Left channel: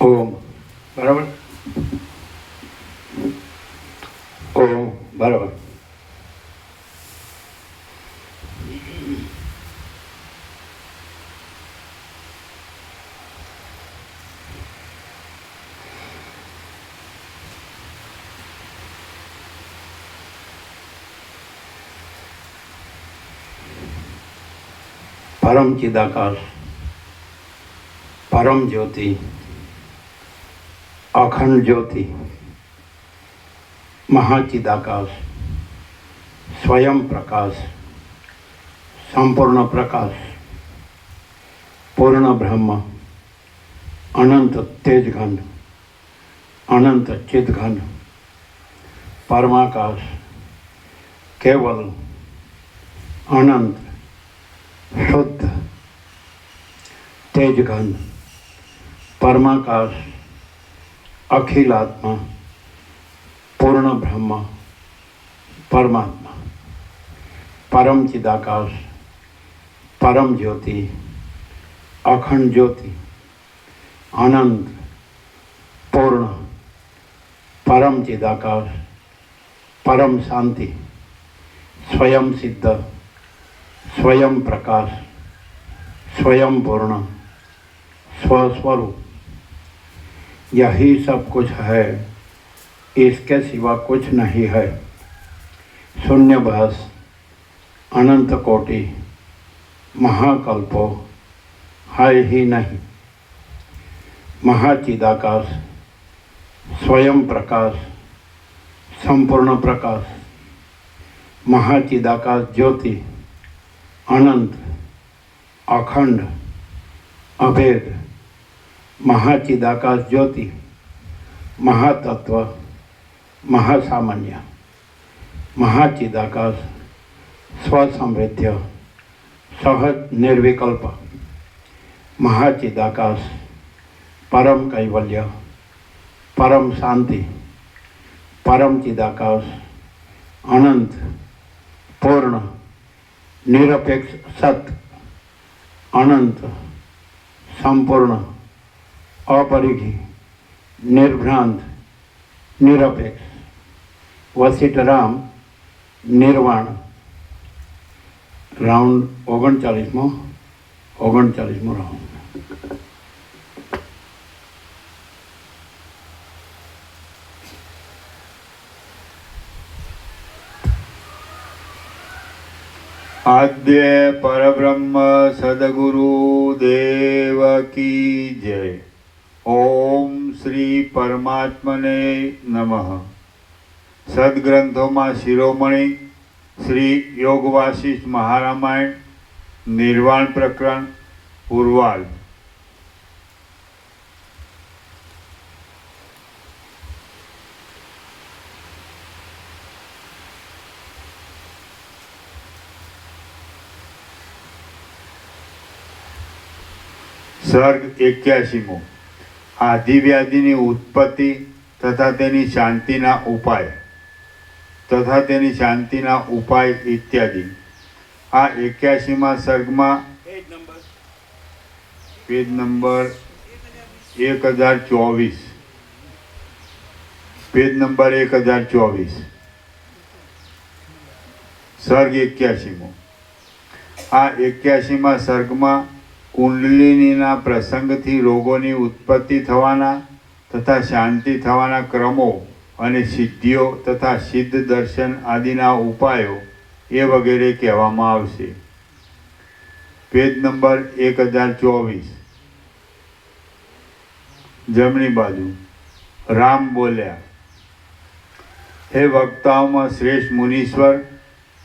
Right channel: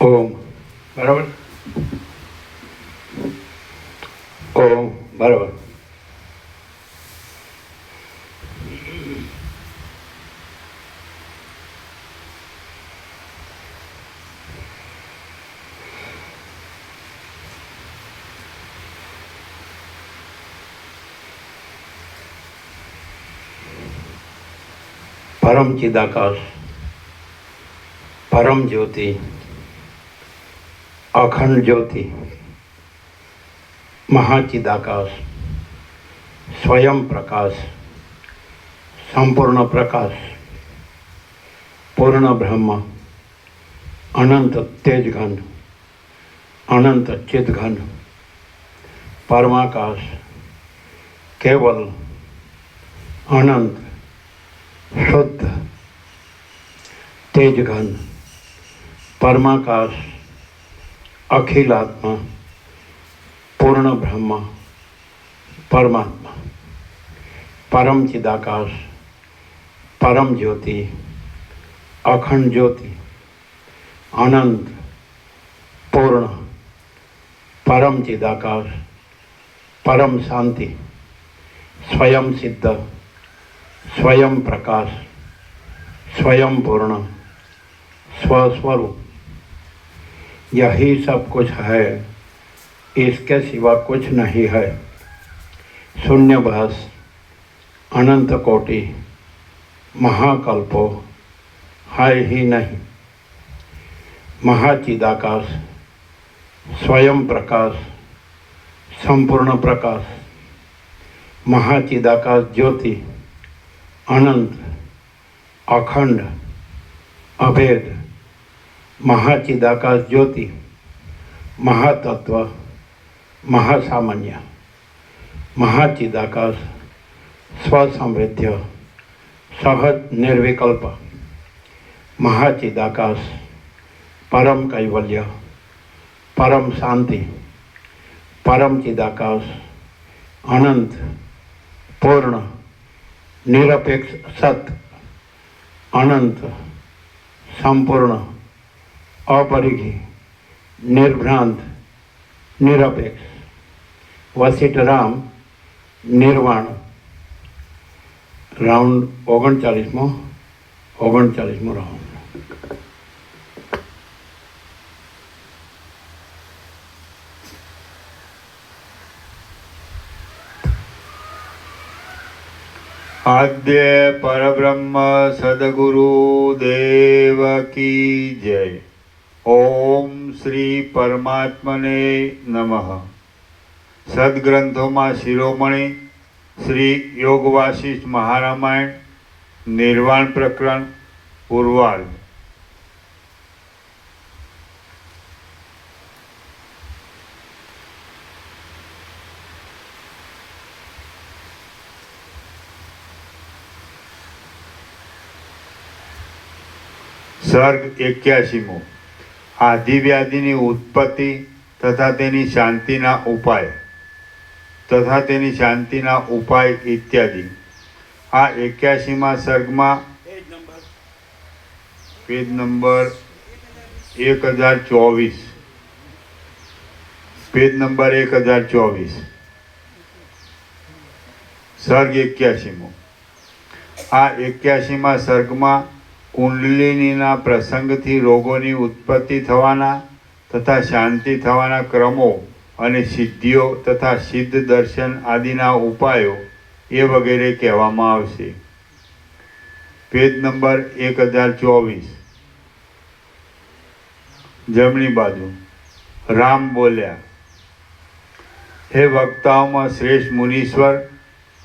ઓમ બરાબર. ઓમ બરાબર. પરમ ચિદાકાશ, પરમ જ્યોતિ, અખંડ જ્યોતિ, મહાચિદાકાશ, સ્વયં પ્રકાશ, સંપૂર્ણ પ્રકાશ, પૂર્ણ બ્રહ્મ, અનંત તેજઘન, અનંત ચિદઘન, પરમાકાશ, કેવલ, અનંત, શુદ્ધ, તેજઘન, પરમાકાશ, અખિલાત્મા, પૂર્ણ બ્રહ્મ, પરમાત્મા, પરમ ચિદાકાશ, પરમ જ્યોતિ, અખંડ જ્યોતિ, અનંત, પૂર્ણ, પરમ ચિદાકાશ, પરમ શાંતિ, સ્વયં સિદ્ધ, स्वयं प्रकाश, स्वयं पूर्ण, स्वस्वरूप, यही सब कुछ है, इसके सिवा कुछ नहीं है। शून्यभास, अनंत कोटि, महाकल्पो है ही नहीं। महाचिदाकाश, स्वयं प्रकाश, संपूर्ण प्रकाश, महाचिदाकाश ज्योति, अनंत, अखंड, अभेद, महाचिदाकाश ज्योति, महातत्व, महासामान्य, महाचिदाकाश, स्वसमृद्ध, सहज निर्विकल्प, महाचिदाकाश, परम कैवल्य, परम शांति, परम चिदाकाश, अनंत, पूर्ण, निरपेक्ष सत, अनंत, संपूर्ण, अपरिघी, निर्भ्रांत, निरपेक्ष, वसिष्ठराम, निर्वाण। राउंड 39मो राउंड। आद्य परब्रह्म सद्गुरु देव की जय। ओम श्री परमात्मने नमः। सद्ग्रंथों में शिरोमणि श्री योग वासिष्ठ महारामायण निर्वाण प्रकरण पूर्वाल। सर्ग 81मो। आदिव्याधिनी उत्पत्ति तथा तेनी शांतिना उपाय तथा तेनी शांतिना उपाय इत्यादि। आ 81मा सर्गमां पेज नंबर 1024 सर्ग 81मो। आ 81मा सर्गमां कुंडलिनीना प्रसंगथी रोगोनी उत्पत्ति थवाना तथा शांति थवाना क्रमो अने सिद्धिओ तथा सिद्ध दर्शन आदिना उपायो ए वगैरे कहेवामां आवशे। पेज नंबर 1024 जमणी बाजू। राम बोल्या, हे वक्ताओमां श्रेष्ठ मुनीश्वर,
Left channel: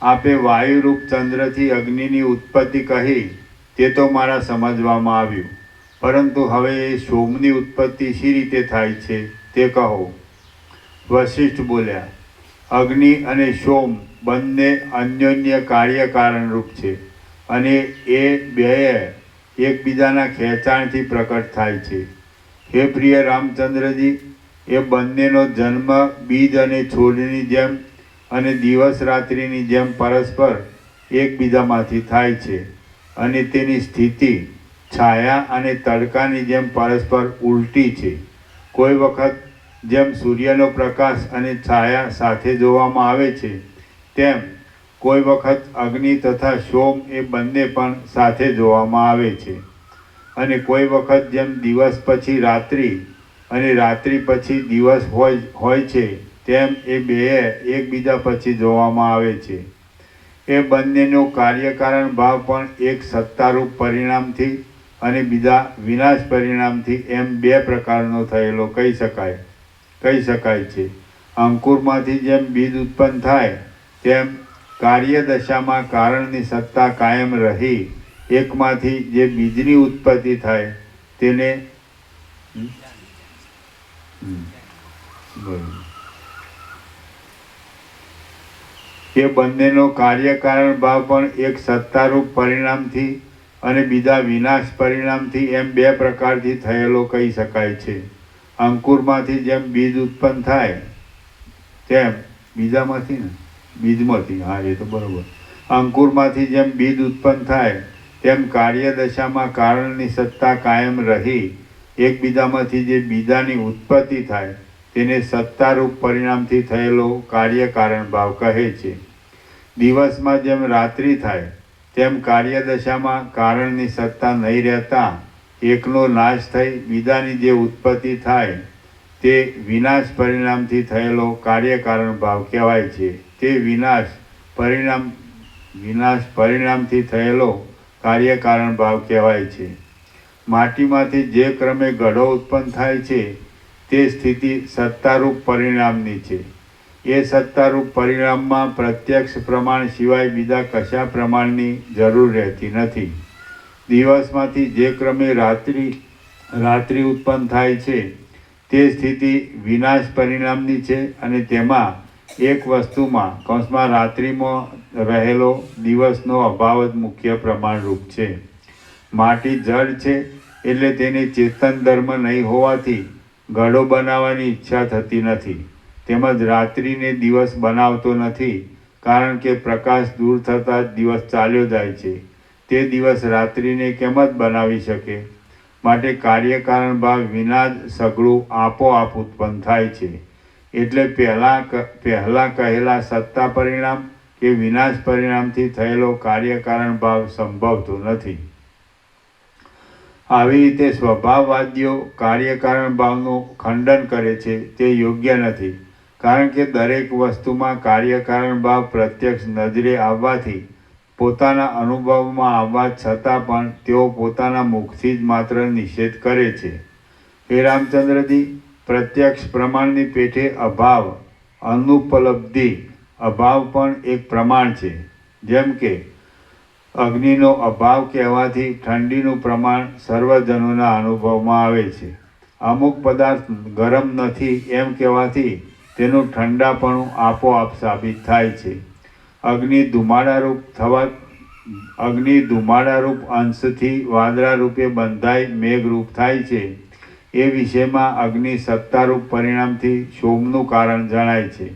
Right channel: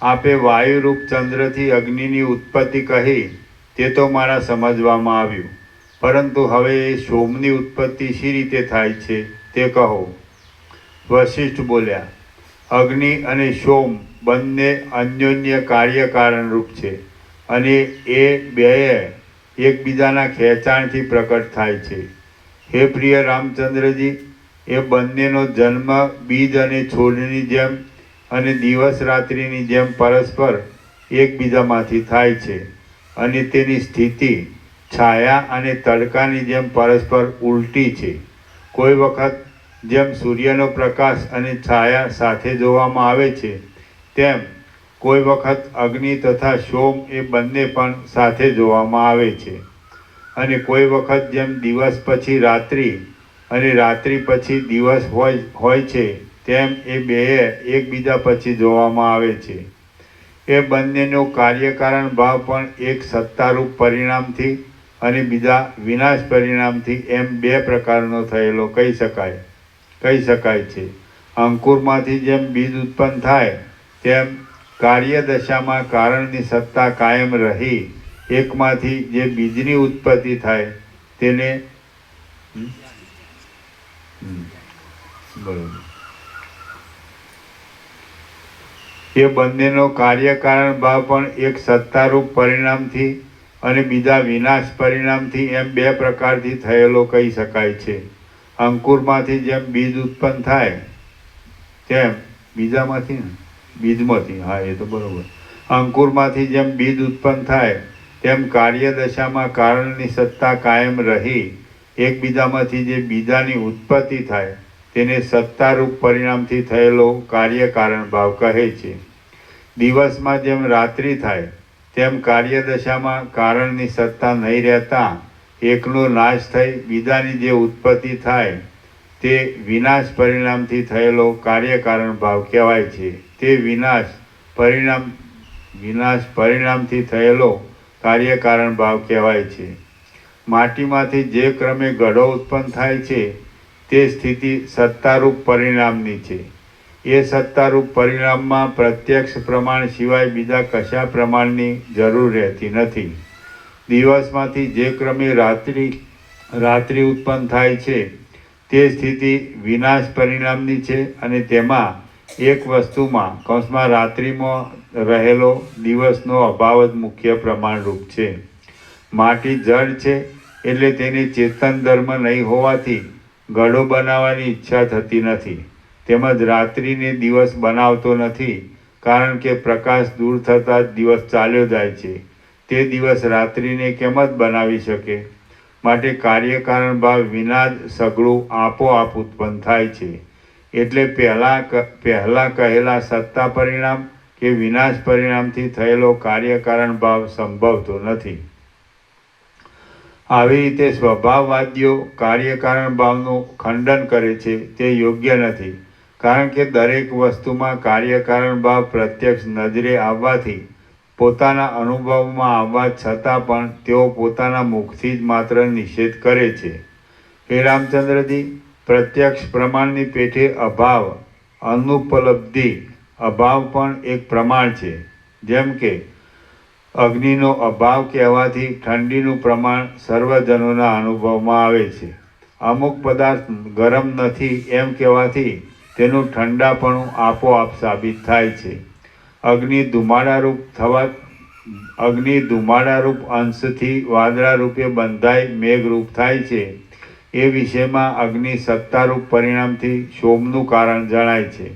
आपे वायुरूप चंद्रथी अग्निनी उत्पत्ति कही ते तो मारा समजवामां आव्युं, परंतु हवे ए सोमनी उत्पत्ति शी रीते थाय छे ते कहो। वशिष्ठ बोल्या, अग्नि अने सोम बंने अन्योन्य कार्य कारण रूप छे अने ए बेय एकबीजाना खेचाणथी प्रकट थाय छे। हे प्रिय रामचंद्रजी, ए बंनेनो जन्म बीज अने छोडनी जेम अने दिवस रात्रिनी जेम परस्पर एकबीजामांथी थाय छे अने तेनी स्थिति છાયા અને તડકાની જેમ પરસ્પર ઉલટી છે. કોઈ વખત જેમ સૂર્યનો પ્રકાશ અને છાયા સાથે જોવામાં આવે છે, તેમ કોઈ વખત અગ્નિ તથા સોમ એ બંને પણ સાથે જોવામાં આવે છે. અને કોઈ વખત જેમ દિવસ પછી રાત્રિ અને રાત્રિ પછી દિવસ હોય છે, તેમ એ બેય એકબીજા પછી જોવામાં આવે છે. એ બંનેનો કાર્યકારણ ભાવ પણ એક સત્તારૂપ પરિણામથી અને બીજા વિનાશ પરિણામથી એમ બે પ્રકારનો થયેલો કહી શકાય છે. અંકુરમાંથી જેમ બીજ ઉત્પન્ન થાય તેમ કાર્યદશામાં કારણની સત્તા કાયમ રહી એકમાંથી જે બીજની ઉત્પત્તિ થાય તેને એ બંનેનો કાર્યકારણ ભાવ પણ એક સત્તારૂપ પરિણામથી અને બીજા વિનાશ પરિણામથી એમ બે પ્રકારથી થયેલો કહી શકાય છે. અંકુરમાંથી જેમ બીજ ઉત્પન્ન થાય તેમ બીજમાંથી હા એ તો બરોબર. અંકુરમાંથી જેમ બીજ ઉત્પન્ન થાય તેમ કાર્યદશામાં કારણની સત્તા કાયમ રહી એકબીજામાંથી જે બીજાની ઉત્પત્તિ થાય તેને સત્તારૂપ પરિણામથી થયેલો કાર્યકારણ ભાવ કહે છે. દિવસમાં જેમ રાત્રિ થાય તેમ કાર્યદશામાં કારણની સત્તા નહીં રહેતા એકનો નાશ થઈ બીજાની જે ઉત્પત્તિ થાય તે વિનાશ પરિણામથી થયેલો કાર્યકારણ ભાવ કહેવાય છે. તે વિનાશ પરિણામથી થયેલો કાર્યકારણ ભાવ કહેવાય છે. માટીમાંથી જે ક્રમે ઘડો ઉત્પન્ન થાય છે તે સ્થિતિ સત્તારૂપ પરિણામની છે. એ સત્તારૂપ પરિણામમાં પ્રત્યક્ષ પ્રમાણ સિવાય બીજા કશા પ્રમાણની જરૂર રહેતી નથી. દિવસમાંથી જે ક્રમે રાત્રિ ઉત્પન્ન થાય છે તે સ્થિતિ વિનાશ પરિણામની છે અને તેમાં એક વસ્તુમાં કૌંસમાં રાત્રિમાં રહેલો દિવસનો અભાવ જ મુખ્ય પ્રમાણરૂપ છે. માટી જળ છે એટલે તેને ચેતન ધર્મ નહીં હોવાથી ઘડો બનાવવાની ઈચ્છા થતી નથી. તેમજ રાત્રિને દિવસ બનાવતો નથી, કારણ કે પ્રકાશ દૂર થતાં જ દિવસ ચાલ્યો જાય છે. તે દિવસ રાત્રિને કેમ જ બનાવી શકે? માટે કાર્યકારણ ભાવ વિના જ સઘળું આપોઆપ ઉત્પન્ન થાય છે. એટલે પહેલાં કહેલા સત્તા પરિણામ કે વિનાશ પરિણામથી થયેલો કાર્યકારણ ભાવ સંભવતો નથી. આવી રીતે સ્વભાવવાદીઓ કાર્યકારણ ભાવનું ખંડન કરે છે તે યોગ્ય નથી, કારણ કે દરેક વસ્તુમાં કાર્યકારણ ભાવ પ્રત્યક્ષ નજરે આવવાથી પોતાના અનુભવમાં આવવા છતાં પણ તેઓ પોતાના મુખથી જ માત્ર નિષેધ કરે છે. હે રામચંદ્રજી, પ્રત્યક્ષ પ્રમાણની પેઠે અભાવ, અનુપલબ્ધિ અભાવ પણ એક પ્રમાણ છે. જેમ કે અગ્નિનો અભાવ કહેવાથી ઠંડીનું પ્રમાણ સર્વજનોના અનુભવમાં આવે છે. અમુક પદાર્થ ગરમ નથી એમ કહેવાથી તેનું ઠંડાપણું આપોઆપ સાબિત થાય છે. અગ્નિ ધુમાડારૂપ અંશથી વાદળા રૂપે બંધાઈ મેઘરૂપ થાય છે. એ વિષયમાં અગ્નિ સત્તારૂપ પરિણામથી શોમનું કારણ જણાય છે.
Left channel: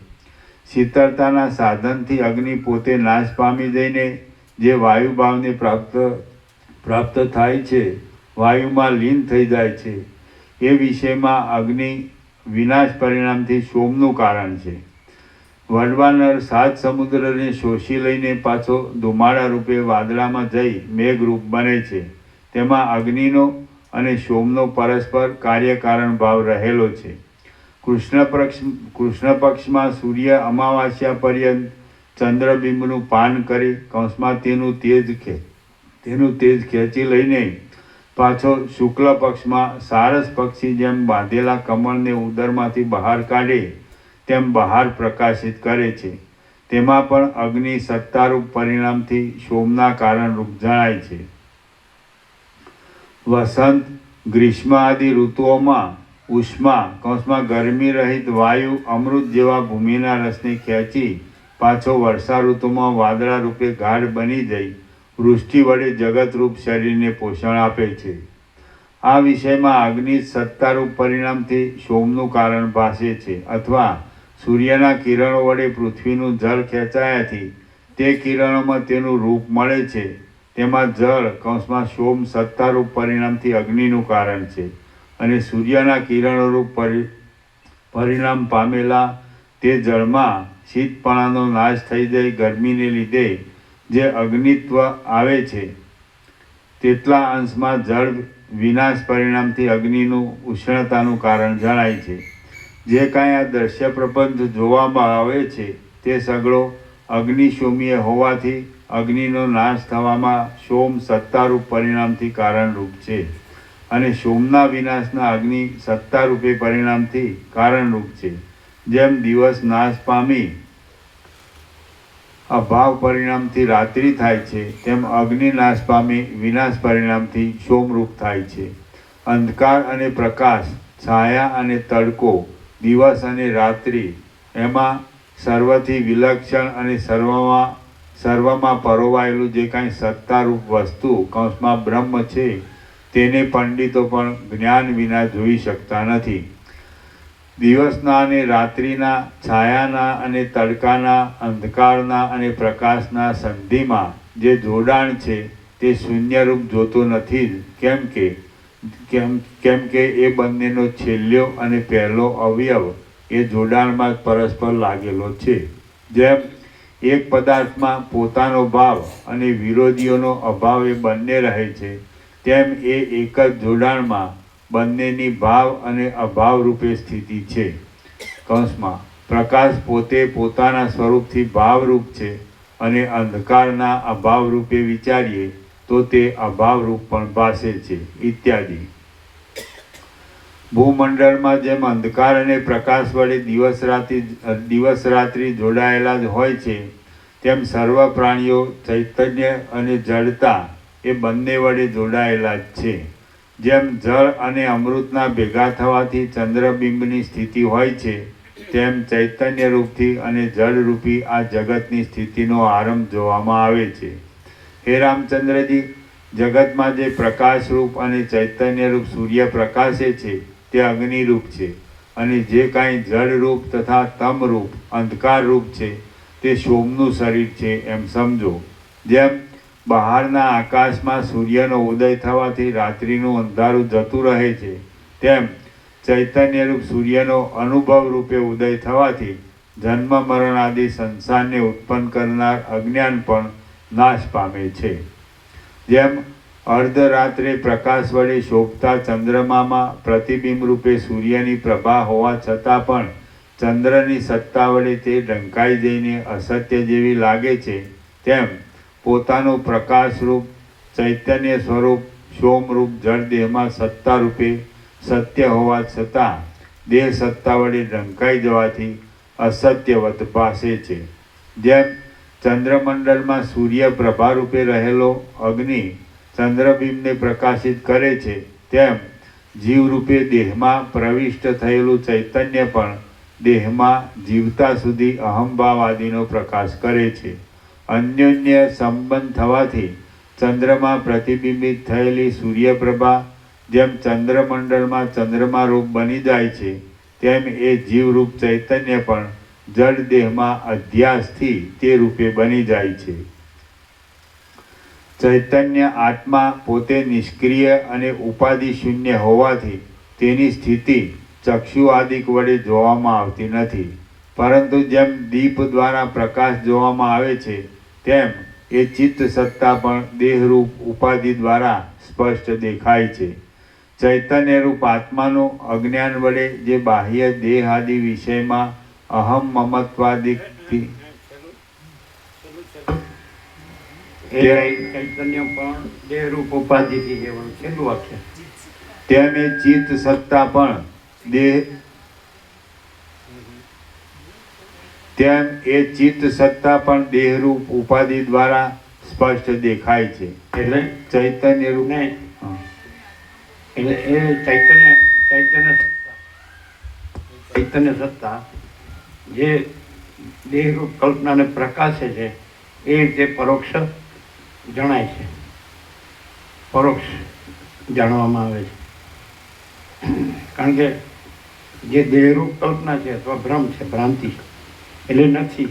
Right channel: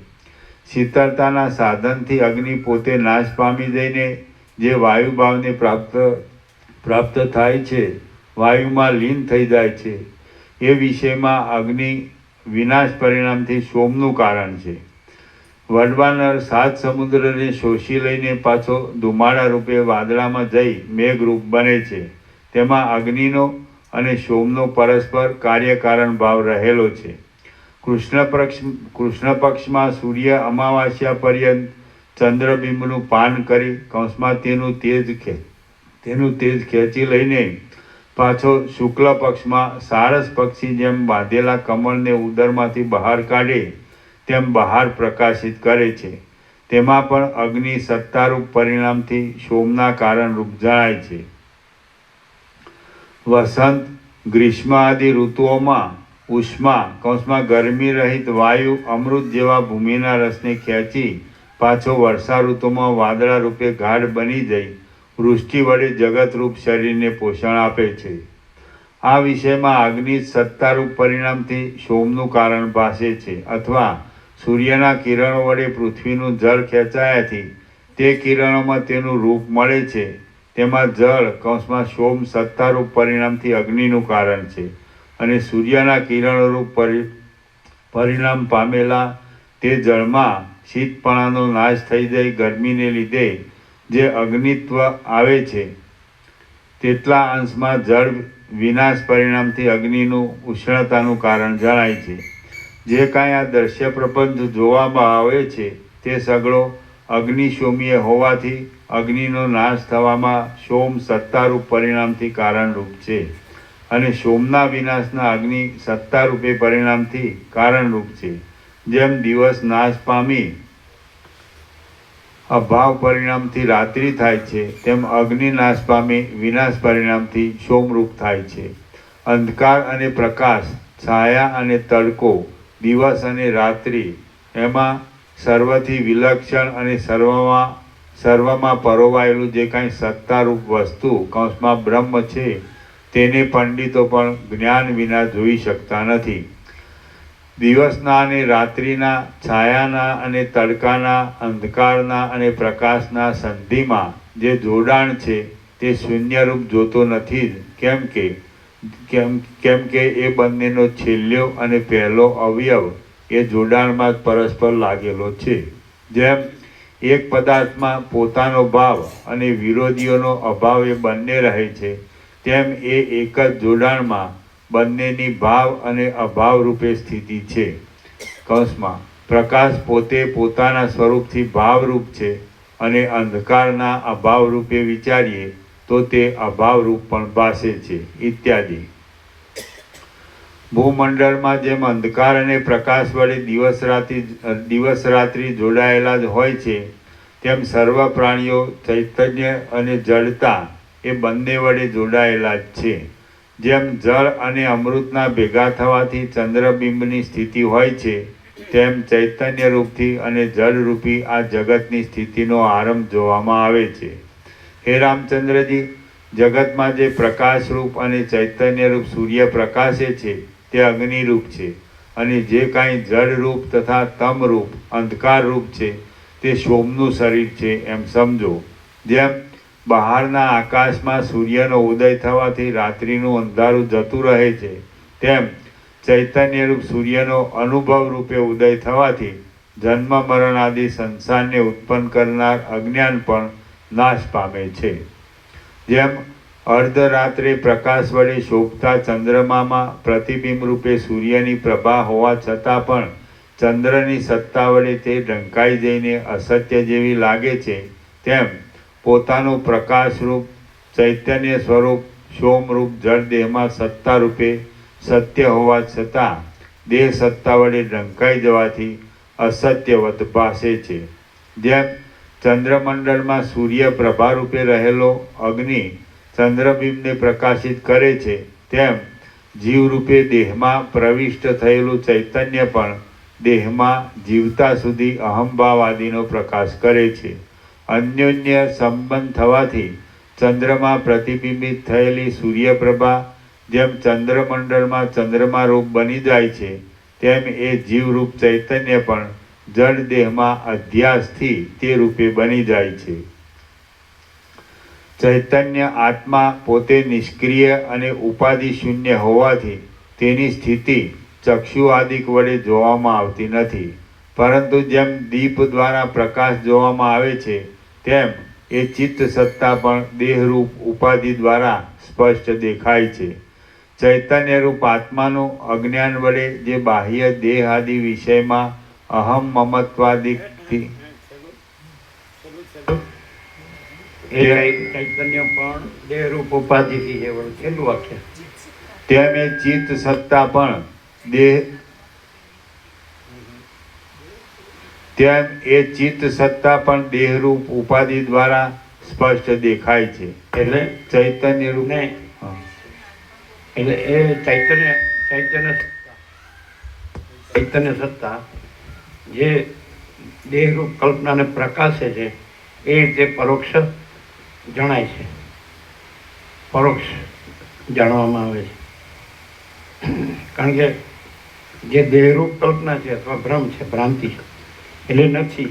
શીતળતાના સાધનથી અગ્નિ પોતે નાશ પામી જઈને જે વાયુભાવને પ્રાપ્ત થાય છે, વાયુમાં લીન થઈ જાય છે, એ વિષયમાં અગ્નિ વિનાશ પરિણામથી શોમનું કારણ છે. વડવાનળ 7 સમુદ્રને શોષી લઈને પાછો ધુમાડા રૂપે વાદળામાં જઈ મેઘરૂપ બને છે. તેમાં અગ્નિનો અને સોમનો પરસ્પર કાર્યકારણ ભાવ રહેલો છે. કૃષ્ણ પક્ષમાં સૂર્ય અમાવાસ્યા પર્યંત ચંદ્રબિંબનું પાન કરી કૌંસમાં તેનું તેજ ખેંચી લઈને પાછો શુક્લ પક્ષમાં સારસ પક્ષી જેમ બાંધેલા કમળને ઉદરમાંથી બહાર કાઢે તેમ બહાર પ્રકાશિત કરે છે. તેમાં પણ અગ્નિ સત્તારૂપ પરિણામથી સોમના કારણરૂપ જણાય છે. વસંત, ગ્રીષ્મ આદિ ઋતુઓમાં ઉષ્મા કૌંસમાં ગરમી રહિત વાયુ અમૃત જેવા ભૂમિના રસને ખેંચી પાછો વર્ષા ઋતુમાં વાદળા રૂપે ગાઢ બની જઈ વૃષ્ટિ વડે જગતરૂપ શરીરને પોષણ આપે છે. આ વિષયમાં અગ્નિ સત્તારૂપ પરિણામથી સોમનું કારણ ભાસે છે, અથવા સૂર્યના કિરણો વડે પૃથ્વીનું જળ ખેંચાયાથી તે કિરણોમાં તેનું રૂપ મળે છે, તેમાં જળ કૌંસમાં સોમ સત્તારૂપ પરિણામથી અગ્નિનું કારણ છે અને સૂર્યના કિરણોરૂપ પરિણામ પામેલા તે જળમાં શીતપણાનો નાશ થઈ જાય ગરમીને લીધે જે અગ્નિત્વ આવે છે તેટલા અંશમાં જળ વિનાશ પરિણામથી અગ્નિનું ઉષ્ણતાનું કારણ જણાય છે. જે કાંઈ આ દ્રશ્ય પ્રપંચ જોવામાં આવે છે તે સગળો અગ્નિશોમીય હોવાથી અગ્નિનો નાશ થવામાં સોમ સત્તારૂપ પરિણામથી કારણરૂપ છે અને સોમના વિનાશના અગ્નિ સત્તારૂપે પરિણામથી કારણરૂપ છે. જેમ દિવસ નાશ પામી અભાવ પરિણામથી રાત્રિ થાય છે તેમ અગ્નિ નાશ પામી વિનાશ પરિણામથી સોમરૂપ થાય છે. અંધકાર અને પ્રકાશ, છાયા અને તડકો, દિવસ અને રાત્રિ એમાં સર્વથી વિલક્ષણ અને સર્વમાં પરોવાયેલું જે કાંઈ સત્તારૂપ વસ્તુ કૌંસમાં બ્રહ્મ છે તેને પંડિતો પણ જ્ઞાન વિના જોઈ શકતા નથી. દિવસના અને રાત્રિના, છાયાના અને તડકાના, અંધકારના અને પ્રકાશના સંધિમાં જે જોડાણ છે તે શૂન્યરૂપ જોતો નથી જ. કેમ કે એ બંનેનો છેલ્લો અને પહેલો અવયવ એ જોડાણમાં જ પરસ્પર લાગેલો છે. જેમ એક પદાર્થમાં પોતાનો ભાવ અને વિરોધીઓનો અભાવ એ બંને રહે છે તેમ એ એક જ જોડાણમાં બંનેની ભાવ અને અભાવ રૂપે સ્થિતિ છે. કૌંસમાં પ્રકાશ પોતે પોતાના સ્વરૂપથી ભાવરૂપ છે અને અંધકારના અભાવ રૂપે વિચારીએ તો તે અભાવરૂપ પણ ભાસે છે ઇત્યાદિ. ભૂમંડળમાં જેમ અંધકાર અને પ્રકાશ વડે દિવસ રાત્રિ જોડાયેલા જ હોય છે તેમ સર્વ પ્રાણીઓ ચૈતન્ય અને જડતા એ બંને વડે જોડાયેલા જ છે. જેમ જળ અને અમૃતના ભેગા થવાથી ચંદ્રબિંબની સ્થિતિ હોય છે તેમ ચૈતન્ય રૂપથી અને જળરૂપી આ જગતની સ્થિતિનો આરંભ જોવામાં આવે છે. હે રામચંદ્રજી, જગતમાં જે પ્રકાશરૂપ અને ચૈતન્યરૂપ સૂર્ય પ્રકાશે છે તે અગ્નિરૂપ છે અને જે કાંઈ જળરૂપ તથા તમરૂપ અંધકારરૂપ છે તે સોમનું શરીર છે એમ સમજો. જેમ બહારના આકાશમાં સૂર્યનો ઉદય થવાથી રાત્રિનું અંધારું જતું રહે છે તેમ ચૈતન્યરૂપ સૂર્યનો અનુભવ રૂપે ઉદય થવાથી જન્મ મરણ આદિ સંસારને ઉત્પન્ન કરનાર અજ્ઞાન પણ નાશ પામે છે. જેમ અર્ધરાત્રે પ્રકાશ વડે શોભતા ચંદ્રમામાં પ્રતિબિંબ રૂપે સૂર્યની પ્રભા હોવા છતાં પણ ચંદ્રની સત્તા વડે તે ઢંકાઈ જઈને અસત્ય જેવી લાગે છે તેમ પોતાનું પ્રકાશરૂપ ચૈતન્ય સ્વરૂપ સોમરૂપ જળ દેહમાં સત્તા રૂપે સત્ય હોવા છતાં દેહ સત્તા વડે ઢંકાઈ જવાથી અસત્યવત ભાસે છે. જેમ ચંદ્રમંડળમાં સૂર્ય પ્રભા રૂપે રહેલો અગ્નિ ચંદ્રબિંબને પ્રકાશિત કરે છે તેમ જીવરૂપે દેહમાં પ્રવિષ્ટ થયેલું ચૈતન્ય પણ દેહમાં જીવતા સુધી અહંભાવ આદિનો પ્રકાશ કરે છે. અન્યોન્ય સંબંધ થવાથી ચંદ્રમાં પ્રતિબિંબિત થયેલી સૂર્યપ્રભા જેમ ચંદ્રમંડળમાં ચંદ્રમા રૂપ બની જાય છે તેમ એ જીવરૂપ ચૈતન્ય પણ જળ દેહમાં અધ્યાસથી તે રૂપે બની જાય છે. ચૈતન્ય આત્મા પોતે નિષ્ક્રિય અને ઉપાધિ શૂન્ય હોવાથી તેની સ્થિતિ ચક્ષુ આદિક વડે જોવામાં આવતી નથી, પરંતુ જેમ દીપ દ્વારા પ્રકાશ જોવામાં આવે છે તેમ એ ચિત્ત સત્તા પણ દેહરૂપ ઉપાધિ દ્વારા સ્પષ્ટ દેખાય છે. ચૈતન્યરૂપ આત્માનું અજ્ઞાન વડે જે બાહ્ય દેહ આદિ વિષયમાં અહમ મમત્વાદિકથી ચૈતન્ય પણ દેહરૂપ ઉપાધિથી એવું છેલ્લું વાક્ય. તેમ એ ચિત્ત સત્તા પણ દેહ તેમ એ ચિત્ત સત્તા પણ દેહરૂપ ઉપાધિ દ્વારા સ્પષ્ટ દેખાય છે. એટલે ચૈતન્ય રૂપ નહીં, એટલે એ ચૈતન્ય સત્તા જે દેહરૂપ કલ્પનાને પ્રકાશે છે એ રીતે પરોક્ષ જણાય છે, પરોક્ષ જાણવામાં આવે છે. કારણ કે જે દેહરૂપ કલ્પના છે અથવા ભ્રમ છે, ભ્રાંતિ એટલે નથી,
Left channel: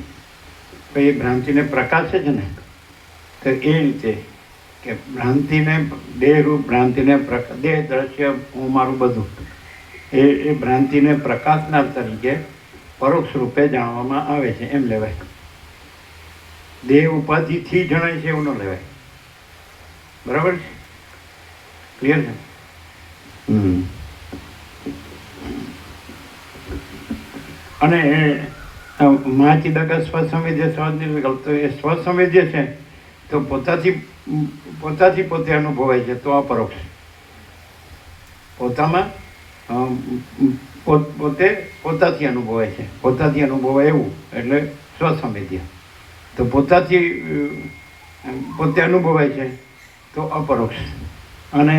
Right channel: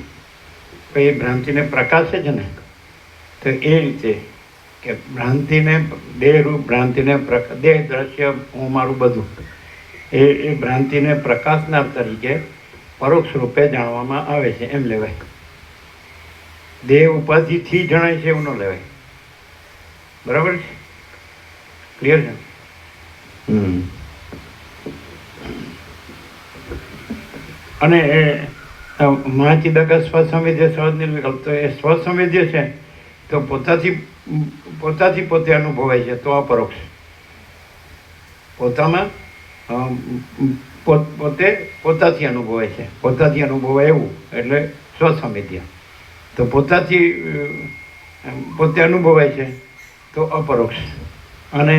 તો એ ભ્રાંતિને પ્રકાશે છે ને, તો એ રીતે કે ભ્રાંતિને દેહરૂપ ભ્રાંતિને દેહ દ્રશ્ય હું મારું બધું એ ભ્રાંતિને પ્રકાશનાર તરીકે પરોક્ષ રૂપે જાણવામાં આવે છે એમ લેવાય. દેહ ઉપાધિથી જણાય છે એવું ન લેવાય. બરાબર છે? ક્લિયર છે? અને મહાચિદક સ્વસંવેદ્ય સહજ નિર્વિકલ્પ, તો એ સ્વસંવેદ્ય છે તો પોતાથી પોતે અનુભવાય છે તો અપરોક્ષ. પોતામાં પોતાથી અનુભવાય છે, પોતાથી અનુભવાય એવું એટલે સ્વસંવેદ્ય. તો પોતાથી પોતે અનુભવાય છે તો અપરોક્ષ. અને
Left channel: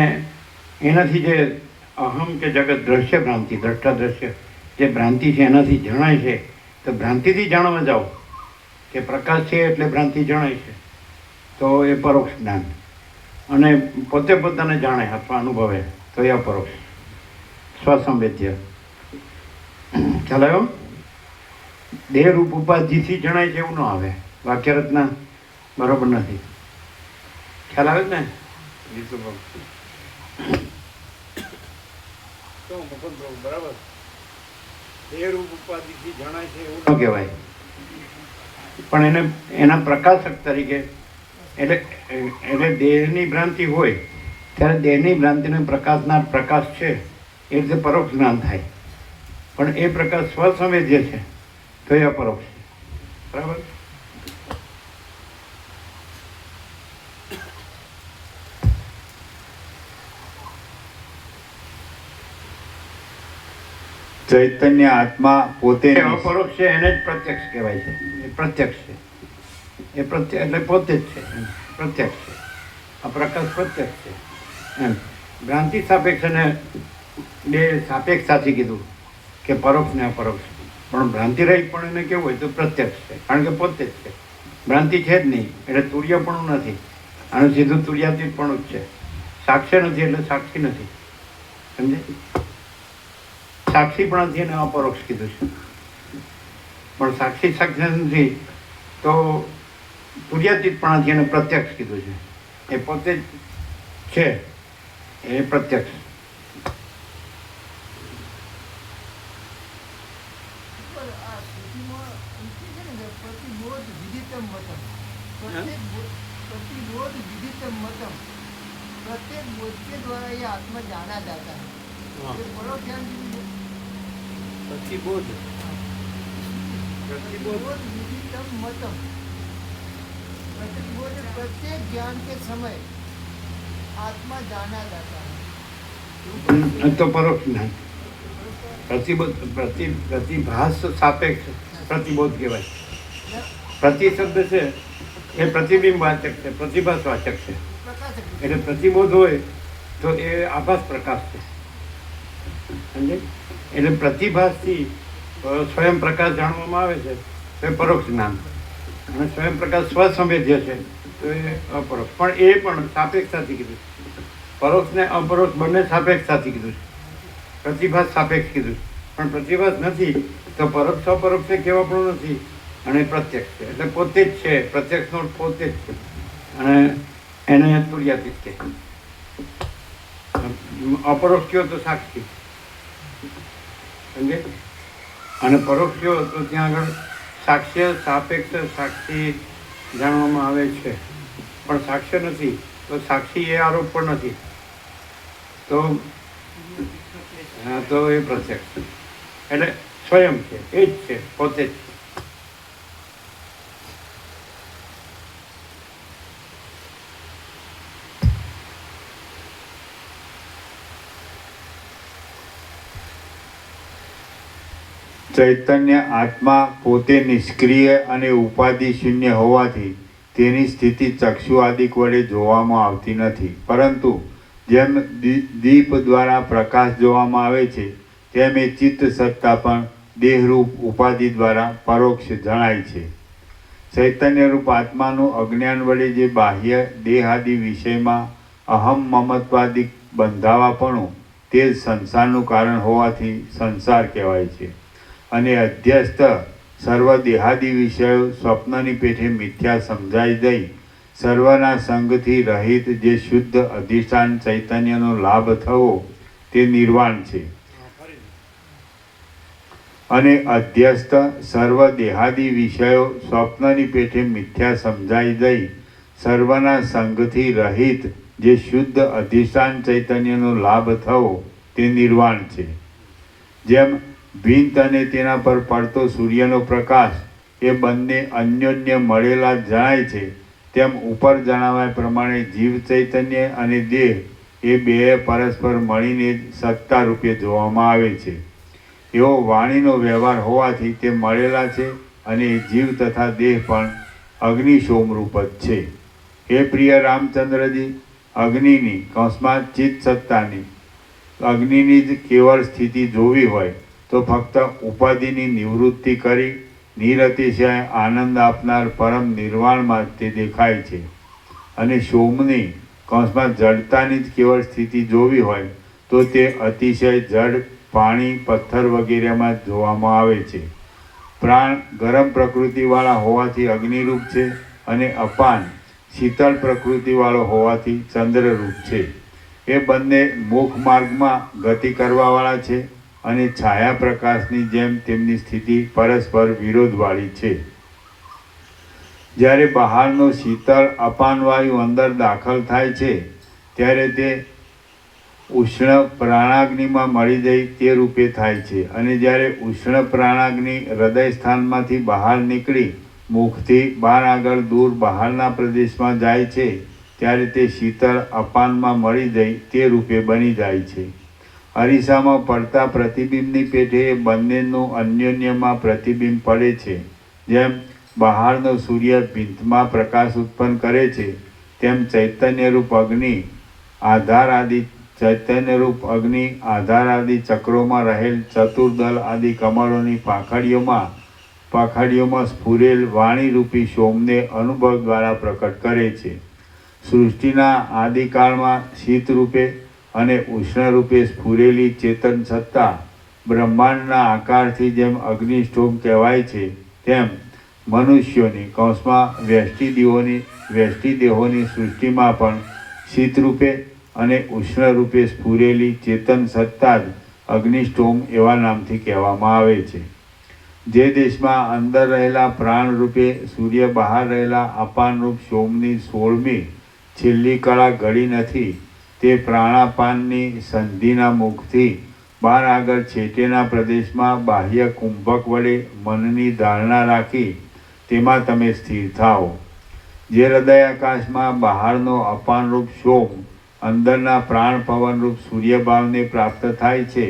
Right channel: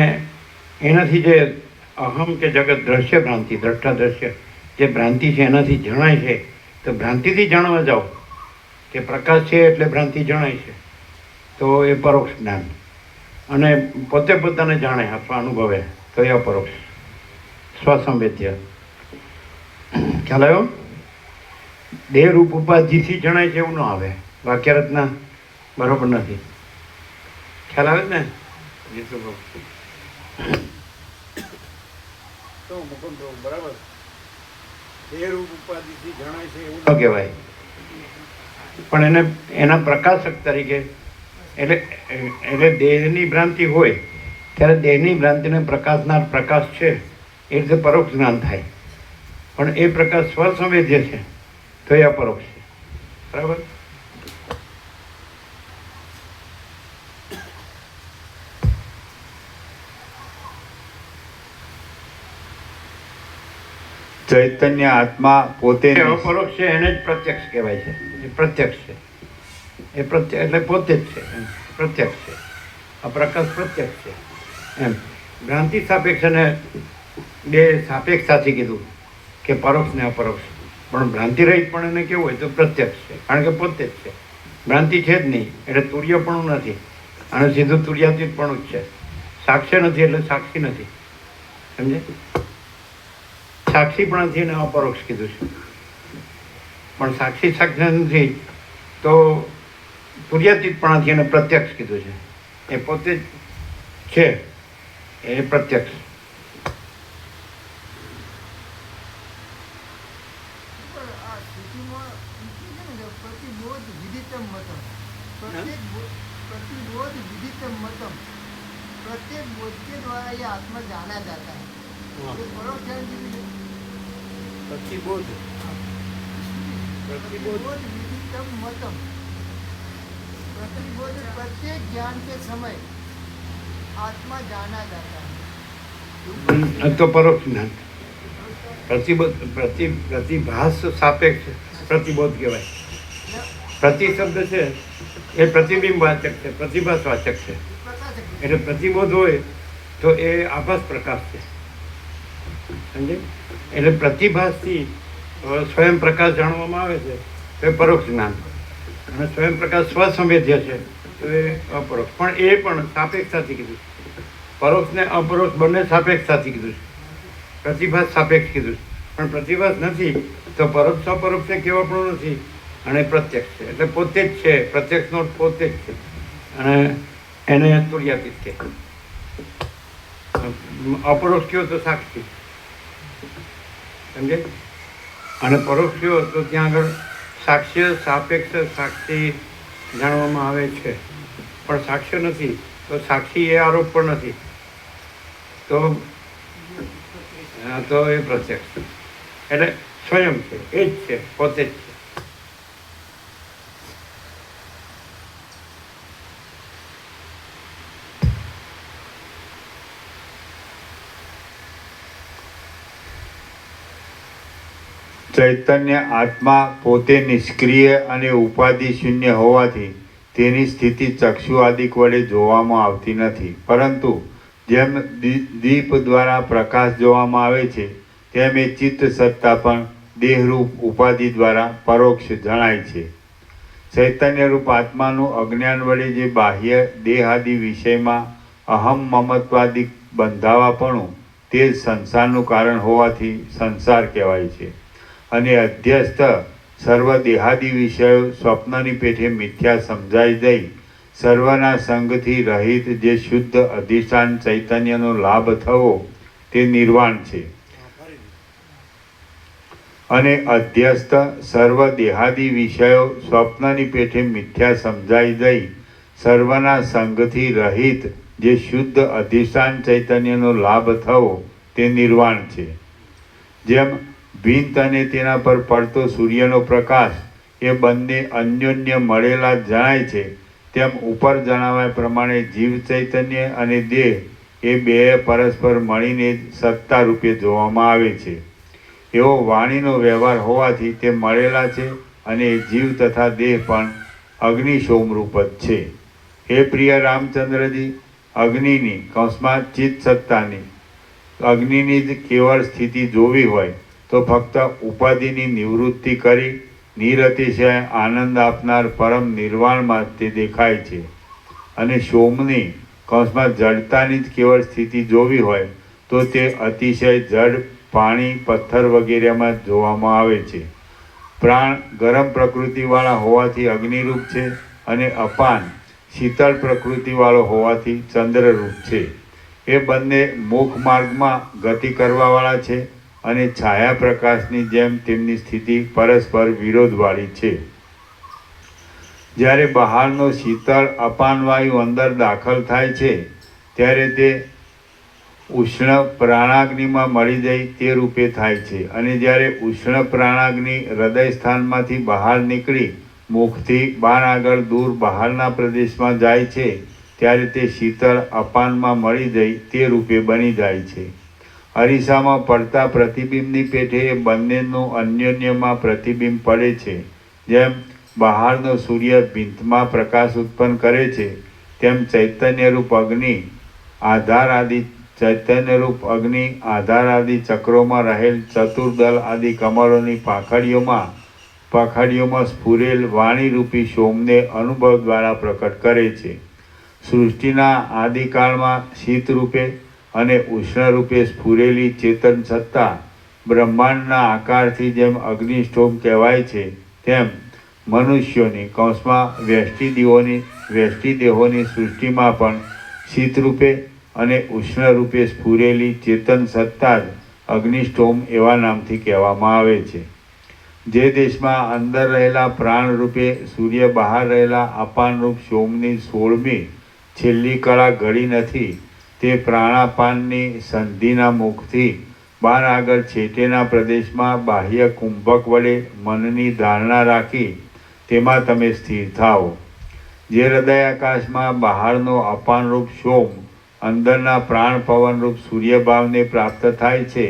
એનાથી જે અહમ કે જગત દ્રશ્ય ભ્રાંતિ, દ્રષ્ટા દ્રશ્ય જે ભ્રાંતિ છે એનાથી જણાય છે, તો ભ્રાંતિથી જાણવા જાઓ કે પ્રકાશ છે એટલે ભ્રાંતિ જણાય છે તો એ પરોક્ષ જ્ઞાન. અને પોતે પોતાને જાણે અથવા અનુભવે તો એ અપરોક્ષ, સ્વસંવેદ્ય. ખ્યાલ આવ્યો? દેહ રૂપ ઉપાધિથી જણાય છે એવું ન આવે. વાક્ય રચના બરોબર નથી. ખ્યાલ આવે ને? બરાબર. દેહ રૂપ ઉપાધિથી જણાય છે એવું ન કહેવાય, પણ એને એના પ્રકાશક તરીકે એટલે દેહની ભ્રાંતિ હોય ત્યારે દેહની ભ્રાંતિને પ્રકાશનાર પ્રકાશ છે એ રીતે પરોક્ષ જ્ઞાન થાય. પણ એ પ્રકાશ સ્વસંવેદ્ય છે તો એ અપરોક્ષ છે. બરાબર? ચૈતન્ય આત્મા પોતે અપરોક્ષ છે એને જ પ્રત્યક્ષ કહેવાય છે. એ પ્રત્યક્ષ છે. એ પ્રત્યક્ષ એટલે પોતે જ છે, પ્રત્યક્ષ છે. આ પ્રકાશ પ્રત્યક્ષ છે એમ. ભ્રાંતિ સાપેક્ષ અને બે સાપેક્ષ સાથે કીધું કે પરોક્ષ ને અપરોક્ષ. પણ ભ્રાંતિ રહિત પણ એને કેવું હોય તો પ્રત્યક્ષ છે, કારણ કે પોતે જ છે. ભ્રાંતિ છે જ નહીં એટલે તુર્ય પણ નથી, અને સીધું તુર્યાતીત પણ જ છે. સાક્ષ્ય નથી એટલે સાક્ષી નથી. સમજે? સાક્ષી પણ નથી એને અપરોક્ષ કીધું છે. પણ સાક્ષી સાક્ષી નથી તો તુર્યાતીતપણાથી એને પ્રત્યક્ષ કીધું છે. એ પોતે જ છે એ પ્રત્યક્ષ. प्रत्येक बोध के द्वारा ये आत्मा जाना जाता है. ये परोक्ष ज्ञान प्रतिबोध विदितम मतम. प्रतिबोध प्रत्येक ज्ञान के समय आत्मा जाना जाता है તો પરોક્ષ જ્ઞાન. પ્રતિભાસ સાપેક્ષ પ્રતિબોધ કહેવાય. પ્રતિ શબ્દ છે એ પ્રતિબિંબ વાચક છે, પ્રતિભાસ વાચક છે. એટલે પ્રતિબોધ હોય તો એ આભાસ પ્રકાશ છે. સમજે? એટલે પ્રતિભાસથી સ્વયં પ્રકાશ જાણવામાં આવે છે તો એ પરોક્ષ જ્ઞાન. અને સ્વયં પ્રકાશ સ્વસંવેદ્ય છે તો એ અપરોક્ષ. પણ એ પણ સાપેક્ષતાથી કીધું. પરોક્ષ ને અપરોક્ષ બંને સાપેક્ષતાથી કીધું છે. પ્રતિભાસ સાપેક્ષ કીધું, પણ પ્રતિભાસ નથી તો પરોક્ષ અપરોક્ષ કેવા પણ નથી, અને પ્રત્યક્ષ છે એટલે પોતે જ છે. પ્રત્યક્ષનો પોતે જ છે, અને એને તુર્યાતીત કે. અપરોક્ષ કયો તો સાક્ષી. સમજે? અને પરોક્ષ કયો તો ત્યાં આગળ સાક્ષ્ય સાપેક્ષ સાક્ષી જાણવામાં આવે છે, પણ સાક્ષ્ય નથી તો સાક્ષી એ આરોપ પણ નથી તો એ પ્રત્યક્ષ. એટલે સ્વયં છે, એ જ છે, પોતે જ છે. ચૈતન્ય આત્મા પોતે નિષ્ક્રિય અને ઉપાધિ શૂન્ય હોવાથી તેની સ્થિતિ ચક્ષુ આદિક વડે જોવામાં આવતી નથી, પરંતુ જેમ દીપ દ્વારા પ્રકાશ જોવામાં આવે છે તેમ એ ચિત્ત સત્તા પણ દેહરૂપ ઉપાધિ દ્વારા પરોક્ષ જણાય છે. ચૈતન્યરૂપ આત્માનું અજ્ઞાન વડે જે બાહ્ય દેહાદિ વિષયમાં અહમ મમત્વાદિક બંધાવાપણું તે જ સંસારનું કારણ હોવાથી સંસાર કહેવાય છે. અને અધ્યસ્થ સર્વ દેહાદિ વિષયો સ્વપ્નની પેઠે મિથ્યા સમજાઈ જઈ સર્વના સંગથી રહિત જે શુદ્ધ અધિષ્ઠાન ચૈતન્યનો લાભ થવો તે નિર્વાણ છે. અને અધ્યસ્થ સર્વ દેહાદી વિષયો સ્વપ્નની પેઠે મિથ્યા સમજાઈ દઈ સર્વના સંગથી રહિત જે શુદ્ધ અધિષ્ઠાન ચૈતન્યનો લાભ થવો તે નિર્વાણ છે. જેમ ભીંત અને તેના પર પડતો સૂર્યનો પ્રકાશ એ બંને અન્યોન્ય મળેલા જણાય છે, તેમ ઉપર જણાવ્યા પ્રમાણે જીવ ચૈતન્ય અને દેહ એ બે પરસ્પર મળીને જ સત્તા રૂપે જોવામાં આવે છે. એવો વાણીનો વ્યવહાર હોવાથી તે મળેલા છે અને જીવ તથા દેહ પણ અગ્નિશોમરૂપ જ છે. હે પ્રિય રામચંદ્રજી, અગ્નિની કૌંસમાં ચિત્ત સત્તાની અગ્નિની જ કેવળ સ્થિતિ જોવી હોય તો ફક્ત ઉપાધિની નિવૃત્તિ કરી નિરતિશય આનંદ આપનાર પરમ નિર્વાણમાં તે દેખાય છે. અને સોમની કૌંસમાં જડતાની જ કેવળ સ્થિતિ જોવી હોય તો તે અતિશય જડ પાણી પથ્થર વગેરેમાં જોવામાં આવે છે. પ્રાણ ગરમ પ્રકૃતિવાળા હોવાથી અગ્નિરૂપ છે અને અપાન શીતળ પ્રકૃતિવાળો હોવાથી ચંદ્રરૂપ છે. એ બંને મુખ માર્ગમાં ગતિ કરવાવાળા છે અને છાયા પ્રકાશની જેમ તેમની સ્થિતિ પરસ્પર વિરોધવાળી છે. જ્યારે બહારનો શીતળ અપાન વાયુ અંદર દાખલ થાય છે ત્યારે તે ઉષ્ણ પ્રાણાગ્નિમાં મળી જાય તે રૂપે થાય છે. અને જ્યારે ઉષ્ણ પ્રાણાગ્નિ હૃદય સ્થાનમાંથી બહાર નીકળી મુખથી બહાર આગળ દૂર બહારના પ્રદેશમાં જાય છે ત્યારે તે શીતળ અપાનમાં મળી જાય તે રૂપે બની જાય છે. અરીસામાં પડતા પ્રતિબિંબની પેઠે એ બંનેનું અન્યોન્યમાં પ્રતિબિંબ પડે છે. જેમ બહારનો સૂર્ય ભીંતમાં પ્રકાશ ઉત્પન્ન કરે છે તેમ ચૈતન્યરૂપ અગ્નિ આધાર આદિ ચક્રોમાં રહેલ ચતુર્દલ આદિ કમળોની પાંખડીઓમાં સ્ફુરેલ વાણીરૂપી સોમને અનુભવ દ્વારા પ્રકટ કરે છે. સૃષ્ટિના આદિકાળમાં શીતરૂપે અને ઉષ્ણરૂપે સ્ફુરેલી ચેતન સત્તા બ્રહ્માંડના આકારથી જેમ અગ્નિષ્ઠોમ કહેવાય છે, તેમ મનુષ્યોની કૌંસમાં વ્યષ્ટિ દેહોની સૃષ્ટિમાં પણ શીતરૂપે અને ઉષ્ણરૂપે સ્ફુરેલી ચેતન સત્તા જ અગ્નિષ્ઠોમ એવા નામથી કહેવામાં આવે છે. જે દેશમાં અંદર રહેલા પ્રાણરૂપે સૂર્ય બહાર રહેલા અપાનરૂપ સોમની 16મી છેલ્લી કળા ઘડી નથી, તે પ્રાણાપાનની સંધિના મુખથી બહાર આગળ છેટેના પ્રદેશમાં બાહ્ય કુંભક વડે મનની ધારણા રાખી તેમાં તમે સ્થિર થાઓ. જે હૃદયાકાશમાં બહારનો અપાનરૂપ સોમ અંદરના પ્રાણ પવનરૂપ સૂર્યભાવને પ્રાપ્ત થાય છે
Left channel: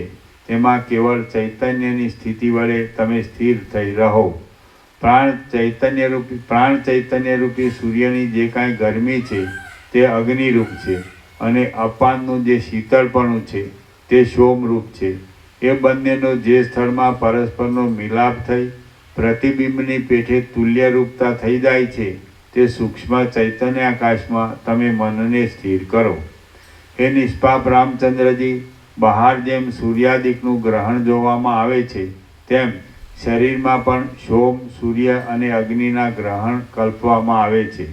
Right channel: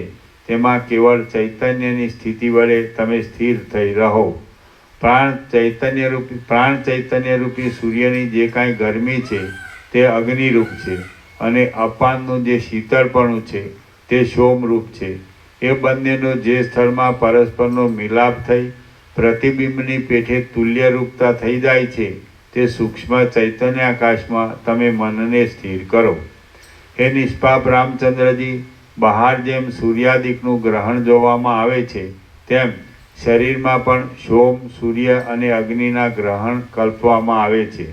તેમાં કેવળ ચૈતન્યની સ્થિતિ વડે તમે સ્થિર થઈ રહો. પ્રાણ ચૈતન્યરૂપી સૂર્યની જે કાંઈ ગરમી છે તે અગ્નિરૂપ છે અને અપાનનું જે શીતળપણું છે તે સોમરૂપ છે. એ બંનેનો જે સ્થળમાં પરસ્પરનો મિલાપ થઈ પ્રતિબિંબની પેઠે તુલ્યરૂપતા થઈ જાય છે તે સૂક્ષ્મ ચૈતન્યાકાશમાં તમે મનને સ્થિર કરો. હે નિષ્પાપ રામચંદ્રજી, બહાર જેમ સૂર્યાદિકનું ગ્રહણ જોવામાં આવે છે તેમ શરીરમાં પણ સોમ સૂર્ય અને અગ્નિના ગ્રહણ કલ્પવામાં આવે છે.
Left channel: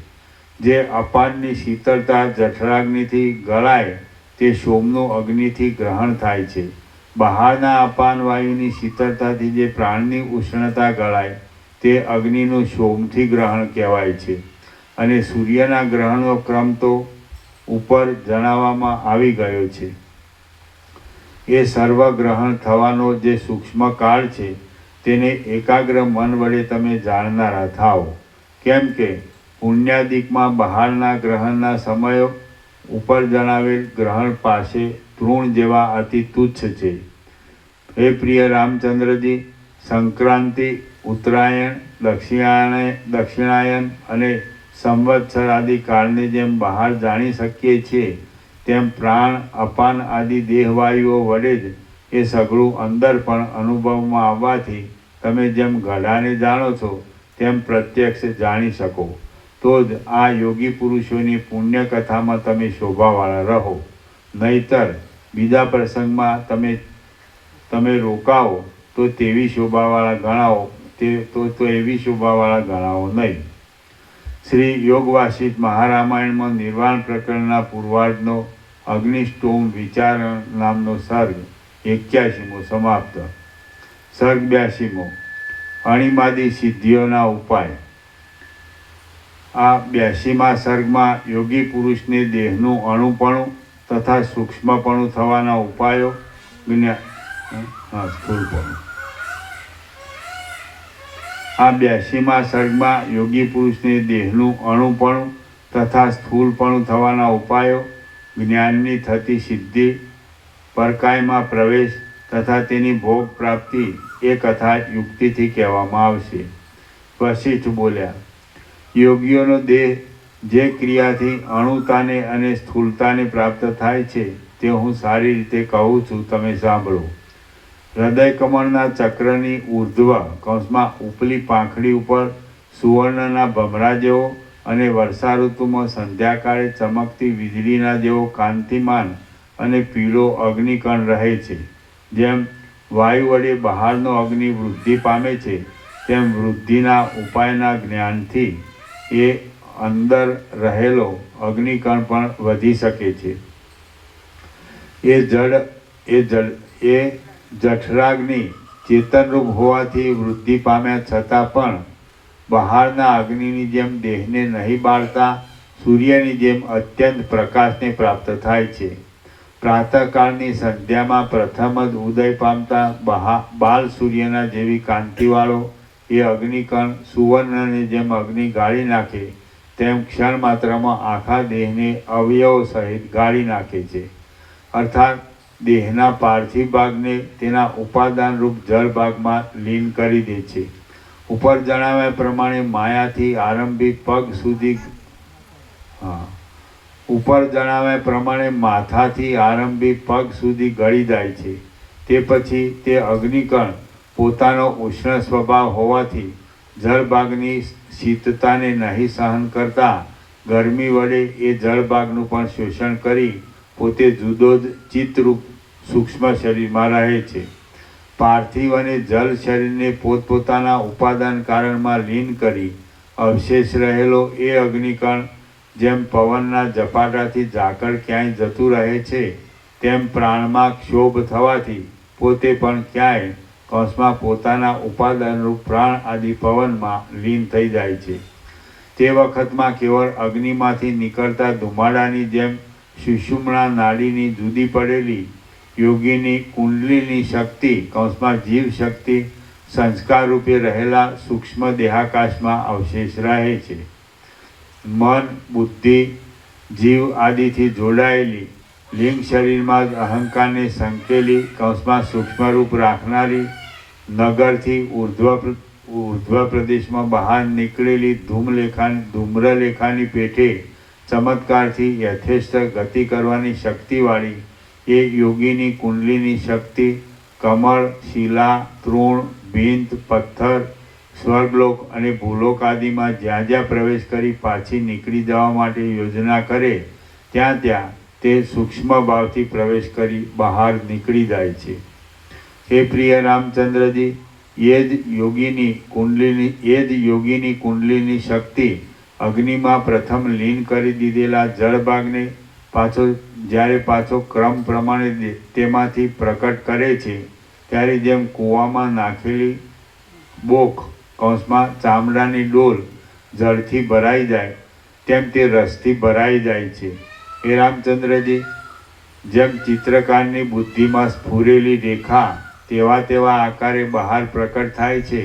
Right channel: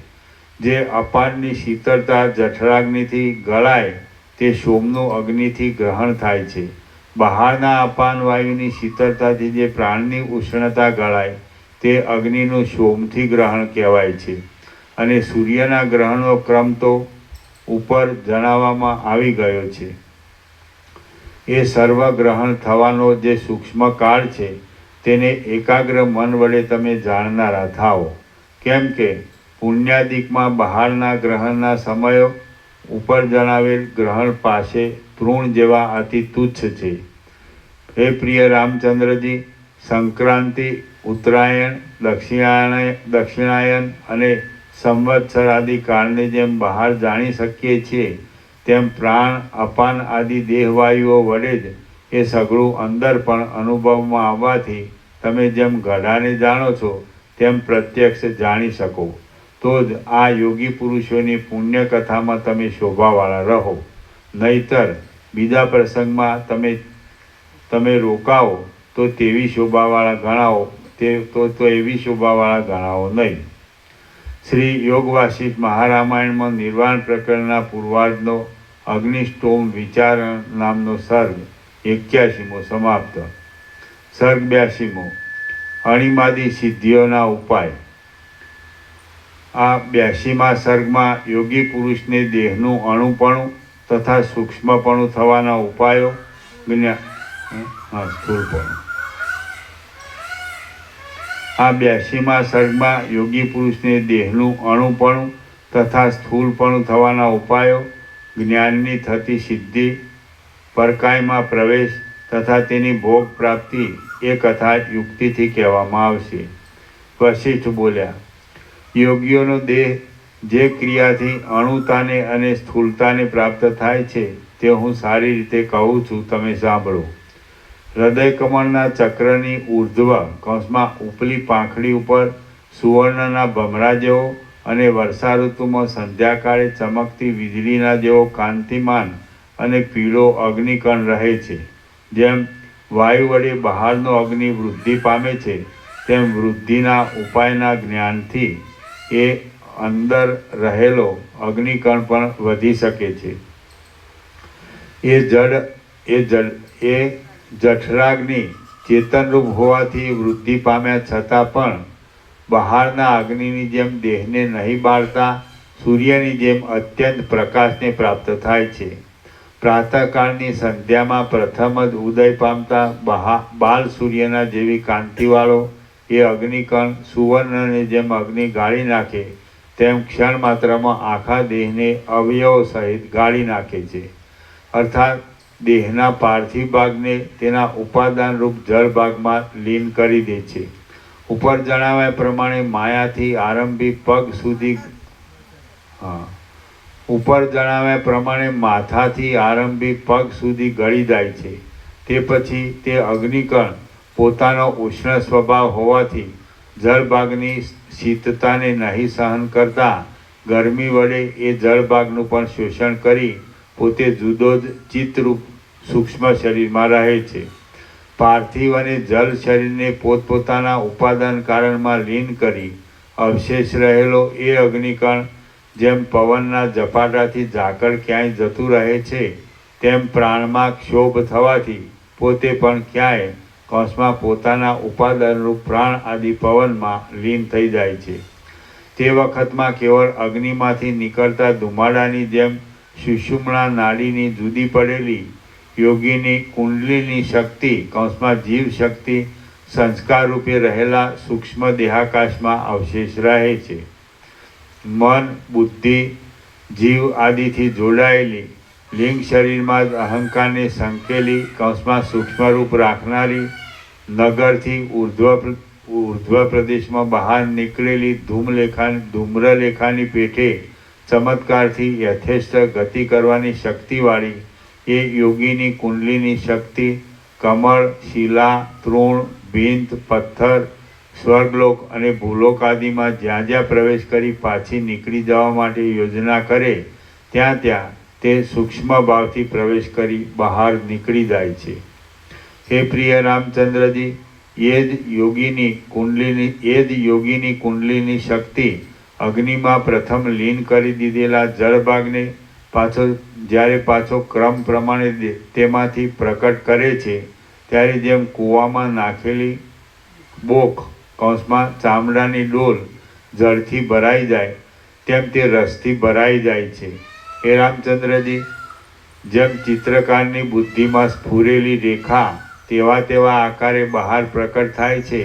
જે અપાનની શીતળતા જઠરાગ્નિથી ગળાય તે સોમનું અગ્નિથી ગ્રહણ થાય છે. બહારના અપાન વાયુની શીતળતાથી જે પ્રાણની ઉષ્ણતા ગળાય તે અગ્નિનું સોમથી ગ્રહણ કહેવાય છે. અને સૂર્યના ગ્રહણનો ક્રમ તો ઉપર જણાવવામાં આવી ગયો છે. એ સર્વગ્રહણ થવાનો જે સૂક્ષ્મ કાળ છે તેને એકાગ્ર મન વડે તમે જાણનારા થાઓ. કેમ કે પુણ્યાદિકમાં બહારના ગ્રહણના સમયો ઉપર જણાવેલ ગ્રહણ પાસે તૃણ જેવા અતિ તુચ્છ છે. હે પ્રિય રામચંદ્રજી, સંક્રાંતિ, ઉત્તરાયણ, દક્ષિણાયન અને સંવત્સર આદિ કાળને જેમ બહાર જાણી શકીએ છીએ તેમ પ્રાણ અપાન આદિ દેહવાયુઓ વડે જ એ સઘળું અંદર પણ અનુભવમાં આવવાથી તમે જેમ ગઢાને જાણો છો તેમ પ્રત્યક્ષ જાણી શકો. તો જ આ યોગી પુરુષોની પુણ્યકથામાં તમે શોભાવાળા રહો. નહીતર બીજા પ્રસંગમાં તમે રોકાવો તો તેવી શોભાવાળા ગણાવો તો એવી શોભાવાળા ગણાવો નહીં. શ્રી યોગવાસિષ્ઠ મહારામાયણમાં નિર્વાણ પ્રકરણના પૂર્વાર્ધનો અગ્નિષ્ટોમ વિચારણ નામનો સર્ગ 81મો સમાપ્ત. સર્ગ 82મો અણિમાદી સિદ્ધિઓના ઉપાય. આ 82મા સર્ગમાં યોગી પુરુષને દેહનું અણુપણું તથા સૂક્ષ્મપણું થવાના ઉપાયો સ્થૂળપણું. આ 82મા સર્ગમાં યોગી પુરુષને દેહનું અણુપણું તથા સ્થૂળપણું થવાના ઉપાયો, જ્ઞાનની થતી સિદ્ધિ, પરકાયમાં પ્રવેશ તથા તેની ભોગ પ્રાપ્તિ એ કથા યુક્તિથી કહેવામાં આવશે. વશિષ્ઠ બોલ્યા, યોગીઓનો દેહ જે ક્રિયાથી અણુતાને અને સ્થૂળતાને પ્રાપ્ત થાય છે તે હું સારી રીતે કહું છું, તમે સાંભળો. હૃદય કમળના ચક્રની ઉર્ધ્વ કૌંસમાં ઉપલી પાંખડી ઉપર સુવર્ણના ભમરા જેવો અને વર્ષા ઋતુમાં સંધ્યાકાળે ચમકતી વીજળીના જેવો કાંતિમાન અને પીળો અગ્નિકણ રહે છે. જેમ વાયુ વડે બહારનો અગ્નિ વૃદ્ધિ પામે છે તેમ વૃદ્ધિના ઉપાયના જ્ઞાનથી એ અંદર રહેલો અગ્નિકણ પણ વધી શકે છે. એ જઠરાગ્નિ ચેતનરૂપ હોવાથી વૃદ્ધિ પામ્યા છતાં પણ બહારના અગ્નિની જેમ દેહને નહીં બાળતા સૂર્યની જેમ અત્યંત પ્રકાશને પ્રાપ્ત થાય છે. પ્રાતઃકાળની સંધ્યામાં પ્રથમ જ ઉદય પામતા બાલ સૂર્યના જેવી કાંતિવાળો એ અગ્નિકણ સુવર્ણને જેમ અગ્નિ ગાળી નાખે તેમ ક્ષણ માત્રમાં આખા દેહને અવયવ સહિત ગાળી નાખે છે. અર્થાત દેહના પાર્થિવ ભાગને તેના ઉપાદાનરૂપ જળ ભાગમાં લીન કરી દે છે. ઉપર જણાવ્યા પ્રમાણે માયાથી આરંભી પગ સુધી માથાથી આરંભી પગ સુધી ગળી જાય છે. તે પછી તે અગ્નિકણ પોતાનો ઉષ્ણ સ્વભાવ હોવાથી જળભાગની શીતતાને નહીં સહન કરતા ગરમી વડે એ જળભાગનું પણ શોષણ કરી પોતે જુદો જ ચિત્તરૂપ સૂક્ષ્મ શરીરમાં રહે છે. પાર્થિવ અને જલ શરીરને પોતપોતાના ઉપાદાન કારણમાં લીન કરી અવશેષ રહેલો એ અગ્નિકણ જેમ પવનના ઝપાટાથી ઝાકળ ક્યાંય જતું રહે છે તેમ પ્રાણમાં ક્ષોભ થવાથી પોતે પણ ક્યાંય કૌંસમાં પોતાના ઉપાદાનરૂપ પ્રાણ આદિ પવનમાં લીન થઈ જાય છે. તે વખતમાં કેવળ અગ્નિમાંથી નીકળતા ધુમાડાની જેમ સુષુમ્ના નાડીની જુદી પડેલી યોગીની કુંડલીની શક્તિ કૌંસમાં જીવ શક્તિ સંસ્કાર રૂપે રહેલા સૂક્ષ્મ દેહાકાશમાં અવશેષ રહે છે. મન, બુદ્ધિ, જીવ આદિથી જોડાયેલી લિંગ શરીરમાં જ અહંકારને સંકેલી કૌંસમાં સૂક્ષ્મરૂપ રાખનારી નગરથી ઉર્ધ્વ પ્રદેશમાં બહાર નીકળેલી ધૂમ્રલેખાની પેઠે ચમત્કારથી યથેષ્ટ ગતિ કરવાની શક્તિવાળી એ યોગીની કુંડલીની શક્તિ કમળ, શિલા, તૃણ, ભીંત, પથ્થર, સ્વર્ગલોક અને ભૂલોક આદિમાં જ્યાં જ્યાં પ્રવેશ કરી પાછી નીકળી જવા માટે યોજના કરે ત્યાં ત્યાં તે સૂક્ષ્મ ભાવથી પ્રવેશ કરી બહાર નીકળી જાય છે. હે પ્રિય રામચંદ્રજી, એ જ યોગીની કુંડલીની શક્તિ અગ્નિમાં પ્રથમ લીન કરી દીધેલા જળભાગને જ્યારે પાછો ક્રમ પ્રમાણે તેમાંથી પ્રકટ કરે છે ત્યારે જેમ કૂવામાં નાખેલી બોખ કૌંસમાં ચામડાની ડોલ જળથી ભરાઈ જાય તેમ તે રસથી ભરાઈ જાય છે. હે રામચંદ્રજી, જેમ ચિત્રકારની બુદ્ધિમાં સ્ફુરેલી રેખા તેવા આકારે બહાર પ્રકટ થાય છે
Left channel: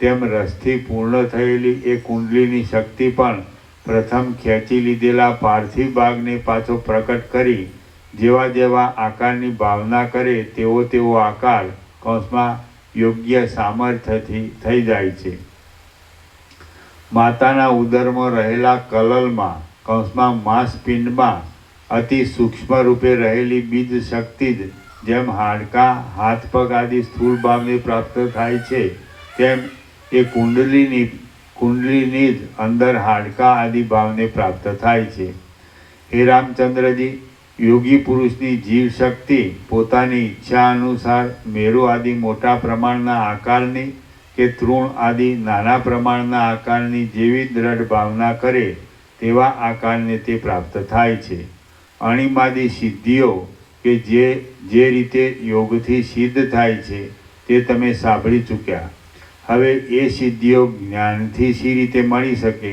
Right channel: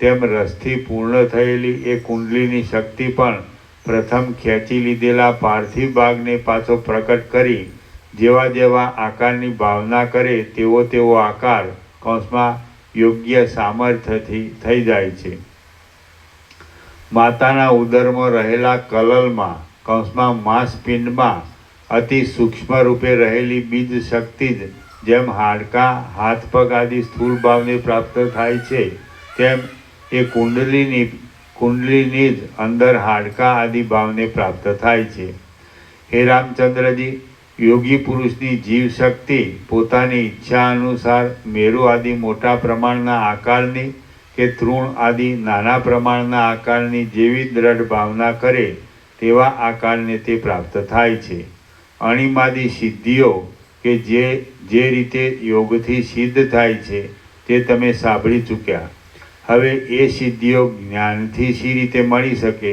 તેમ રસથી પૂર્ણ થયેલી એ કુંડલીની શક્તિ પણ પ્રથમ ખેંચી લીધેલા પાર્થિવ ભાગને પાછો પ્રકટ કરી જેવા આકારની ભાવના કરે તેવો આકાર કૌંસમાં યોગ્ય સામર્થ્યથી થઈ જાય છે. માતાના ઉદરમાં રહેલા કલલમાં કૌંસમાં માંસપિંડમાં અતિ સૂક્ષ્મ રૂપે રહેલી બીજ શક્તિ જ જેમ હાડકાં, હાથ પગ આદિ સ્થૂળ ભાવને પ્રાપ્ત થાય છે તેમ એ કુંડલીની જ અંદર હાડકાં આદિ ભાવને પ્રાપ્ત થાય છે. હે રામચંદ્રજી, યોગી પુરુષની જીવ શક્તિ પોતાની ઈચ્છા અનુસાર મેરુ આદિ મોટા પ્રમાણના આકારની કે તૃણ આદિ નાના પ્રમાણના આકારની જેવી દ્રઢ ભાવના કરે તેવા આકારને તે પ્રાપ્ત થાય છે. અણિમાદી સિદ્ધિઓ કે જે રીતે યોગથી સિદ્ધ થાય છે તે તમે સાંભળી ચૂક્યા. હવે એ સિદ્ધિઓ જ્ઞાનથી શી રીતે મળી શકે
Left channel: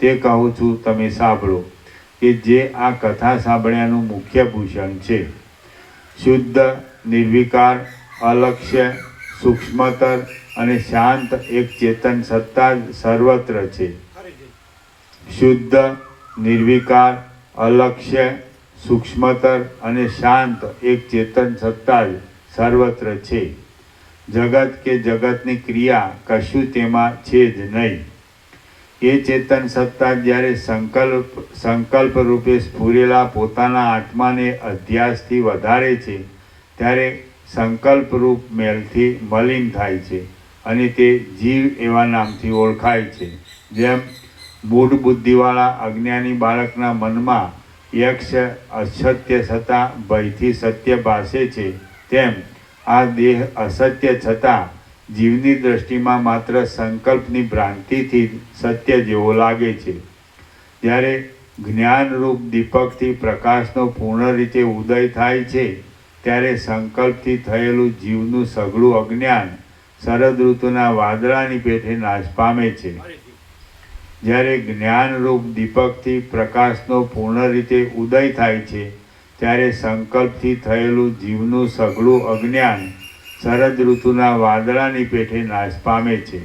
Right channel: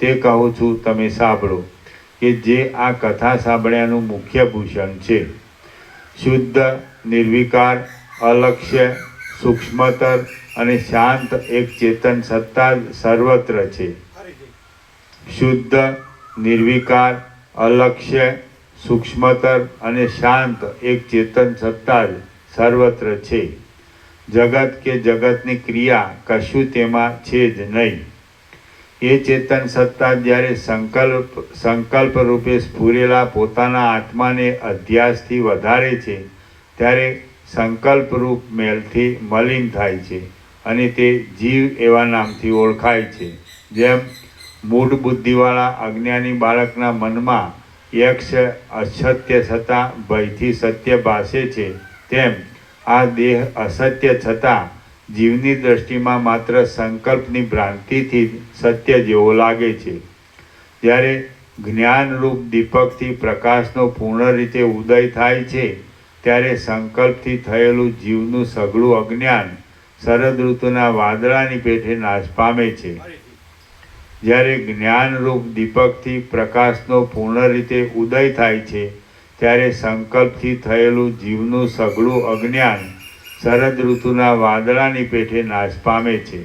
તે કહું છું, તમે સાંભળો, કે જે આ કથા સાંભળ્યાનું મુખ્ય ભૂષણ છે. શુદ્ધ, નિર્વિકાર, અલક્ષ્ય, સૂક્ષ્મતર અને શાંત એક ચેતન સત્તા જ સર્વત્ર છે. શુદ્ધ, નિર્વિકાર, અલક્ષ્ય, સૂક્ષ્મતર અને શાંત એક ચેતન સત્તા જ સર્વત્ર છે. જગત કે જગતની ક્રિયા કશું તેમાં છે જ નહીં. એ ચેતન સત્તા જ્યારે સંકલ્પ રૂપે સ્ફુરેલા પોતાના આત્માને અધ્યાસથી વધારે છે ત્યારે સંકલ્પરૂપ મેલથી મલિન થાય છે અને તે જીવ એવા નામથી ઓળખાય છે. જેમ મૂઢ બુદ્ધિવાળા અજ્ઞાની બાળકના મનમાં યક્ષ અસત્ય છતાં ભયથી સત્ય ભાસે છે, તેમ આ દેહ અસત્ય છતાં જીવની દ્રષ્ટિમાં માત્ર સંકલ્પની ભ્રાંતિથી જ સત્ય જેવો લાગે છે. જ્યારે જ્ઞાનરૂપ દીપકથી પ્રકાશનો પૂર્ણ રીતે ઉદય થાય છે ત્યારે સંકલ્પથી થયેલું જીવનું સઘળું અજ્ઞાન શરદ ઋતુના વાદળાની પેઠે નાશ પામે છે. જ્યારે જ્ઞાનરૂપ દીપકથી પ્રકાશનો પૂર્ણ રીતે ઉદય થાય છે ત્યારે સંકલ્પથી થયેલું જીવનું સઘળું અજ્ઞાન શરદ ઋતુના વાદળાની પેઠે નાશ પામે છે.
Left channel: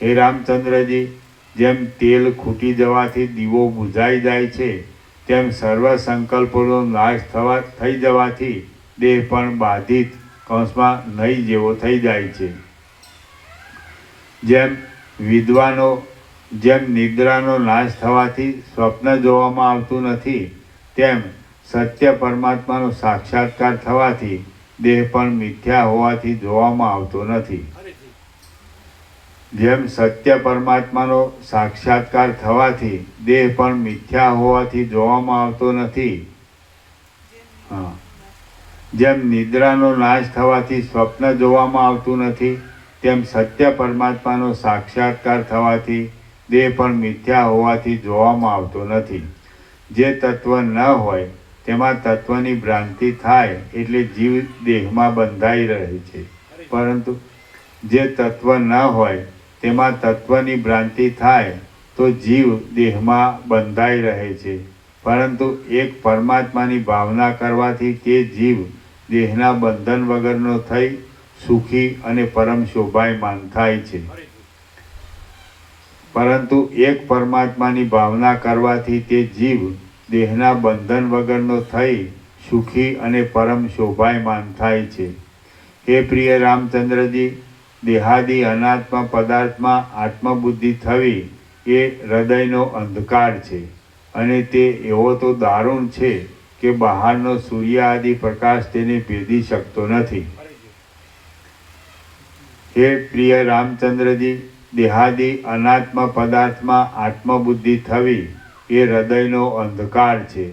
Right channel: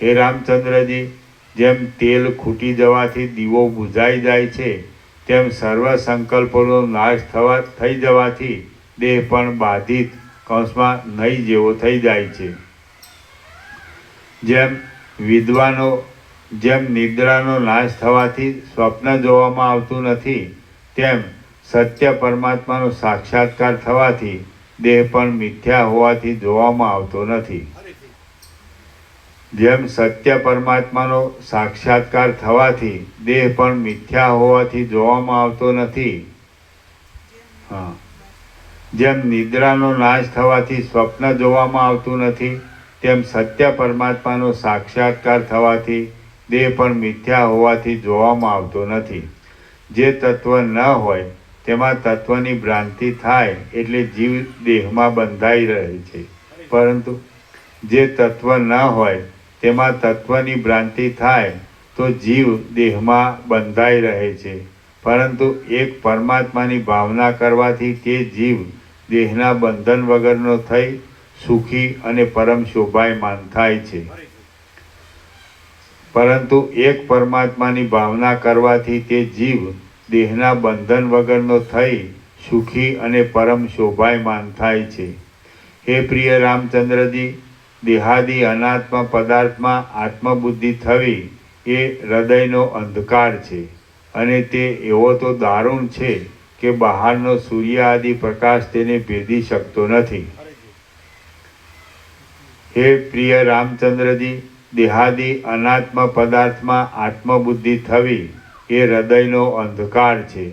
હે રામચંદ્રજી, જેમ તેલ ખૂટી જવાથી દીવો બુઝાઈ જાય છે તેમ સર્વ સંકલ્પોનો નાશ થઈ જવાથી દેહ પણ બાધિત કૌંસમાં નહીં જેવો થઈ જાય છે. જેમ નિદ્રાનો નાશ થવાથી સ્વપ્ન જોવામાં આવતું નથી, તેમ સત્ય પરમાત્માનો સાક્ષાત્કાર થવાથી દેહ પણ મિથ્યા હોવાથી જોવામાં આવતો નથી. જેમ સત્ય પરમાત્માનો સાક્ષાત્કાર થવાથી દેહ પણ મિથ્યા હોવાથી જોવામાં આવતો નથી, જેમ નિદ્રાનો નાશ થવાથી સ્વપ્ન જોવામાં આવતું નથી, તેમ સત્ય પરમાત્માનો સાક્ષાત્કાર થવાથી દેહ પણ મિથ્યા હોવાથી જોવામાં આવતો નથી. જે તત્વ ન હોય તેમાં તત્વની ભ્રાંતિ થાય એટલે જીવ દેહમાં બંધાઈ રહે છે, પરંતુ જે તત્વ ન હોય તેમાં તત્વની ભ્રાંતિ થાય તો જીવ દેહમાં બંધાઈ રહે છે, પરંતુ એક પરમાત્માની ભાવના કરવાથી તે જીવ દેહના બંધન વગરનો થઈ સુખી અને પરમ શોભાયમાન થાય છે. પરંતુ એક પરમાત્માની ભાવના કરવાથી તે જીવ દેહના બંધન વગરનો થઈ સુખી અને પરમ શોભાયમાન થાય છે. હે પ્રિય રામચંદ્રજી, દેહાદી અનાત્મ પદાર્થમાં આત્મબુદ્ધિ થવી એ હૃદયનો અંધકાર છે અને તે એવો તો દારૂણ છે કે બહારનો સૂર્ય આદિ પ્રકાશ તેને ભેદી શકતો નથી. હે પ્રિય રામચંદ્રજી, દેહાદી અનાત્મ પદાર્થમાં આત્મબુદ્ધિ થવી એ હૃદયનો અંધકાર છે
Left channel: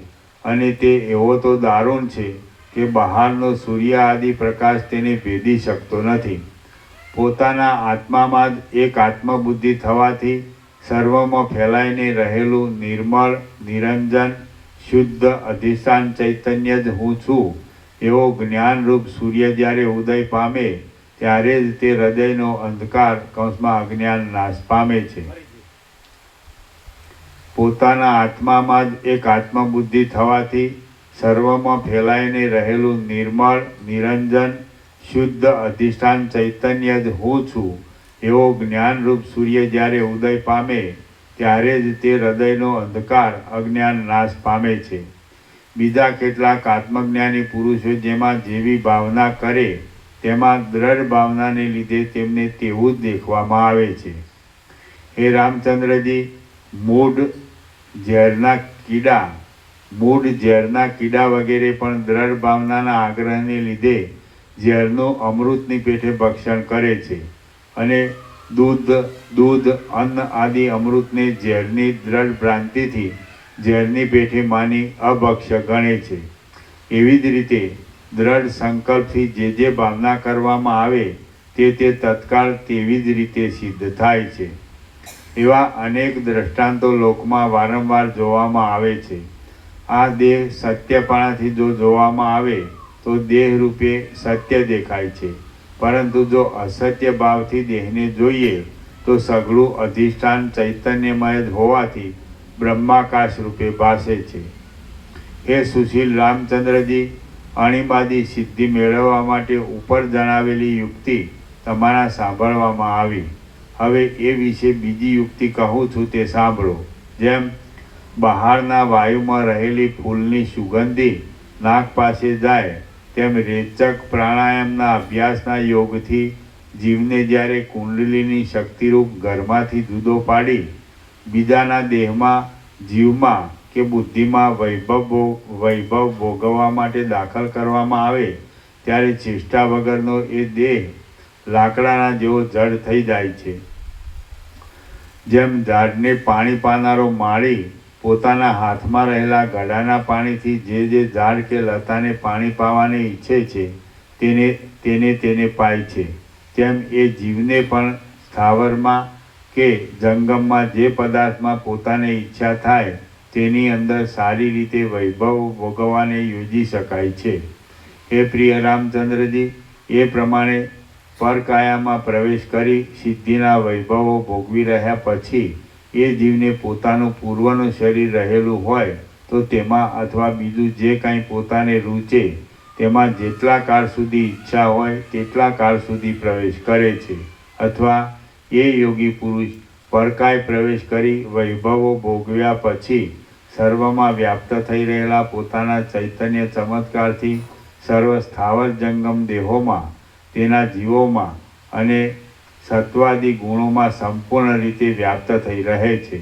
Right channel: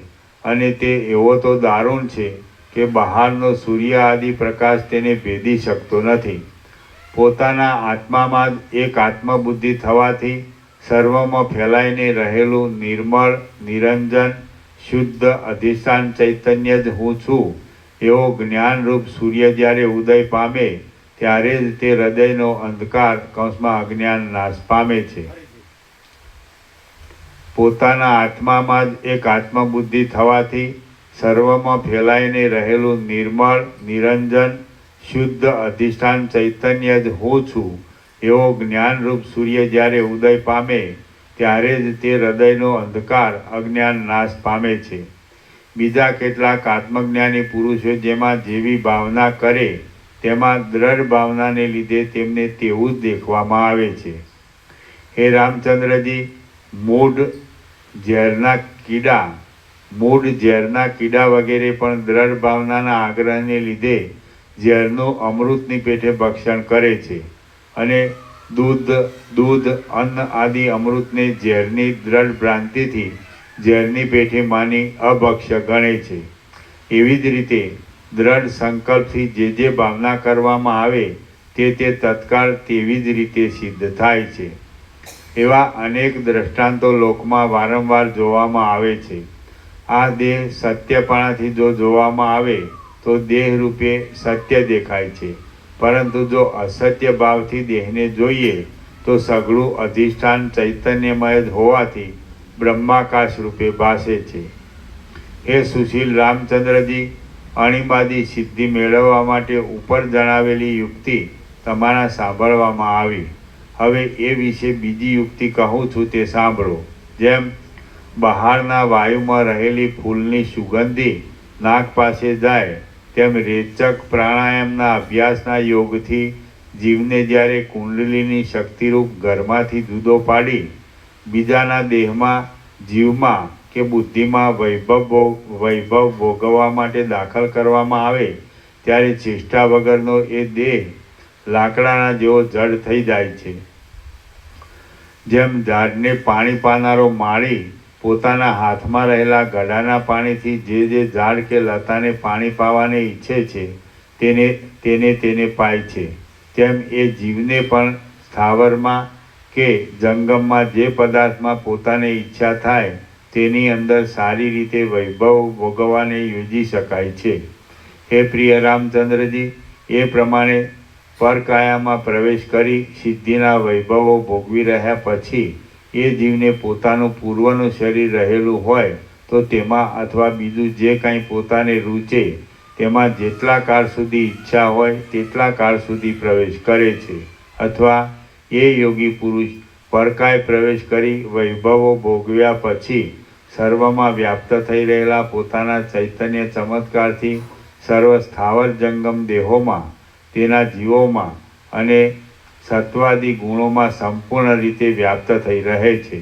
અને તે એવો તો દારૂણ છે કે બહારનો સૂર્ય આદિ પ્રકાશ તેને ભેદી શકતો નથી. પોતાના આત્મામાં જ એક આત્મબુદ્ધિ થવાથી સર્વમાં ફેલાઈને રહેલું નિર્મળ, નિરંજન, શુદ્ધ અધિષ્ઠાન ચૈતન્ય જ હું છું એવો જ્ઞાનરૂપ સૂર્ય જ્યારે ઉદય પામે ત્યારે જ તે હૃદયનો અંધકાર કૌંસમાં અજ્ઞાન નાશ પામે છે. પોતાના આત્મામાં જ એક આત્મબુદ્ધિ થવાથી સર્વમાં ફેલાઈને રહેલું નિર્મળ, નિરંજન, શુદ્ધ અધિષ્ઠાન ચૈતન્ય જ હું છું એવો જ્ઞાનરૂપ સૂર્ય જ્યારે ઉદય પામે ત્યારે જ તે હૃદયનો અંધકાર અજ્ઞાન નાશ પામે છે. બીજા કેટલાક આત્મજ્ઞાની પુરુષો જેમાં જેવી ભાવના કરે તેમાં દ્રઢ ભાવનાને લીધે તેમને તેવું જ દેખવામાં આવે છે. હે રામચંદ્રજી, મૂઢ ઝેરના કીડા વગેરે પણ દ્રઢ ભાવનાના આગ્રહને લીધે ઝેરનું અમૃતની પેઠે ભક્ષણ કરે છે અને દૂધ, અન્ન આદિ અમૃતને ઝેરની દ્રઢ ભ્રાંતિથી ઝેરની પેઠે માની અભક્ષ્ય ગણે છે. એવી જ રીતે દ્રઢ સંકલ્પથી જે ભાવના કરવામાં આવે તે તત્કાળ તેવી જ રીતે સિદ્ધ થાય છે. એવા અનેક દ્રષ્ટાંતો લોકમાં વારંવાર જોવામાં આવે છે. આ દેહ સત્યપણાથી જો જોવામાં આવે તો દેહ રૂપે સત્ય દેખાય છે, પરંતુ જો અસત્ય ભાવથી દેહને જોઈએ તો સઘળું અધિષ્ઠાન ચૈતન્યમય જ હોવાથી બ્રહ્માકાશ રૂપે ભાસે છે. હે સુશીલ રામચંદ્રજી, અણીમાદી સિદ્ધિ મેળવવા માટે ઉપર જણાવેલી યુક્તિ તમારા સાંભળવામાં આવી. હવે એ વિશે બીજી યુક્તિ કહું છું, તે સાંભળો. જેમ બહારના વાયુમાં રહેલી ફૂલની સુગંધી નાક પાસે જાય, તેમ રેચક પ્રાણાયામના અભ્યાસના યોગથી જીવને જ્યારે કુંડલીની શક્તિરૂપ ઘરમાંથી જુદો પાડી બીજાના દેહમાં, જીવમાં કે બુદ્ધિમાં વૈભવ ભોગવવા માટે દાખલ કરવામાં આવે, ત્યારે ચેષ્ટા વગરનો એ દેહ લાકડાના જેવો જડ થઈ જાય છે. જેમ ઝાડને પાણી પાનારો માળી પોતાના હાથમાં રહેલા ગડાના પાણીથી જે ઝાડ કે લતાને પાણી પાવાને ઈચ્છે છે તેને પાય છે, તેમ એ જીવને પણ સ્થાવરમાં કે જંગમમાં જે પદાર્થમાં પોતાને ઈચ્છા થાય તેની અંદર સારી રીતે વૈભવ ભોગવવાને યોજી શકાય છે. હે પ્રિય રામચંદ્રજી, એ પ્રમાણે પરકાયામાં પ્રવેશ કરી સિદ્ધિના વૈભવો ભોગવી રહ્યા પછી એ જીવને પોતાનું પૂર્વનું શરીર રહેલું હોય તો તેમાં અથવા બીજું જે કાંઈ પોતાને રૂચે તેમાં જેટલા કાળ સુધી ઈચ્છા હોય તેટલા કાળ સુધી પ્રવેશ કરે છે. અથવા એ યોગી પુરુષ પરકાય પ્રવેશ કરી વૈભવો ભોગવ્યા પછી સર્વમાં વ્યાપ્ત થઈ રહેલા પોતાના ચૈતન્ય ચમત્કારથી સર્વ સ્થાવર જંગમ દેહોમાં, તેના જીવોમાં અને સત્વાદી ગુણોમાં સંપૂર્ણ રીતે વ્યાપ્ત થઈ રહે છે.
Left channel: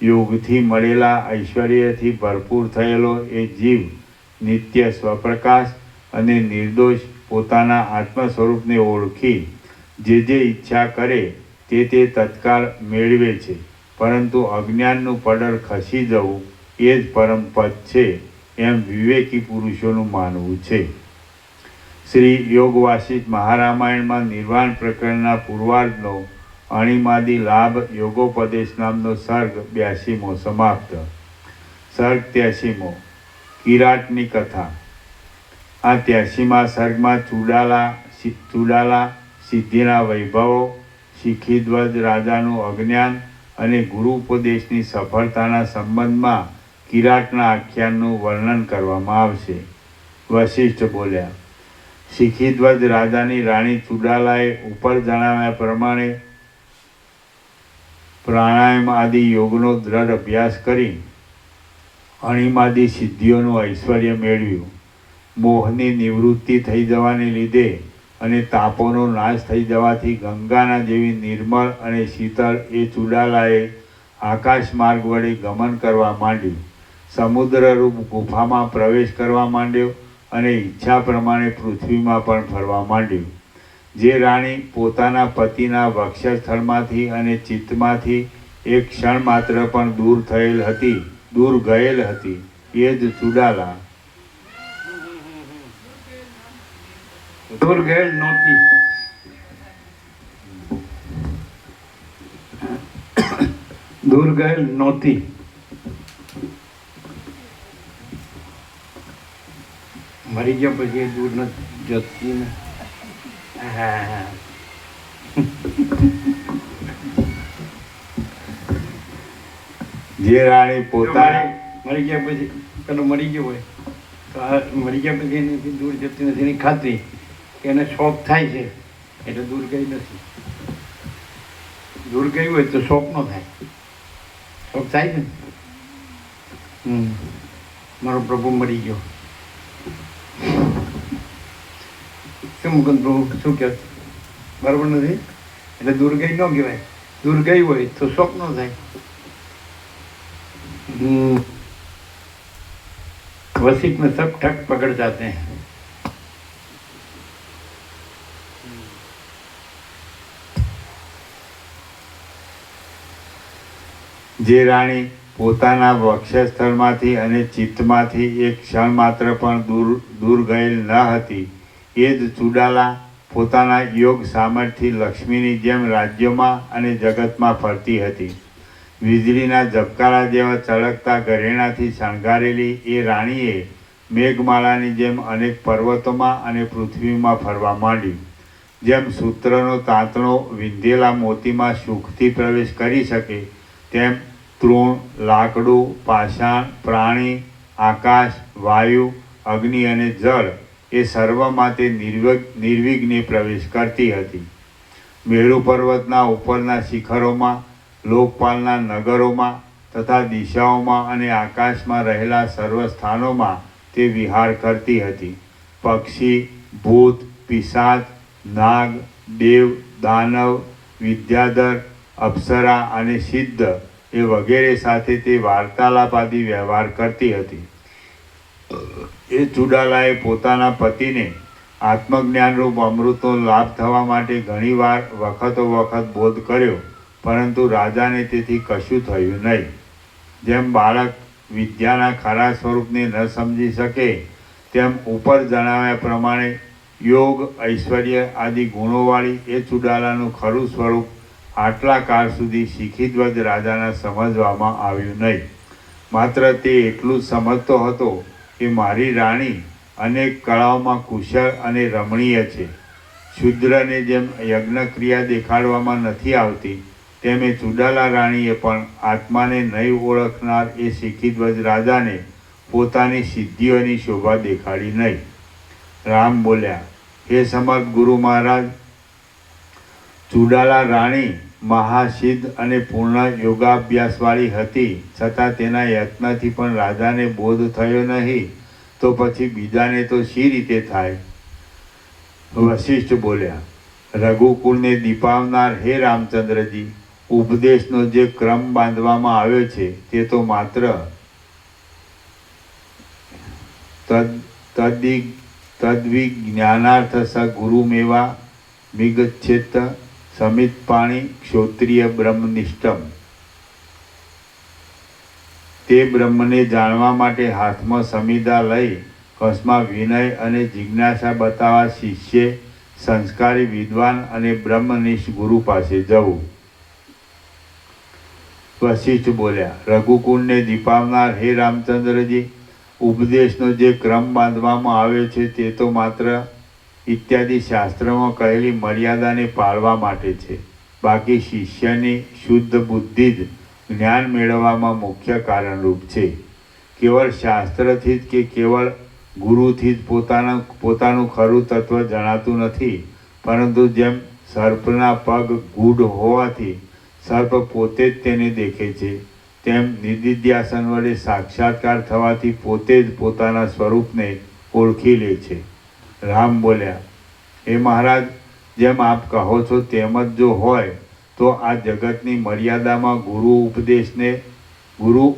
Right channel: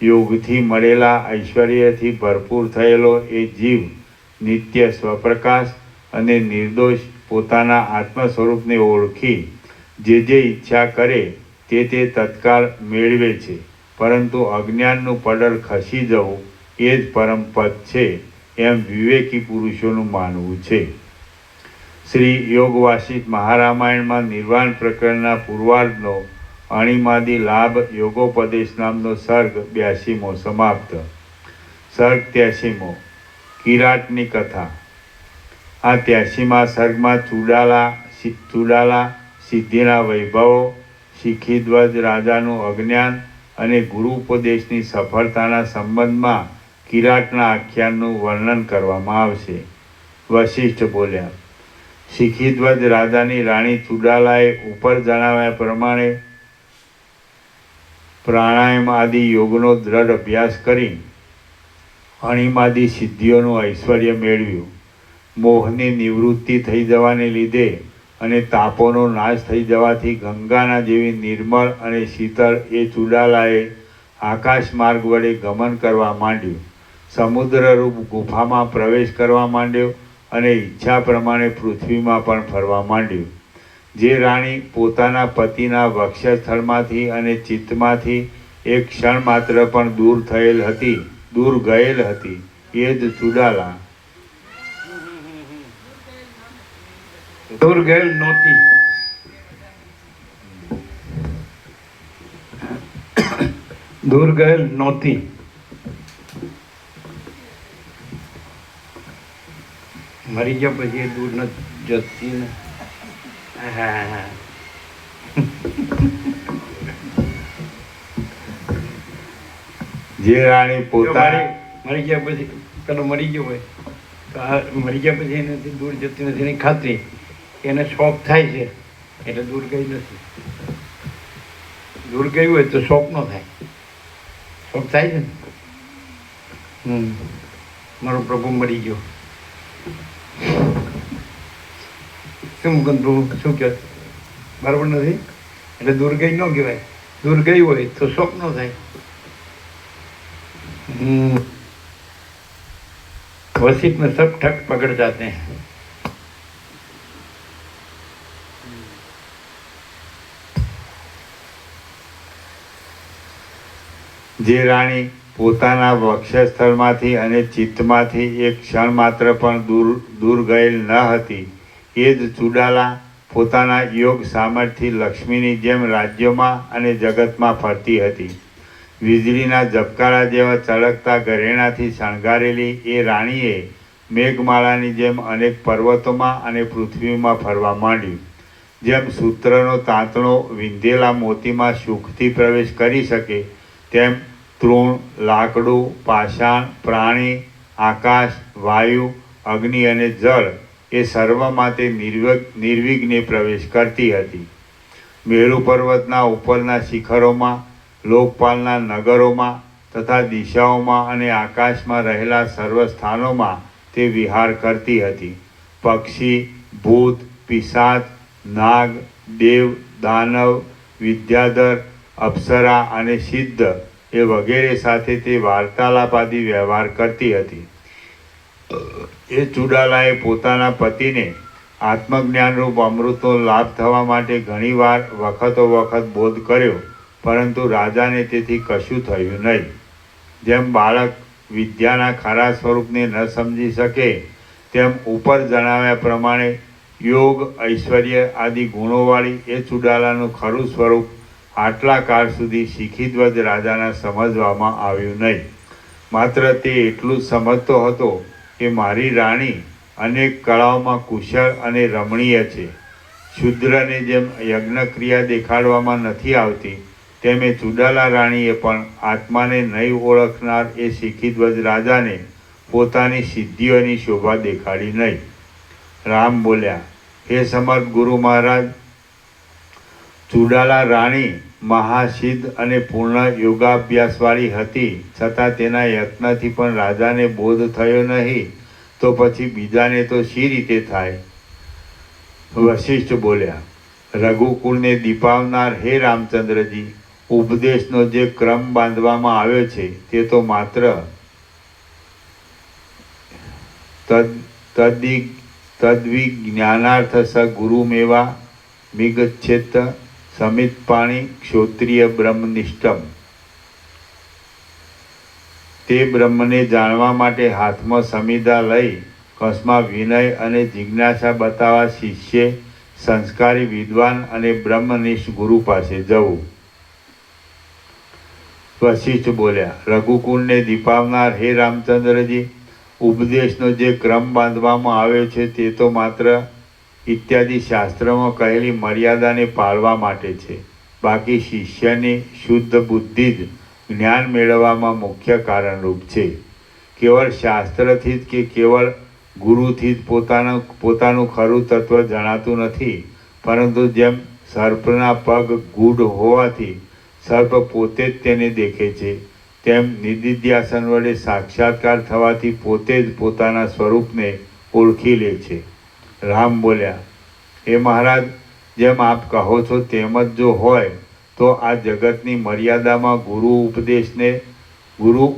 યોગથી મળેલા ઐશ્વર્યથી ભરપૂર થયેલો એ જીવ નિત્ય સ્વપ્રકાશ અને નિર્દોષ પોતાના આત્મ સ્વરૂપને ઓળખી જે ઈચ્છા કરે તે તત્કાળ મેળવે છે. પરંતુ અજ્ઞાનનું પડર ખસી જવું એ જ પરમ પદ છે, એમ વિવેકી પુરુષોનું માનવું છે. શ્રી યોગ વાસિષ્ઠ મહારામાયણમાં નિર્વાણ પ્રકરણના પૂર્વાર્ધનો અણીમાદી લાભ યોગોપદેશ નામનો સર્ગ 82મો સમાપ્ત. સર્ગ 83મો કિરાટની કથા. આ 83મા સર્ગમાં ચૂડાલા સિદ્ધિના વૈભવો, શિખીધ્વજ રાજાનું અજ્ઞાન અને ગુરુ ઉપદેશની સફળતાના સંબંધમાં કિરાટના આખ્યાનનું વર્ણન કરવામાં આવશે. વશિષ્ઠ બોલ્યા, શિખીધ્વજ રાજાની રાણી ચૂડાલાએ ઉપર જણાવ્યા પ્રમાણે પ્રાણાયામ આદિ યોગનો દ્રઢ અભ્યાસ કરી અણીમાદી સિદ્ધિઓનું ઐશ્વર્ય મેળવ્યું. મોહની નિવૃત્તિ થઈ જવાને લીધે અને તાપોનો નાશ થઈ જવાથી ગંગાના જેવી નિર્મળ અને શીતળ એ ચૂડાલાએ આકાશ માર્ગ વડે ગમન કરવા માંડ્યું. સમુદ્રરૂપ ગુફામાં પ્રવેશ કરવા માંડ્યો અને ઈચ્છા પ્રમાણે પૃથ્વીમાં પણ ફરવા માંડ્યું. જે રાણી પોતાના પતિના વક્ષસ્થળમાંથી અને ચિત્તમાંથી એક ક્ષણ માત્ર પણ દૂર ગયેલ હતી એ જ ચૂડાલા. દૂર ગયેલ નહોતી. દૂર ગયેલ નહોતી. મરી ગયા પછી એ દૂર નથી જતી ને. જે રાણી પોતાની મરી ગયા પછી પેલો મરી ગયો હોય તો આ મરી ગયા પછી એનાથી દૂર જતી નથી એની ખાતરી એને શોખ થાય છે એટલે દૂર ગઈ નથી. દૂર ગયું હોય તો શોખ ન થાય. શોખ થાય છે ને. મારો પ્રભુ મરી ગયો. શું મુકુંદ પ્રભુ શું કહે? બરાબર નથી. એટલે દૂર ગઈ ન કહેવાય. દૂર ગઈ હોય તો શોખ ન થાય. वसित में सब ठग पकड़ जाते हैं. જે રાણી પોતાના વક્ષસ્થળમાંથી અને ચિત્તમાંથી એક ક્ષણ માત્ર પણ દૂર ગયેલ ન હતી એ જ ચૂડાલા પોતાના યોગ સામર્થ્યથી લક્ષ્મીની જેમ રાજ્યોમાં અને જગતમાં ફરતી હતી. વીજળીના ઝબકારા જેવા ચળકતા ઘરેણાથી શણગારેલી એ રાણીએ મેઘમાળાની જેમ અનેક પર્વતોમાં અને પૃથ્વીમાં ફરવા માંડ્યું. જેમ સૂત્રનો તાંતણો વિંધેલા મોતીમાં સુખથી પ્રવેશ કરી શકે, તેમ તૃણ, લાકડું, પાષાણ, પ્રાણી, આકાશ, વાયુ, અગ્નિ અને જળ એ સર્વમાં તે નિર્વિઘ્ને પ્રવેશ કરતી હતી. મેરુ પર્વતના ઉપરના શિખરોમાં, લોકપાલના નગરોમાં તથા દિશાઓમાં અને આકાશમાં રહેલા સર્વ સ્થાનોમાં તે વિહાર કરતી હતી. પક્ષી, ભૂત, પિશાચ, નાગ, દેવ, દાનવ, વિદ્યાધર, અપ્સરા અને સિદ્ધ એ વગેરે સાથે તે વાર્તાલાપાદી વ્યવહાર કરતી હતી. એ ચુડાલાએ પોતાના પતિને આત્મજ્ઞાનરૂપ અમૃતનો લાભ થવા માટે ઘણીવાર વખતો વખત બોધ કર્યો, પરંતુ રાજાને તેથી કશું થયું નહીં. જેમ બાળક વિદ્યાના ખરા સ્વરૂપને ન સમજી શકે, તેમ ઉપર જણાવ્યા પ્રમાણે યોગ, ઐશ્વર્ય આદિ ગુણોવાળી એ ચુડાલાનું ખરું સ્વરૂપ આટલા કાળ સુધી શિખીધ્વજ રાજાના સમજવામાં આવ્યું નહીં. માત્ર તે એટલું જ સમજતો હતો કે મારી રાણી અનેક કળાઓમાં કુશળ અને રમણીય છે. શુદ્રને જેમ યજ્ઞક્રિયા દેખાડવામાં નથી આવતી, તેમ એ ચુડાલા રાણીએ પણ આત્માને નહીં ઓળખનાર એ શિખીધ્વજ રાજાને પોતાની સિદ્ધિઓની શોભા દેખાડી નહીં. રામ બોલ્યા, હે સમર્થ ગુરુ મહારાજ, ચુડાલા રાણી મહાસિદ્ધ અને પૂર્ણ યોગાભ્યાસવાળી હતી, છતાં તેના યત્નથી પણ રાજાને બોધ થયો નહીં, તો પછી બીજાને તો શી રીતે થાય? વશિષ્ઠ બોલ્યા, રઘુકુળને દીપાવનાર હે રામચંદ્રજી, ઉપદેશનો જે ક્રમ બાંધવામાં આવ્યો છે તે તો માત્ર તદ્વિજ્ઞાનાર્થ સ ગુરુમેવા વિગચ્છેત સમિતપાણી ક્ષોત્રિય બ્રહ્મનિષ્ઠમ. તે બ્રહ્મને જાણવા માટે હાથમાં સમિધા લઈ કસમાં વિનય અને જિજ્ઞાસા બતાવવા શિષ્યે સંસ્કારી વિદ્વાન અને બ્રહ્મનિષ્ઠ ગુરુ પાસે જવું. વશિષ્ઠ બોલ્યા, રઘુકુળને દીપાવનાર હે રામચંદ્રજી, ઉપદેશનો જે ક્રમ બાંધવામાં આવે છે તે તો માત્ર ઇત્યાદિ શાસ્ત્રોમાં કહેલી મર્યાદાને પાળવા માટે છે. બાકી શિષ્યની શુદ્ધ બુદ્ધિ જ જ્ઞાન મેળવવામાં મુખ્ય કારણરૂપ છે. કેવળ શાસ્ત્રથી જ કે કેવળ ગુરુથી જ પોતાનું ખરું તત્વ જણાતું નથી, પરંતુ જેમ સર્પના પગ ગૂઢ હોવાથી સર્પ પોતે જ તેને દેખે છે, તેમ નિદિધ્યાસન વડે સાક્ષાત્કાર થવાથી પોતે જ પોતાના સ્વરૂપને ઓળખી લે છે. રામ બોલ્યા, હે મહારાજ, જેમ આપ કહો છો તેમ જ જો હોય તો આ જગતની મર્યાદામાં ગુરુ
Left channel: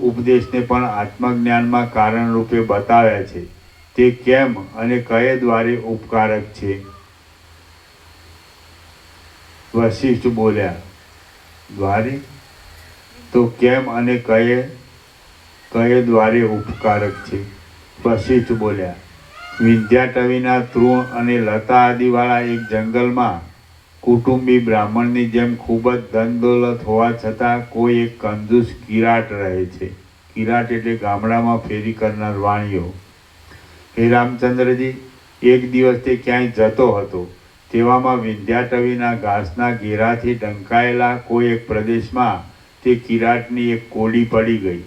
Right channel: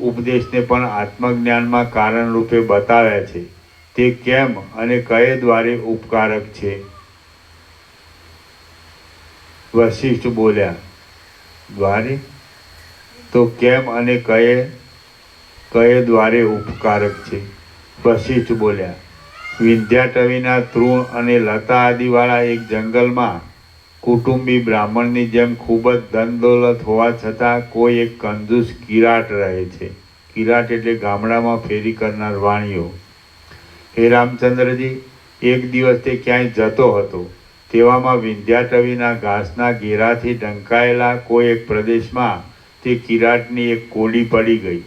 ઉપદેશને પણ આત્મજ્ઞાનમાં કારણરૂપે બતાવ્યા છે. તે કેમ અને કયે દ્વારે ઉપકારક છે? વશિષ્ઠ બોલ્યા, દ્વારે તો કેમ અને કયે દ્વારે ઉપકારક છે? વશિષ્ઠ બોલ્યા, વિંધ્યાટવીના તૃણ અને લતા આદિવાળા એક જંગલમાં કુટુંબી બ્રાહ્મણની જેમ ખૂબ જ ધન દોલત હોવા છતાં કોઈ એક કંજૂસ કિરાટ રહે છે. કિરાટ એટલે ગામડામાં ફેરી કરનાર વાણિયો. હે રામચંદ્રજી, એક દિવસ તે ક્યાંય જતો હતો, તેવામાં વિંધ્યાટવીના ઘાસના ઘેરાથી ઢંકાયેલા કોઈ એક પ્રદેશમાં તે કિરાટની એક કોડી પડી ગઈ.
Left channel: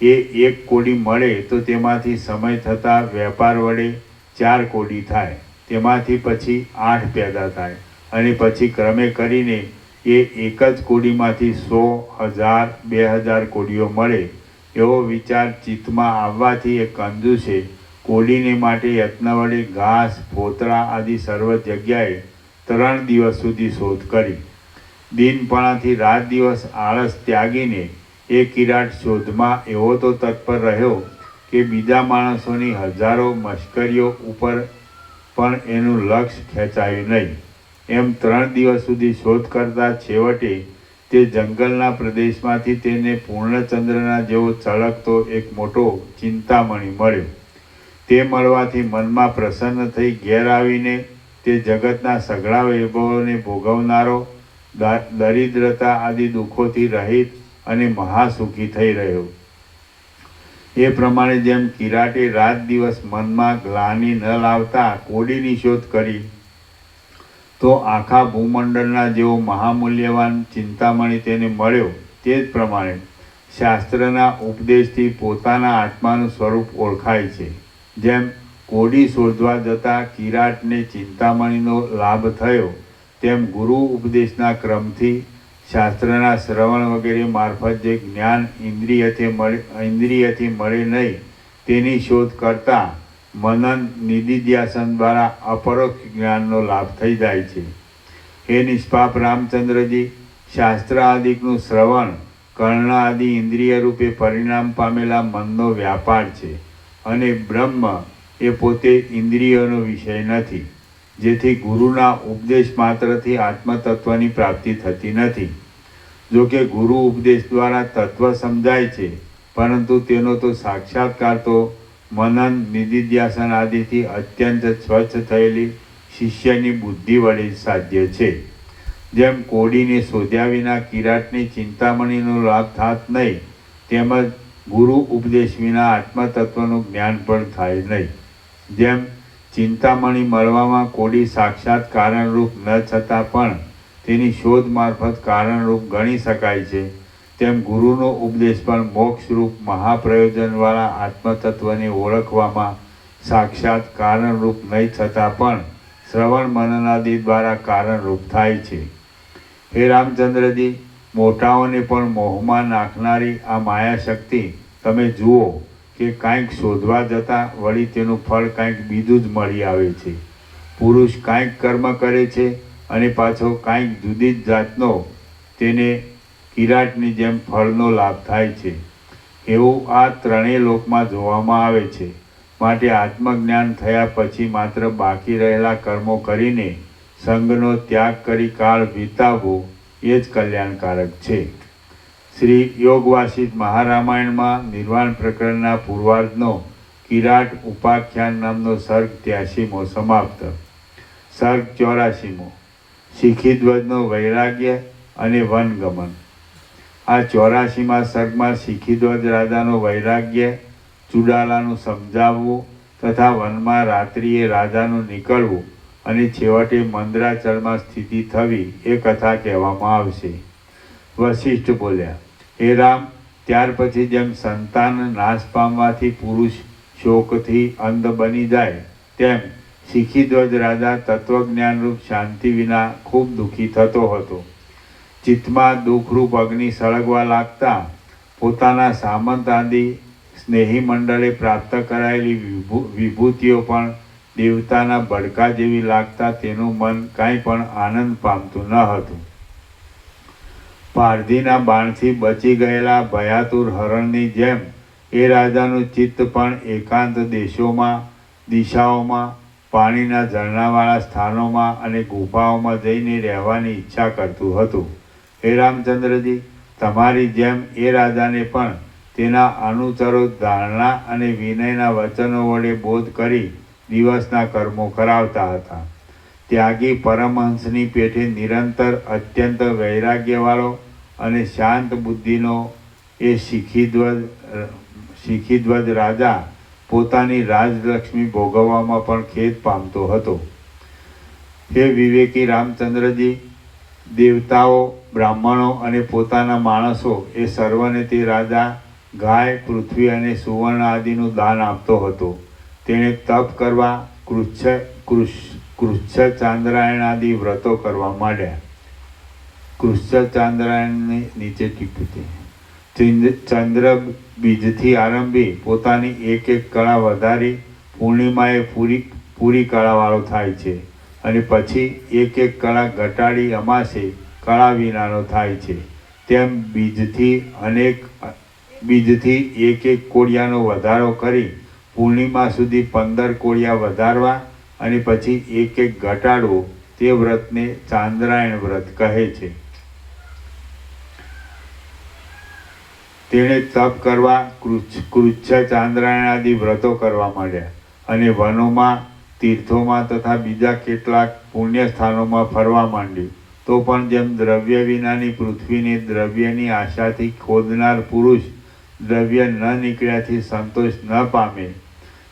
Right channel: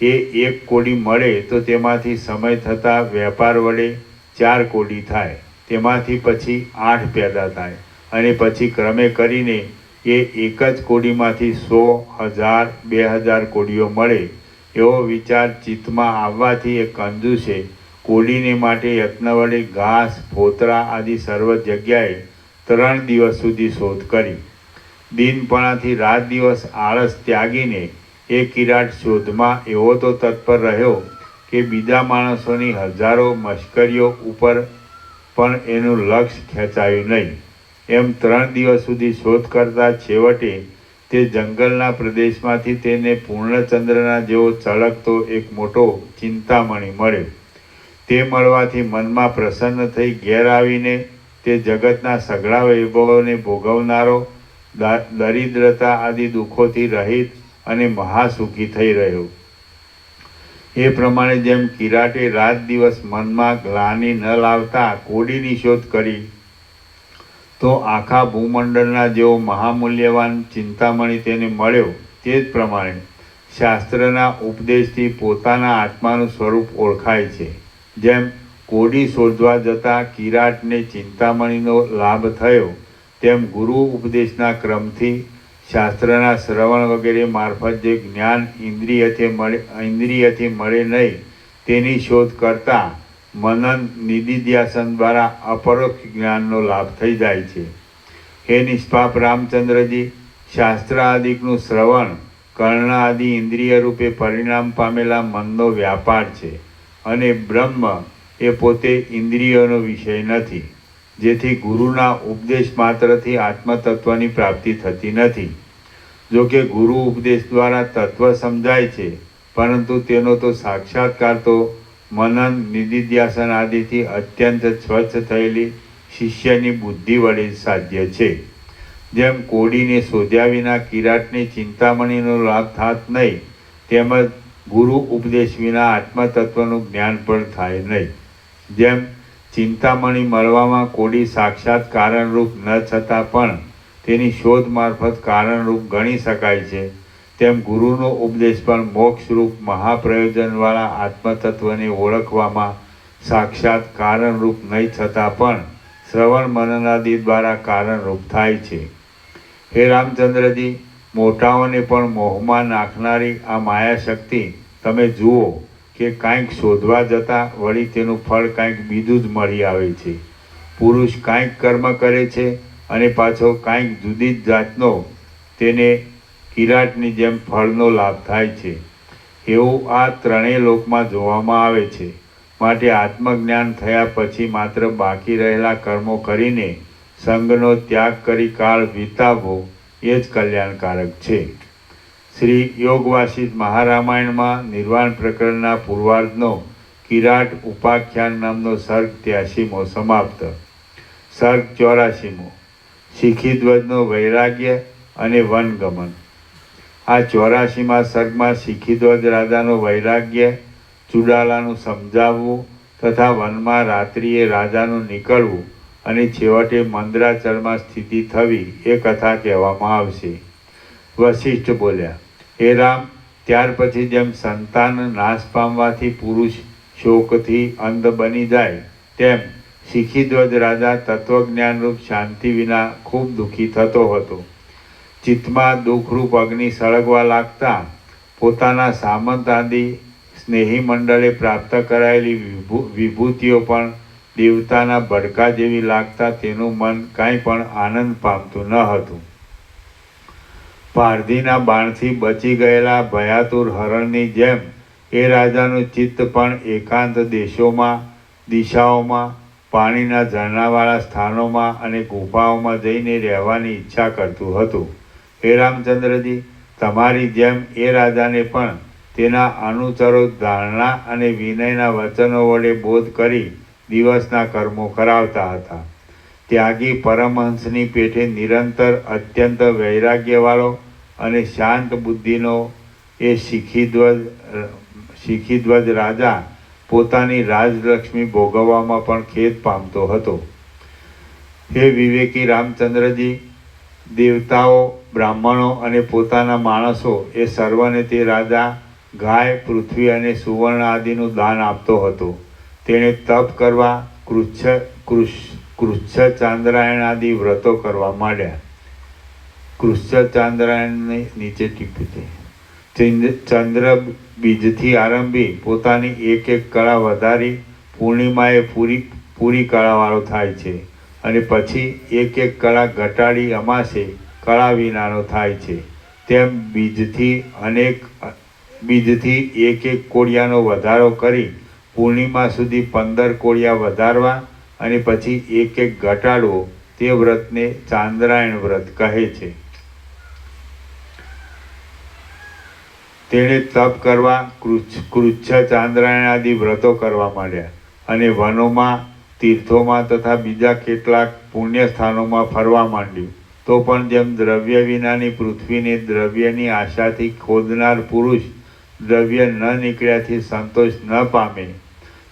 એ એક કોડી મળે તો તેમાંથી સમય થતાં વેપાર વડે 4 કોડી થાય, તેમાંથી પછી 8 પેદા થાય, અને પછી ક્રમે કરીને એ એક જ કોડીમાંથી 100, 1000, 2000 કોડીઓ મળે. એવો વિચાર ચિત્તમાં આવવાથી એ કંજૂસે કોડીને માટે યત્ન વડે ઘાસ, ફોતરા આદિ સર્વ જગ્યાએ 3 દિવસ સુધી શોધ કરી. દિનપણાથી રાત દિવસ આળસ ત્યાગીને એ કિરાટ શોધમાં એવો તો તત્પર રહ્યો કે બીજા માણસોની હજારો મશ્કરીઓ ઉપર પણ એનું લક્ષ્ય ખેંચાયું નહીં. એમ 3 દિવસ સુધી શોધ કરતા છેવટે તે જંગલના પ્રદેશમાંથી તેને પૂર્ણચંદ્રના જેવો ચળકતો એક મોટો ચિંતામણી મળ્યો. તે મળવાથી મનમાં પ્રસન્ન થઈ ઘેર આવીને તે જગતના સઘળા વૈભવોને ભોગવનારો, દરિદ્રતા આદિ દુઃખોથી રહિત અને મહાસુખી થઈ રહ્યો. એ પ્રમાણે જેમ કિરાટે રાત દિવસ મનમાં ગ્લાનિ ન લાવતા કોડીની શોધ કરી, તો આખા ભૂમંડળના જેવો મહામૂલ્યવાન ચિંતામણી તેને મળ્યો. તે જ પ્રમાણે શાસ્ત્રના ઉપદેશથી પોતાના આત્માનું સ્વરૂપ ઓળખાય છે. જેમ કોડી શોધવા જતાં કિરાટને ચિંતામણીનો લાભ થયો, તેમ ગુરુ ઉપદેશના ક્રમથી શાસ્ત્રના શ્રવણ વગેરે મારફત જે જ્ઞાન ઇન્દ્રિયથી મળે નહીં, તેની શોધ કરતાં મનન નિધિધ્યાસન દ્વારા અપરોક્ષ જ્ઞાનનો લાભ થઈ જાય છે. હે નિષ્પાપ રામચંદ્રજી, શાસ્ત્ર આદિકનું શ્રવણ કર્ણ આદિ ઇન્દ્રિય રૂપે પરિણામ પામેલા મનનો વ્યાપાર છે, અને બ્રહ્મ એ પોતે ઇન્દ્રિયોનો વિષય નથી, જેથી ગુરુના ઉપદેશ માત્રથી આત્મતત્વની પ્રાપ્તિ થતી નથી. જો કે ગુરુ ઉપદેશ દ્વારા તત્વ સમજાય છે, પરંતુ તેનો તો સાક્ષાત્કાર તો મનન નિધિધ્યાસન આદિથી અત્યંત સ્વચ્છ થયેલી શિષ્યની બુદ્ધિ વડે સાધ્ય છે. જેમ કોડીને શોધ્યા વિના કિરાટની ચિંતામણીનો લાભ થાત નહીં, તેમજ ગુરુ ઉપદેશ વિના આત્મતત્વનું જ્ઞાન પણ થાય નહીં. જેમ ચિંતામણી મળવામાં કોડી સાક્ષાત કારણરૂપ ન છતાં પણ તેની શોધ મારફત કારણરૂપ ગણી શકાય છે, તેમ ગુરુનો ઉપદેશ પણ મોક્ષરૂપ મહાપ્રયોજનવાળા આત્મતત્વને ઓળખવામાં સાક્ષાત કારણરૂપ નહીં છતાં પણ શ્રવણ મનનાદિ દ્વારા કારણરૂપ થાય છે. હે રામચંદ્રજી, મોટાઓને પણ મોહમાં નાખનારી આ માયાશક્તિ તમે જુઓ કે કાંઈક શોધવા જતાં વળી તેનું ફળ કાંઈક બીજું જ મળી આવે છે. પુરુષ કાંઈક કર્મ કરે છે અને પાછો કાંઈક જુદી જ જાતનો તેને કિરાટની જેમ ફળનો લાભ થાય છે. એવું આ ત્રણેય લોકમાં જોવામાં આવે છે. માટે આત્મજ્ઞાન થયા પછી માત્ર બાકી રહેલા કર્મો કરીને સંગનો ત્યાગ કરી કાળ વિતાવવો એ જ કલ્યાણકારક છે. શ્રી યોગવાસિત મહારામાયણમાં નિર્વાણ પ્રકરણના પૂર્વાર્ધનો કિરાટ ઉપાખ્યાન નામનો સર્ગ 83મો સમાપ્ત. સર્ગ 84મો શિખીધ્વજનો વૈરાગ્ય અને વનગમન. આ 84મા સર્ગમાં શિખીધ્વજ રાજાનો વૈરાગ્ય, ચુડાલાનું સમજાવવું તથા વનમાં રાત્રિએ રાજાનું નીકળવું અને છેવટે મંદરાચળમાં સ્થિતિ થવી એ કથા કહેવામાં આવશે. વશિષ્ઠ બોલ્યા, હે રામ, ત્યાર પછી જેમ સંતાન નાશ પામવાથી પુરુષ શોકથી અંધ બની જાય, તેમ શિખીધ્વજ રાજા તત્વજ્ઞાનરૂપ શાંતિ વિના ખૂબ દુઃખી થતો હતો. ચિત્તમાં દુઃખરૂપ અગ્નિ સળગવા લાગતા પોતાના સામંત આદિ સ્નેહી મંડળે પ્રાપ્ત કરાયેલી વિભૂતિઓ પણ દેવતાના બડકા જેવી લાગતા તેનું મન કાંઈ પણ આનંદ પામતું ન હતું. પારધીના બાણથી બચી ગયેલા ભયાતુર હરણની જેમ એ રાજાનું ચિત્ત પણ એકાંત દેશોમાં, દિશાઓમાં, પાણીના ઝરણાવાળા સ્થાનોમાં અને ગુફાઓમાં જઈને રહેવાની ઈચ્છા કરતું હતું. હે રામચંદ્રજી, તમારી જેમ એ રાજાને પણ તેના અનુચરો ધારણા અને વિનયના વચનો વડે બોધ કરી દિવસના કર્મો કરાવતા હતા. ત્યાગી પરમહંસની પેઠે નિરંતર અત્યંત વૈરાગ્યવાળો અને શાંત બુદ્ધિનો એ શિખીધ્વજ રાજા પોતાની રાજલક્ષ્મી ભોગવવામાં પણ ખેદ પામતો હતો. હે વિવેકી રામચંદ્રજી, દેવતાઓ, બ્રાહ્મણો અને પોતાના માણસો એ સર્વને તે રાજા ગાય, પૃથ્વી અને સુવર્ણ આદિનું દાન આપતો હતો. તેણે તપ કરવા, કૃચ્છ ચાંદ્રાયણ આદિ વ્રતો કરવા માંડ્યા. કૃચ્છ ચાંદ્રાયણની નીચે ટીપી ચંદ્ર બીજથી આરંભી પોતાની એક એક કળા વધારી પૂર્ણિમાએ પૂરી કળાવાળો થાય છે, અને પછી એક એક કળા ઘટાડી અમાસે કળા વિનાનો થાય છે. તેમ બીજથી એક એક કોળિયાનો વધારો કરી પૂર્ણિમા સુધી 15 કોળિયા વધારવા અને પછી એક એક ઘટાડવો, તે વ્રતને ચાંદ્રાયણ વ્રત કહે છે. તેણે તપ કરવા કૃચ્છ ચાંદ્રાયણ આદિ વ્રતો કરવા માંડ્યા અને વનોમાં તીર્થોમાં તથા બીજા કેટલાક પુણ્ય સ્થાનોમાં ફરવા માંડ્યું. તો પણ જેમ દ્રવ્ય વિનાની પૃથ્વીને દ્રવ્યની આશાથી ખોદનાર પુરુષ દ્રવ્ય ન નીકળ્યાથી સંતોષ ન પામે,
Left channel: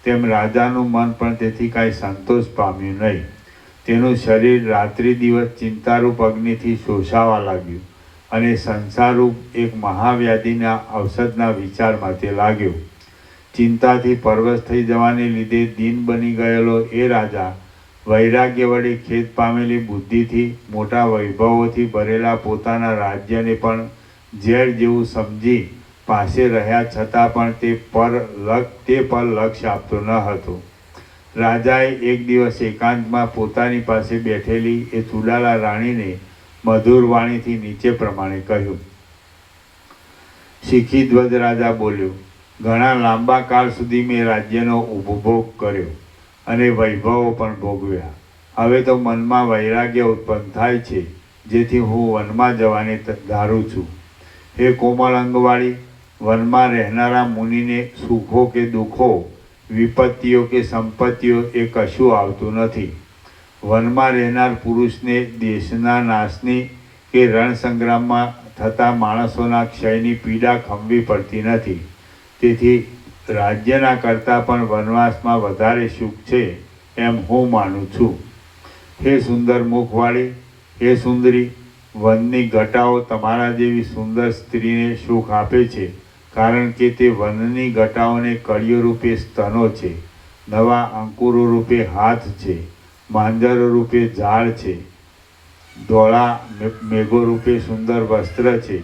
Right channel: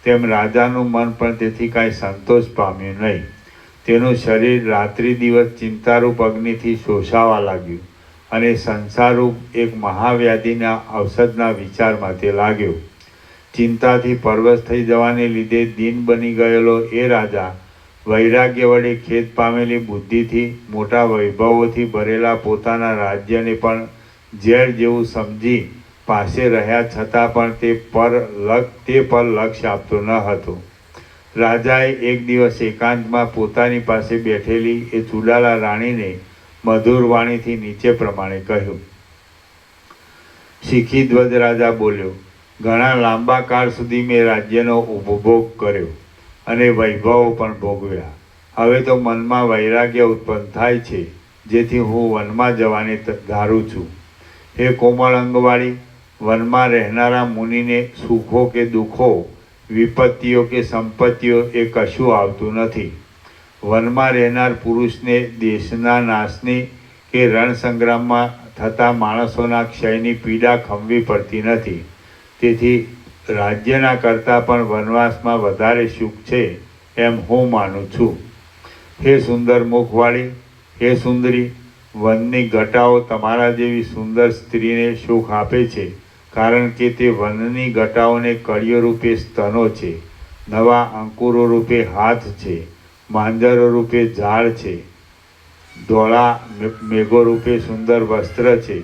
તેમ રાજાનું મન પણ તેથી કાંઈ સંતોષ પામ્યું નહીં. તેનું શરીર રાત્રિ દિવસ ચિંતારૂપ અગ્નિથી શોષાવા લાગ્યું અને સંસારરૂપ એક મહાવ્યાધિના ઔષધના વિચારમાં તે લાગ્યો. ચિંતાથી પરવશ થઈ જવાને લીધે દીન બની ગયેલો એ રાજા વૈરાગ્ય વડે ખેદ પામેલી બુદ્ધિથી મોટા વૈભવોથી ભરેલા પોતાના રાજ્યને પણ ઝેર જેવું સમજી પાસે રહ્યા છતાં પણ તે પર લક્ષ્ય આપતો ન હતો. રાજાએ એક દિવસ એકાંતમાં પોતાની પાસે બેઠેલી એ ચુડાલા રાણીને મધુર વાણીથી નીચે પ્રમાણે કહ્યું. શીખી ધ્વજ રાજા બોલ્યો, ઘણા લાંબા કાળ સુધી મેં રાજ્યનો ઉપભોગ કર્યો અને વૈભવો પણ ભોગવ્યા. હવે તો મનમાં વૈરાગ્ય ઉત્પન્ન થાય છે, જેથી હું વનમાં જવાની ધારું છું. હે કોમળ અંગવાળી, વનમાં રહેનારા મુનિને સુખો કે દુઃખો, વિપત્તિઓ કે સંપત્તિઓ એ કશું આવતું નથી. વનમાં રહેનાર પુરુષને દેશના નાશની કે રણસંગ્રામમાં થતા માણસોના ક્ષયની પીડા ખમવી પડતી નથી. તેથી રાજ્યના કરતાં પણ વનવાસમાં વધારે સુખ છે એમ હું માનું છું. હે સુંદર મુખવાળી, હે સુંદરી, વનની ઘટાઓ તમારા જેવી સુંદર સ્ત્રીને સુખ આપે છે, કારણ કે તે વનની ઘટાઓને કળીઓ રૂપે સ્તનો છે, નવા અંકુરો રૂપે હાથ છે, માંજરો રૂપે ઝાડ છે, ધોળા મેઘો રૂપે સુંદર વસ્ત્ર છે,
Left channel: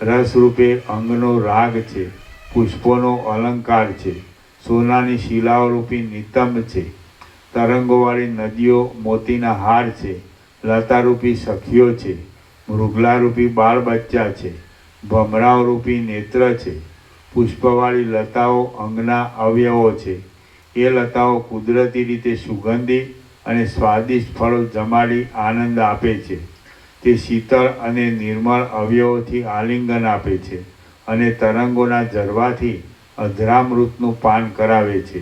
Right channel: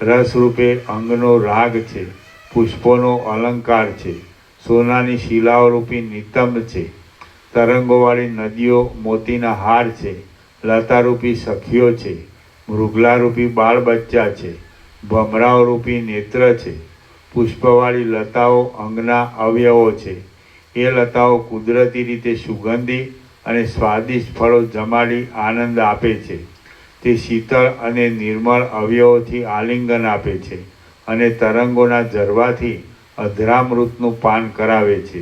રસ રૂપે અંગનો રાગ છે, પુષ્પોનો અલંકાર છે, સોનાની શિલાઓ રૂપી નિતંબ છે, તરંગોવાળી નદીઓ મોતીના હાર છે, લતારૂપી સખીઓ છે, મૃગલારૂપી બાળ બચ્ચા છે, ભમરાઓ રૂપી નેત્ર છે, પુષ્પવાળી લતાઓ અંગના અવયવો છે. એ લતાઓ કુદરતી રીતે સુગંધી અને સ્વાદિષ્ટ ફળો જમાડી આનંદ આપે છે. તે શીતળ અને નિર્મળ અવયવોથી આલિંગન આપે છે અને તરંગોના ઝરવાથી અધરામૃતનું પાન કરાવે છે.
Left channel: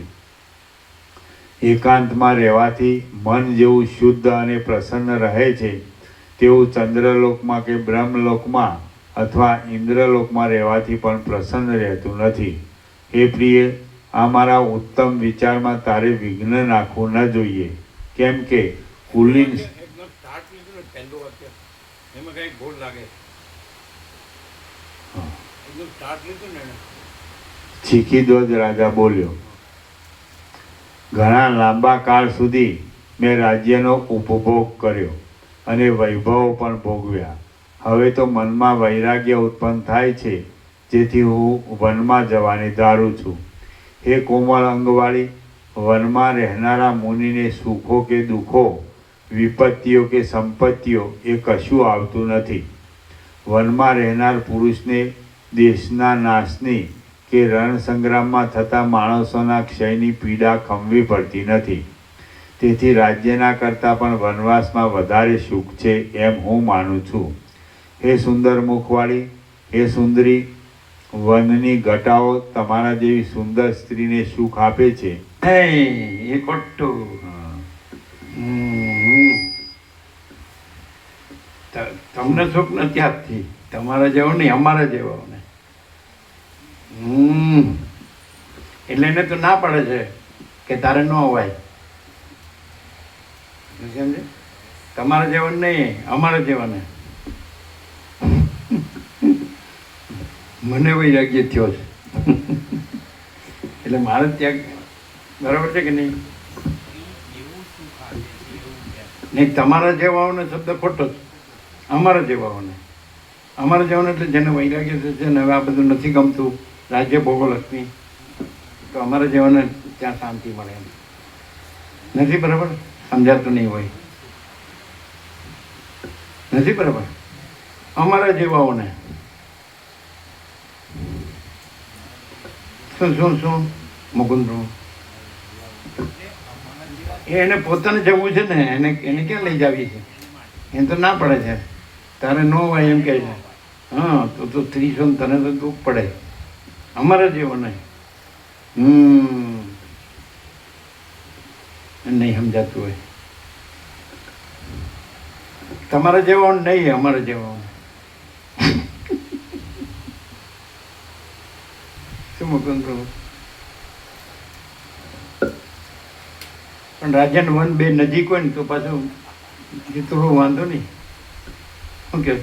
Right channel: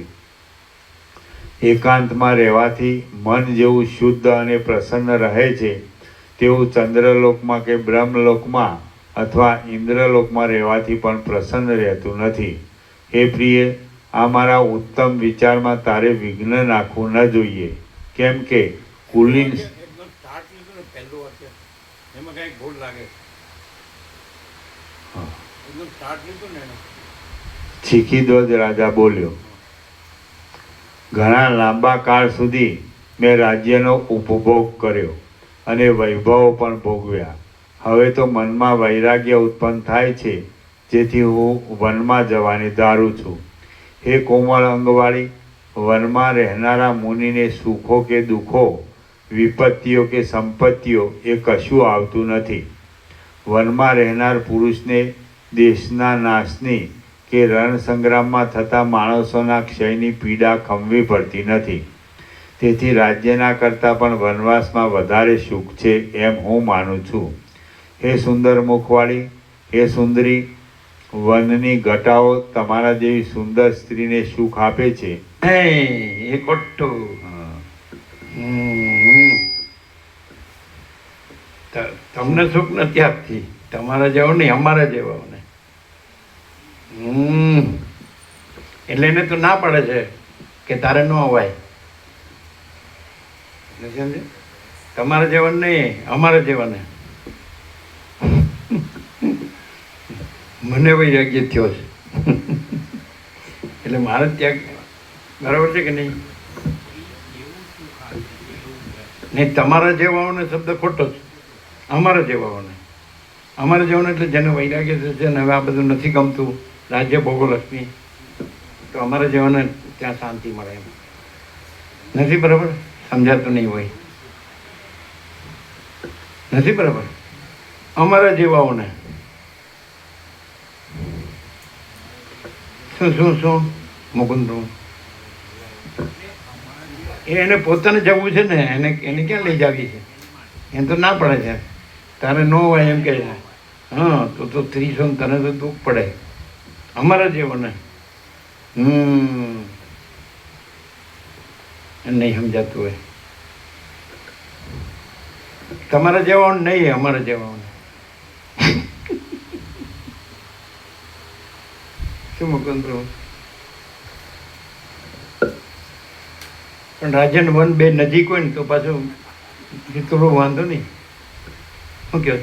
એકાંતમાં રહેવાથી મન જેવું શુદ્ધ અને પ્રસન્ન રહે છે, તેવું ચંદ્રલોકમાં કે બ્રહ્મલોકમાં અથવા ઇન્દ્રલોકમાં રહેવાથી પણ પ્રસન્ન રહેતું નથી. હે પ્રિય, આ મારા ઉત્તમ વિચારમાં તારે વિઘ્ન નાખવું ન જોઈએ, કેમ કે કુલીન એમાં કઈક ભૂલ લાગે. એકદમ સ્ટાર્ટ લીધું ને એને. શીખીધ્વજ રાજા બોલ્યો, ઘણા લાંબા કાળ સુધી મેં રાજ્યનો ઉપભોગ કર્યો અને વૈભવો પણ ભોગવ્યા. હવે તો મનમાં વૈરાગ્ય ઉત્પન્ન થાય છે, જેથી હું વનમાં જવાની ધારું છું. હે કોમળ અંગવાળી, વનમાં રહેનારા મુનિને સુખો કે દુઃખો, વિપત્તિઓ કે સંપત્તિઓ એ કશું આવતું નથી. વનમાં રહેનાર પુરુષને દેશના નાશની કે રણસંગ્રામમાં થતા માણસોના ક્ષયની પીડા ખમવી પડતી નથી. તેથી રાજ્યના કરતાં પણ વનવાસમાં વધારે સુખ છે એમ હું માનું છું. હે સુંદર મુખવાળી, હે સુંદરી, વનની ઘટાઓ તમારા જેવી સુંદર સ્ત્રીને સુખ આપે છે. એ ખોટું. તમને સુખ નથી આપતી, તમારા જેવો નહીં, અમારા જેવાઓને. એટલે એને તો ના પડે છે કે તારે ન અવાય. તમારા જેવા નહીં, અમારા જેવાને. મને વૈરાગ્ય થયો છે એટલે મારે ત્યાં બરાબર છે કે નહીં? નહીં, તમારા જેવાઓને શબ્દ ખોટો છે. અમારા જેવાઓને, અમારા જેવાને એટલે જેને વૈરાગ્ય છે ને હવે આ બધું નથી ગમતું, રાજ્ય ભોગોલક્ષ્મી, તો અમારા જેવાને ત્યાં શાંતિ મળે એમ નથી. બરાબર સમજાતું નહીં હોય, નથી બરાબર. અમારા જેવાઓને શું મુકુંદરું એને પોતાને જવું છે ને, એને ક્યાં લઈ જાવી છે? એને તો ના પડે છે, તારે ન હોય એમ કહે છે. હા, તો 30 તને તો દુઃખ પડે, અમારા જેવો નહીં. નહીં સમજાતું હોય. તમારા જેવા નહીં, અમારા જેવા. શું મુકુંદ પ્રભુ? પણ રાજ્ય ને વન બે નજીક હોય ને તો પાછું થોડો વાંધો નહીં. શું કહો?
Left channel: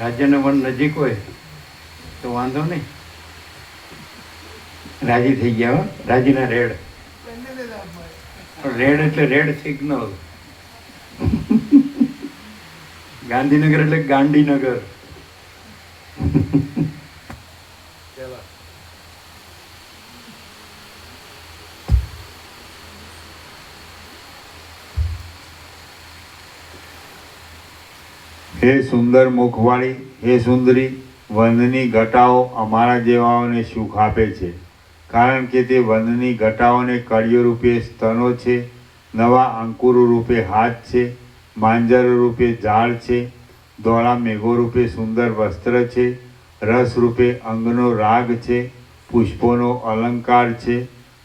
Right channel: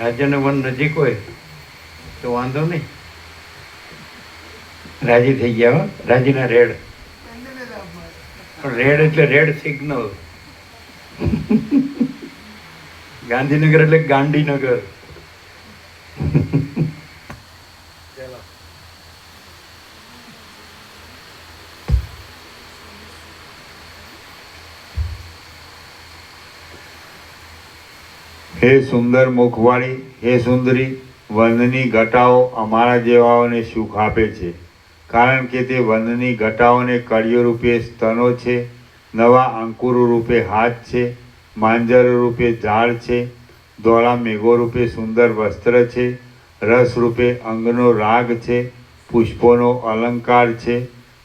રાજ્ય ને વન નજીક હોય તો વાંધો નહીં. રાજી થઈ ગયા હો, રાજીના રેડ. બંનેને લાભ મળે. પણ રેડ એટલે રેડ સિગ્નલ. ગાંધીનગર એટલે ગાંધીનગર. ચાલો. હે સુંદર મુખવાળી, હે સુંદરી, વનની ઘટાઓ અમારા જેવાઓને સુખ આપે છે, કારણ કે તે વનની ઘટાઓને કળીઓ રૂપે સ્તનો છે, નવા અંકુરો રૂપે હાથ છે, માંજર રૂપે ઝાડ છે, ધોળા મેઘો રૂપે સુંદર વસ્ત્ર છે, રસ રૂપે અંગનો રાગ છે, પુષ્પોનો અલંકાર છે,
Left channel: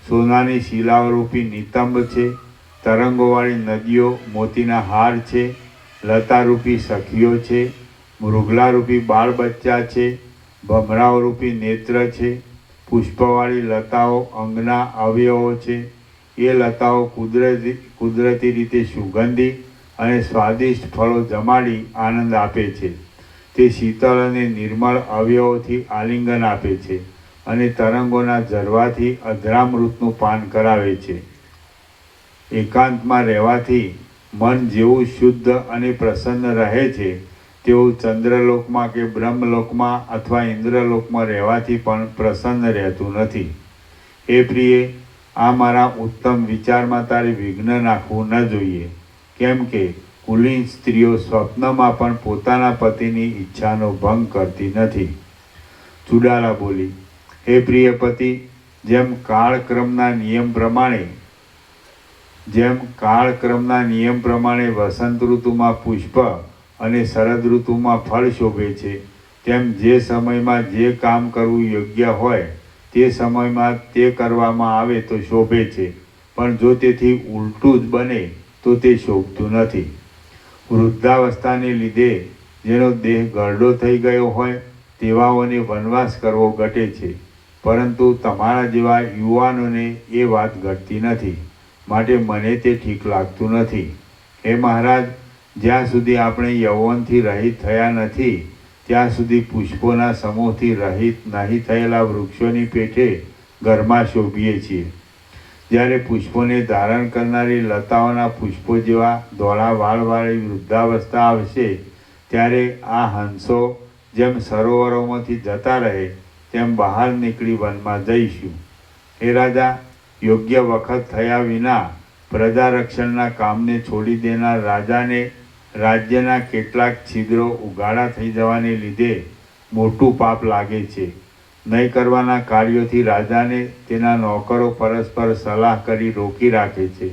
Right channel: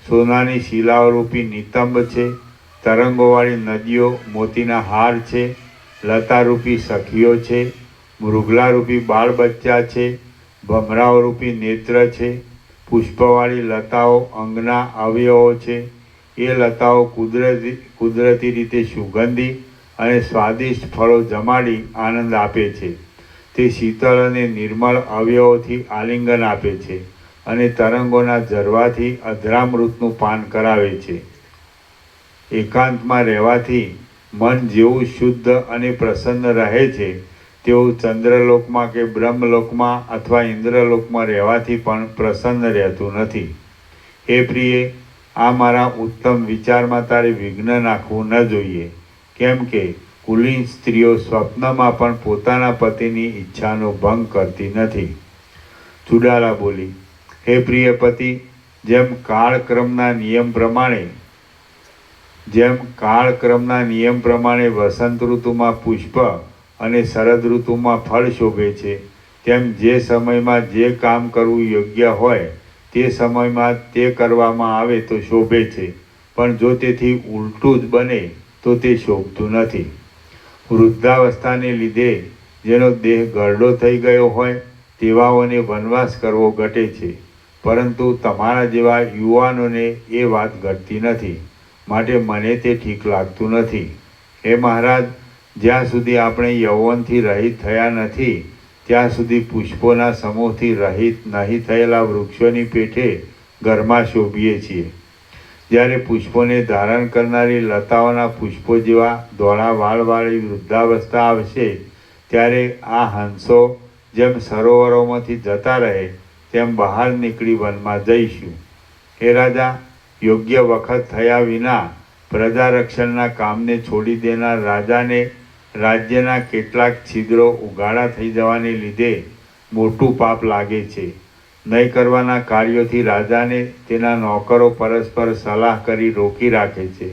સોનાની શિલાઓ રૂપી નિતંબ છે, તરંગોવાળી નદીઓ મોતીના હાર છે, લતારૂપી સખીઓ છે, મૃગલારૂપી બાળ બચ્ચા છે, ભમરાઓરૂપી નેત્ર છે, પુષ્પવાળી લતાઓ અંગના અવયવો છે. એ લતાઓ કુદરતી રીતે સુગંધી અને સ્વાદિષ્ટ ફળો જમાડી આનંદ આપે છે. તે શીતળ અને નિર્મળ અવયવોથી આલિંગન આપે છે અને તરંગોના ઝરવાથી અધરામૃતનું પાન કરાવે છે. એકાંતમાં રહેવાથી મન જેવું શુદ્ધ અને પ્રસન્ન રહે છે તેવું ચંદ્રલોકમાં કે બ્રહ્મલોકમાં અથવા ઇન્દ્રલોકમાં રહેવાથી પણ પ્રસન્ન રહેતું નથી. હે પ્રિય, આ મારા ઉત્તમ વિચારમાં તારે વિઘ્ન નાખવું ન જોઈએ, કેમ કે કુલીન સ્ત્રીઓ સ્વપ્નમાં પણ પોતાના પતિની ઈચ્છાનો ભંગ કરતી નથી. ચુડાલા બોલી, હે પ્રિય પતિ, જેમ કાળક્રમના નિયમ પ્રમાણે વસંત ઋતુમાં પુષ્પ અને શરદ ઋતુમાં ફળ શોભે છે, તેમ જે સમયમાં જે કામ કરવું યોગ્ય હોય તે સમયમાં તે કરવામાં આવે તો શોભે છે, પણ જો તેથી ઉલટું જ બને તો તે શોભતું નથી. વૃદ્ધાવસ્થાને લીધે જેનો દેહ ગરડો થઈ ગયો હોય તેવાઓને વનવાસ કરવો ઘટે છે, પરંતુ તમારા જેવા યુવાનોને એ વાત ઘટતી નથી, માટે મને તે ઠીક લાગતું નથી. હે મહારાજ, જ્યાં સુધી આપણે યૌવનથી રહિત થયા નથી ત્યાં સુધી પુષ્પોના સમૂહથી રહિત નહીં થયેલા વૃક્ષોની પેઠે ઘરમાં શોભીએ છીએ. જ્યારે પુષ્પોને ધારણ કરનારી લતાઓના પુષ્પો જેવા ધોળા વાળવાળી વૃદ્ધાવસ્થા આવશે ત્યારે આ હંસો જેમ સરોવરોમાંથી જતા રહે તેમ બહાર નીકળી વનમાં જઈશું. હે રાજા, યોગ્ય વખત થયા વિના પ્રજા રક્ષણના કામને છોડી દેનાર રાજાને રાજ્યના કેટલાક છિદ્રો ઉગાડા થઈ જવાને લીધે મોટું પાપ લાગે છે. નહીં કરવાના કાર્યોથી રાજાને તેના નોકરો પરસ્પર સલાહ કરી રોકી રાખે છે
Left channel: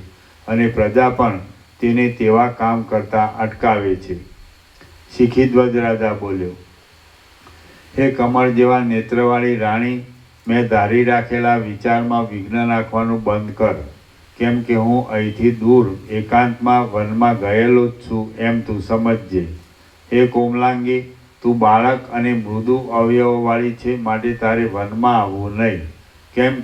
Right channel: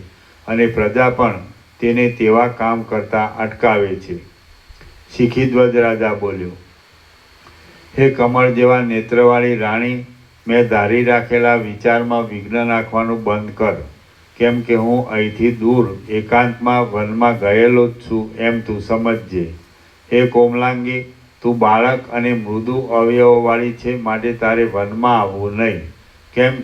અને પ્રજા પણ તેને તેવા કામ કરતા અટકાવે છે. શિખીધ્વજ રાજા બોલ્યો, હે કમળ જેવા નેત્રવાળી રાણી, મેં ધારી રાખેલા વિચારમાં વિઘ્ન નાખવાનું બંધ કર, કેમ કે હું અહીંથી દૂર એકાંતમાં વનમાં ગયેલો જ છું એમ તું સમજજે. હે કોમલાંગી, તું બાળક અને મૃદુ અવયવવાળી છે, માટે તારે વનમાં આવવું નહીં, કેમ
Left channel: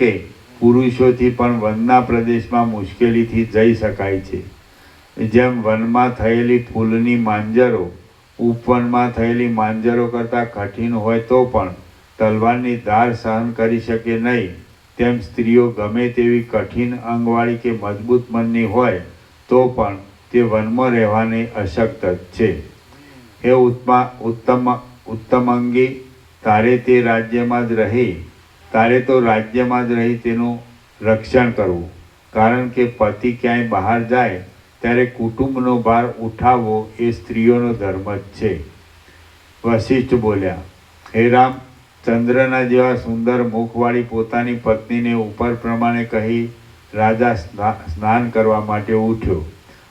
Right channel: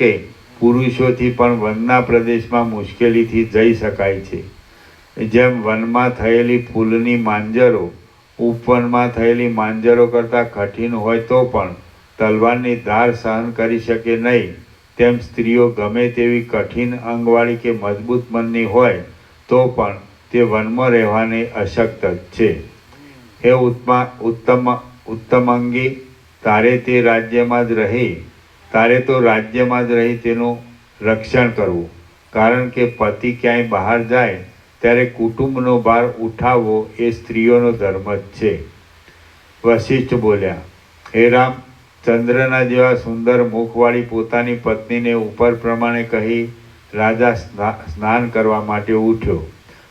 કે પુરુષોથી પણ વનના પ્રદેશમાં મુશ્કેલીથી જઈ શકાય છે. જેમ વનમાં થયેલી ફૂલની માંજરો ઉપવનમાં થયેલી માંજરો કરતાં કઠિન હોય તો પણ તલવારની ધાર સહન કરી શકે નહીં, તેમ સ્ત્રીઓ ગમે તેવી કઠિન અંગવાળી કે મજબૂત મનની હોય તો પણ તે વનમાં રહેવાની અશક્ત જ છે. હે ઉત્તમાંગી, તારે તો રાજ્યમાં જ રહી તેનું રક્ષણ કરવું, કારણ કે પતિ ક્યાંય બહાર જાય ત્યારે કુટુંબનો ભાર ઉઠાવવો એ સ્ત્રીઓનો ધર્મ જ છે. વશિષ્ઠ બોલ્યા, હે રામ, ચંદ્રના જેવા સુંદર મુખવાળી પોતાની પત્નીને ઉપર પ્રમાણે કહી રાજા સ્નાન કરવા માટે ઉઠ્યો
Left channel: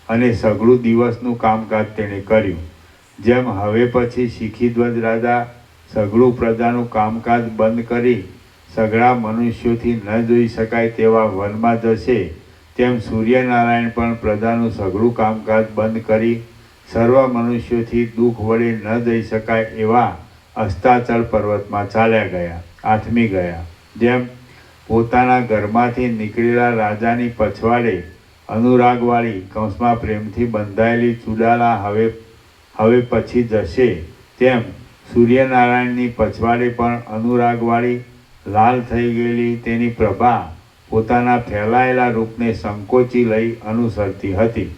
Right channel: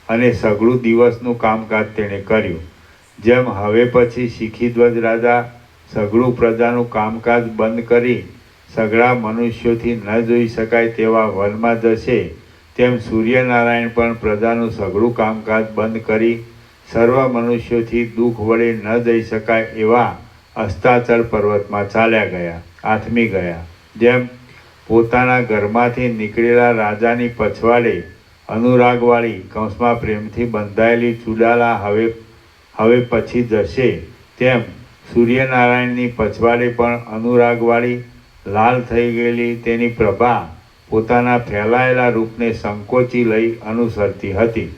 અને સઘળું દિવસનું કામકાજ તેણે કર્યું. જેમ હવે પછી શિખીધ્વજ રાજા સઘળું પ્રજાનું કામકાજ બંધ કરી સઘળા મનુષ્યોથી ન જોઈ શકાય તેવા વનમાં જશે, તેમ સૂર્યનારાયણ પણ પ્રજાનું સઘળું કામકાજ બંધ કરી સર્વ મનુષ્યોથી દુઃખ વડે ન જઈ શકાય એવા અસ્તાચળ પર્વતમાં ચાલ્યા ગયા, આથમી ગયા. જેમ પોતાના ઘરમાંથી નીકળેલા રાજાની પછવાડે અનુરાગવાળી કૌંસમાં પ્રેમથી બંધાયેલી ચૂડાલા હવે પછી જશે, તેમ સૂર્યનારાયણની પછવાડે પણ અનુરાગવાળી લાલ થઈ ગયેલી તેની પ્રભા પોતાના ફેલાયેલા રૂપને સંકોચી લઈ અનુસરતી હતી.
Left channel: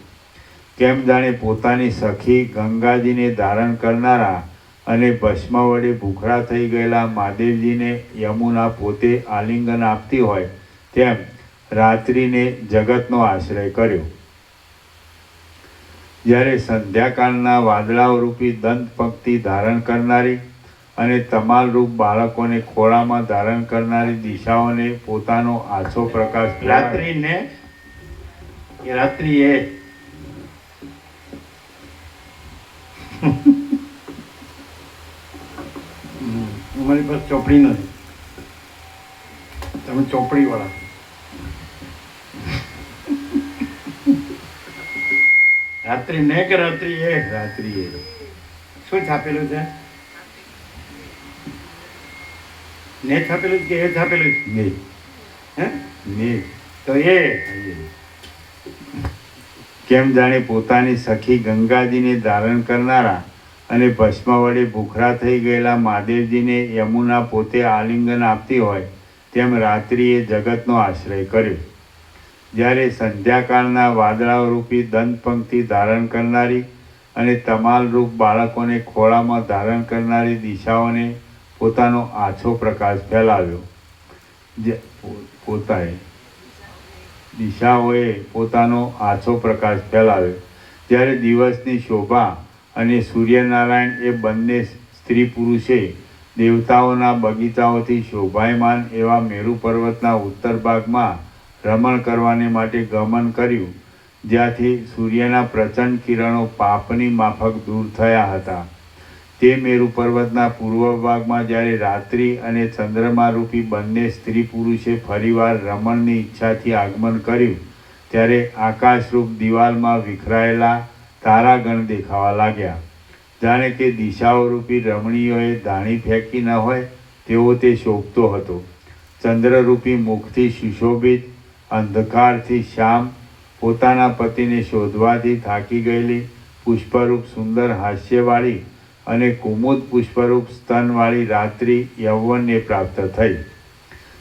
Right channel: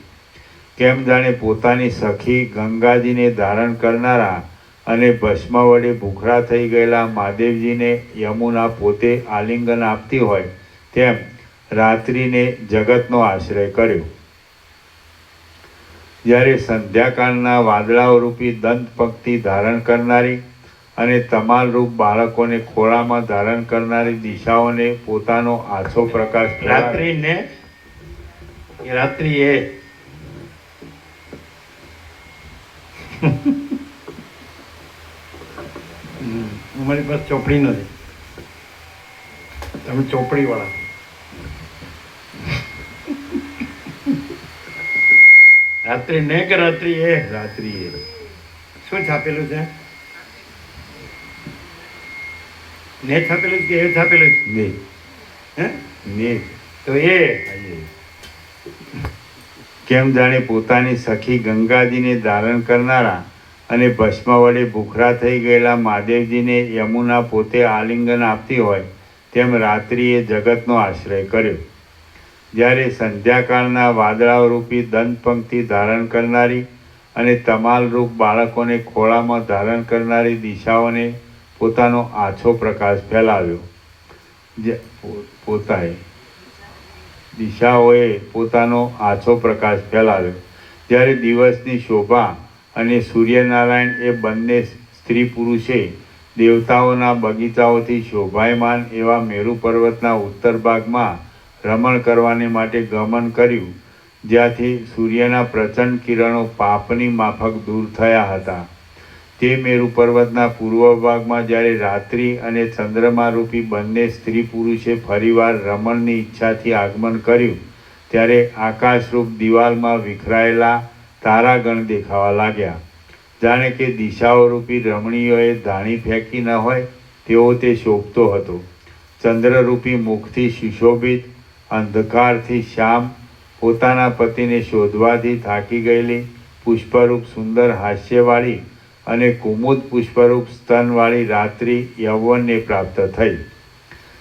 કેમ જાણે પોતાની સખી ગંગાજીને ધારણ કરનારા અને ભસ્મ વડે ભૂખરા થઈ ગયેલા મહાદેવજીને યમુના પોતે આલિંગન આપતી હોય, તેમ રાત્રિને જગતનો આશ્રય કર્યો. જ્યારે સંધ્યાકાળના વાદળાઓ રૂપી દંત પંક્તિ ધારણ કરનારી અને તમાલ રૂપ બાળકોને ખોળામાં ધારણ કરનારી દિશાઓને પોતાનો આછો પ્રકાશ રાત્રિ એ અમારી પાસે ચોપડી નથી, તમે ચોપડી વાળા. રાત્રિ ને કે રાત્રિ એ? રાત્રિ એ શું છાપેલું છે? ને છાપેલું કે એ છાપેલું? ને હે ને તો એ કેમ જાણે પોતાની સખી ગંગાજીને ધારણ કરનારા અને ભસ્મ વડે ભૂખરા થઈ ગયેલા મહાદેવજીને યમુના પોતે આલિંગન આપતી હોય, તેમ રાત્રિએ જગતનો આશ્રય કર્યો. જ્યારે સંધ્યાકાળના વાદળાઓ રૂપી દંત પંક્તિ ધારણ કરનારી અને તમાલ રૂપ બાળકોને ખોળામાં ધારણ કરનારી દિશાઓને પોતાનો આછો પ્રકાશ ફેલાવ્યો. દિશાઓએ પોતાનો આછો પ્રકાશ ફેલાવ્યો. જ્યારે દિવસની શોભા અને સૂર્યનારાયણ એ બંને સ્ત્રી પુરુષે દેવતાઓના બગીચાઓથી શોભાયમાન એવા મેરુ પર્વતના ઉત્તર ભાગમાં રમણ કરવાને માટે ગમન કર્યું, જ્યાંથી સૂર્યના પ્રચંડ કિરણો પાપની માફક દૂર થયા હતા. તે મેરુ પર્વતના પૂર્વ ભાગમાં જ્યારે રાત્રિ અને ચંદ્રમા રૂપી બંને સ્ત્રી પુરુષે ફરીવાર રમણની ઈચ્છાથી આગમન કર્યું, ત્યારે આકાશરૂપ દિવાલમાં વિખરાયેલા તારાગણ દેખાવા લાગ્યા. જાણે કે દિશાઓ રૂપી રમણીઓએ ધાણી ફેંકી ન હોય તેવો તે શોભતો હતો. ચંદ્રરૂપી મુખથી સુશોભિત, અંધકારથી શ્યામ, પોતાના પતિને શોધવાથી થાકી ગયેલી, પુષ્પરૂપ સુંદર હાસ્યવાળી અને કુમુદ પુષ્પરૂપ સ્તનવાળી રાત્રિ યૌવનને પ્રાપ્ત થઈ.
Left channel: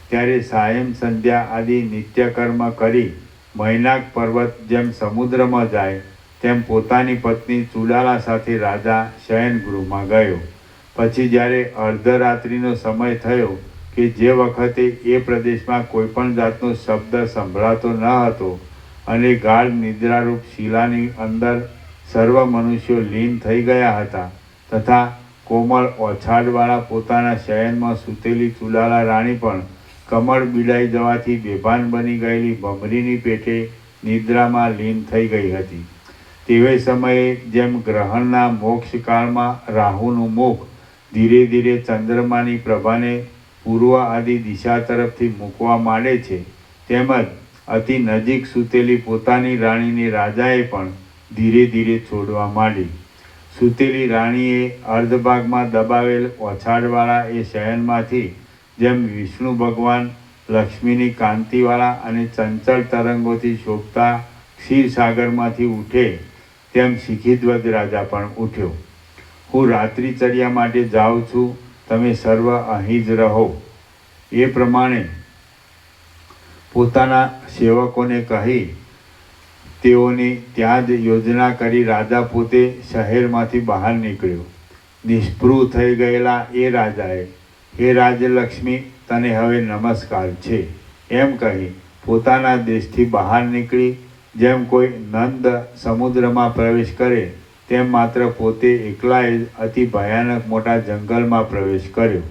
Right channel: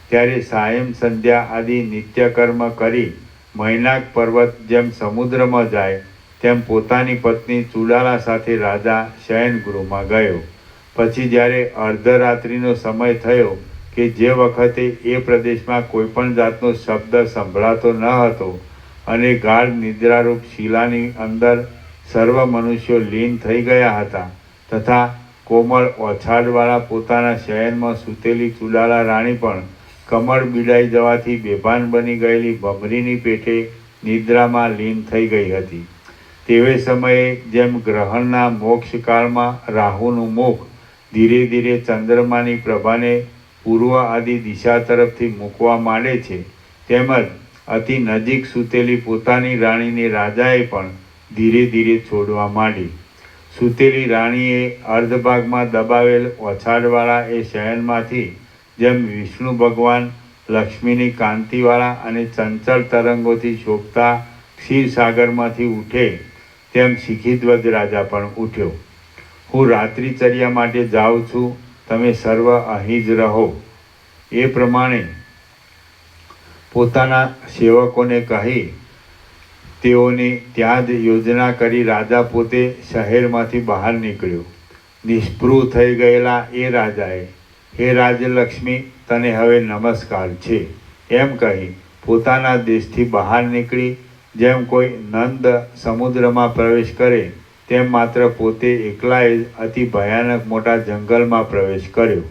ત્યારે સાયં સંધ્યા આદિ નિત્યકર્મ કરી મૈનાક પર્વત જેમ સમુદ્રમાં જાય તેમ પોતાની પત્ની ચૂડાલા સાથે રાજા શયનગૃહમાં ગયો. પછી જ્યારે અર્ધરાત્રિનો સમય થયો કે જે વખતે એ પ્રદેશમાં કોઈપણ જાતનો શબ્દ સંભળાતો ન હતો અને ગાઢ નિદ્રારૂપ શિલાની અંદર સર્વ મનુષ્યો લીન થઈ ગયા હતા, તથા કોમળ ઓછાડવાળા પોતાના શયનમાં સૂતેલી ચૂડાલા રાણી પણ કમળ બિડાઈ જવાથી બેભાન બની ગયેલી ભમરીની પેટે નિદ્રામાં લીન થઈ ગઈ હતી. તેવે સમયે જેમ ગ્રહણના મોક્ષકાળમાં રાહુનું મુખ ધીરે ધીરે ચંદ્રમાની પ્રભાને પૂર્વ આદિ દિશા તરફથી મૂકવા માંડે છે, તેમજ અતિ નજીક સૂતેલી પોતાની રાણીને રાજાએ પણ ધીરે ધીરે છોડવા માંડી. સૂતેલી રાણીએ અર્ધભાગમાં દબાવેલ ઓછાડવાળા એ શયનમાંથી જેમ વિષ્ણુ ભગવાન લક્ષ્મીની કાંતિવાળા અને ચંચળ તરંગોથી શોભતા ક્ષીરસાગરમાંથી ઉઠે તેમ શિખીધ્વજ રાજા પણ ઉઠ્યો. હું રાત્રિચર્યા માટે જાઉં છું, તમે સર્વ અહીં જ રહો. એ પ્રમાણે પોતાના સેવકોને કહી તેઓને ત્યાં જ યોજના કરી રાજા પોતે શહેરમાંથી બહાર નીકળ્યો. નિષ્પૃહ થઈ ગયેલા એ રાજાએ, હે રાજલક્ષ્મી, તને હવે નમસ્કાર છે એમ કહી પોતાના દેશથી બહાર નીકળી જેમ કોઈ નંદ સમુદ્રમાં પ્રવેશ કરે તેમ માત્ર પોતે એકલાએ જ અતિ ભયાનક મોટા જંગલમાં પ્રવેશ કર્યો.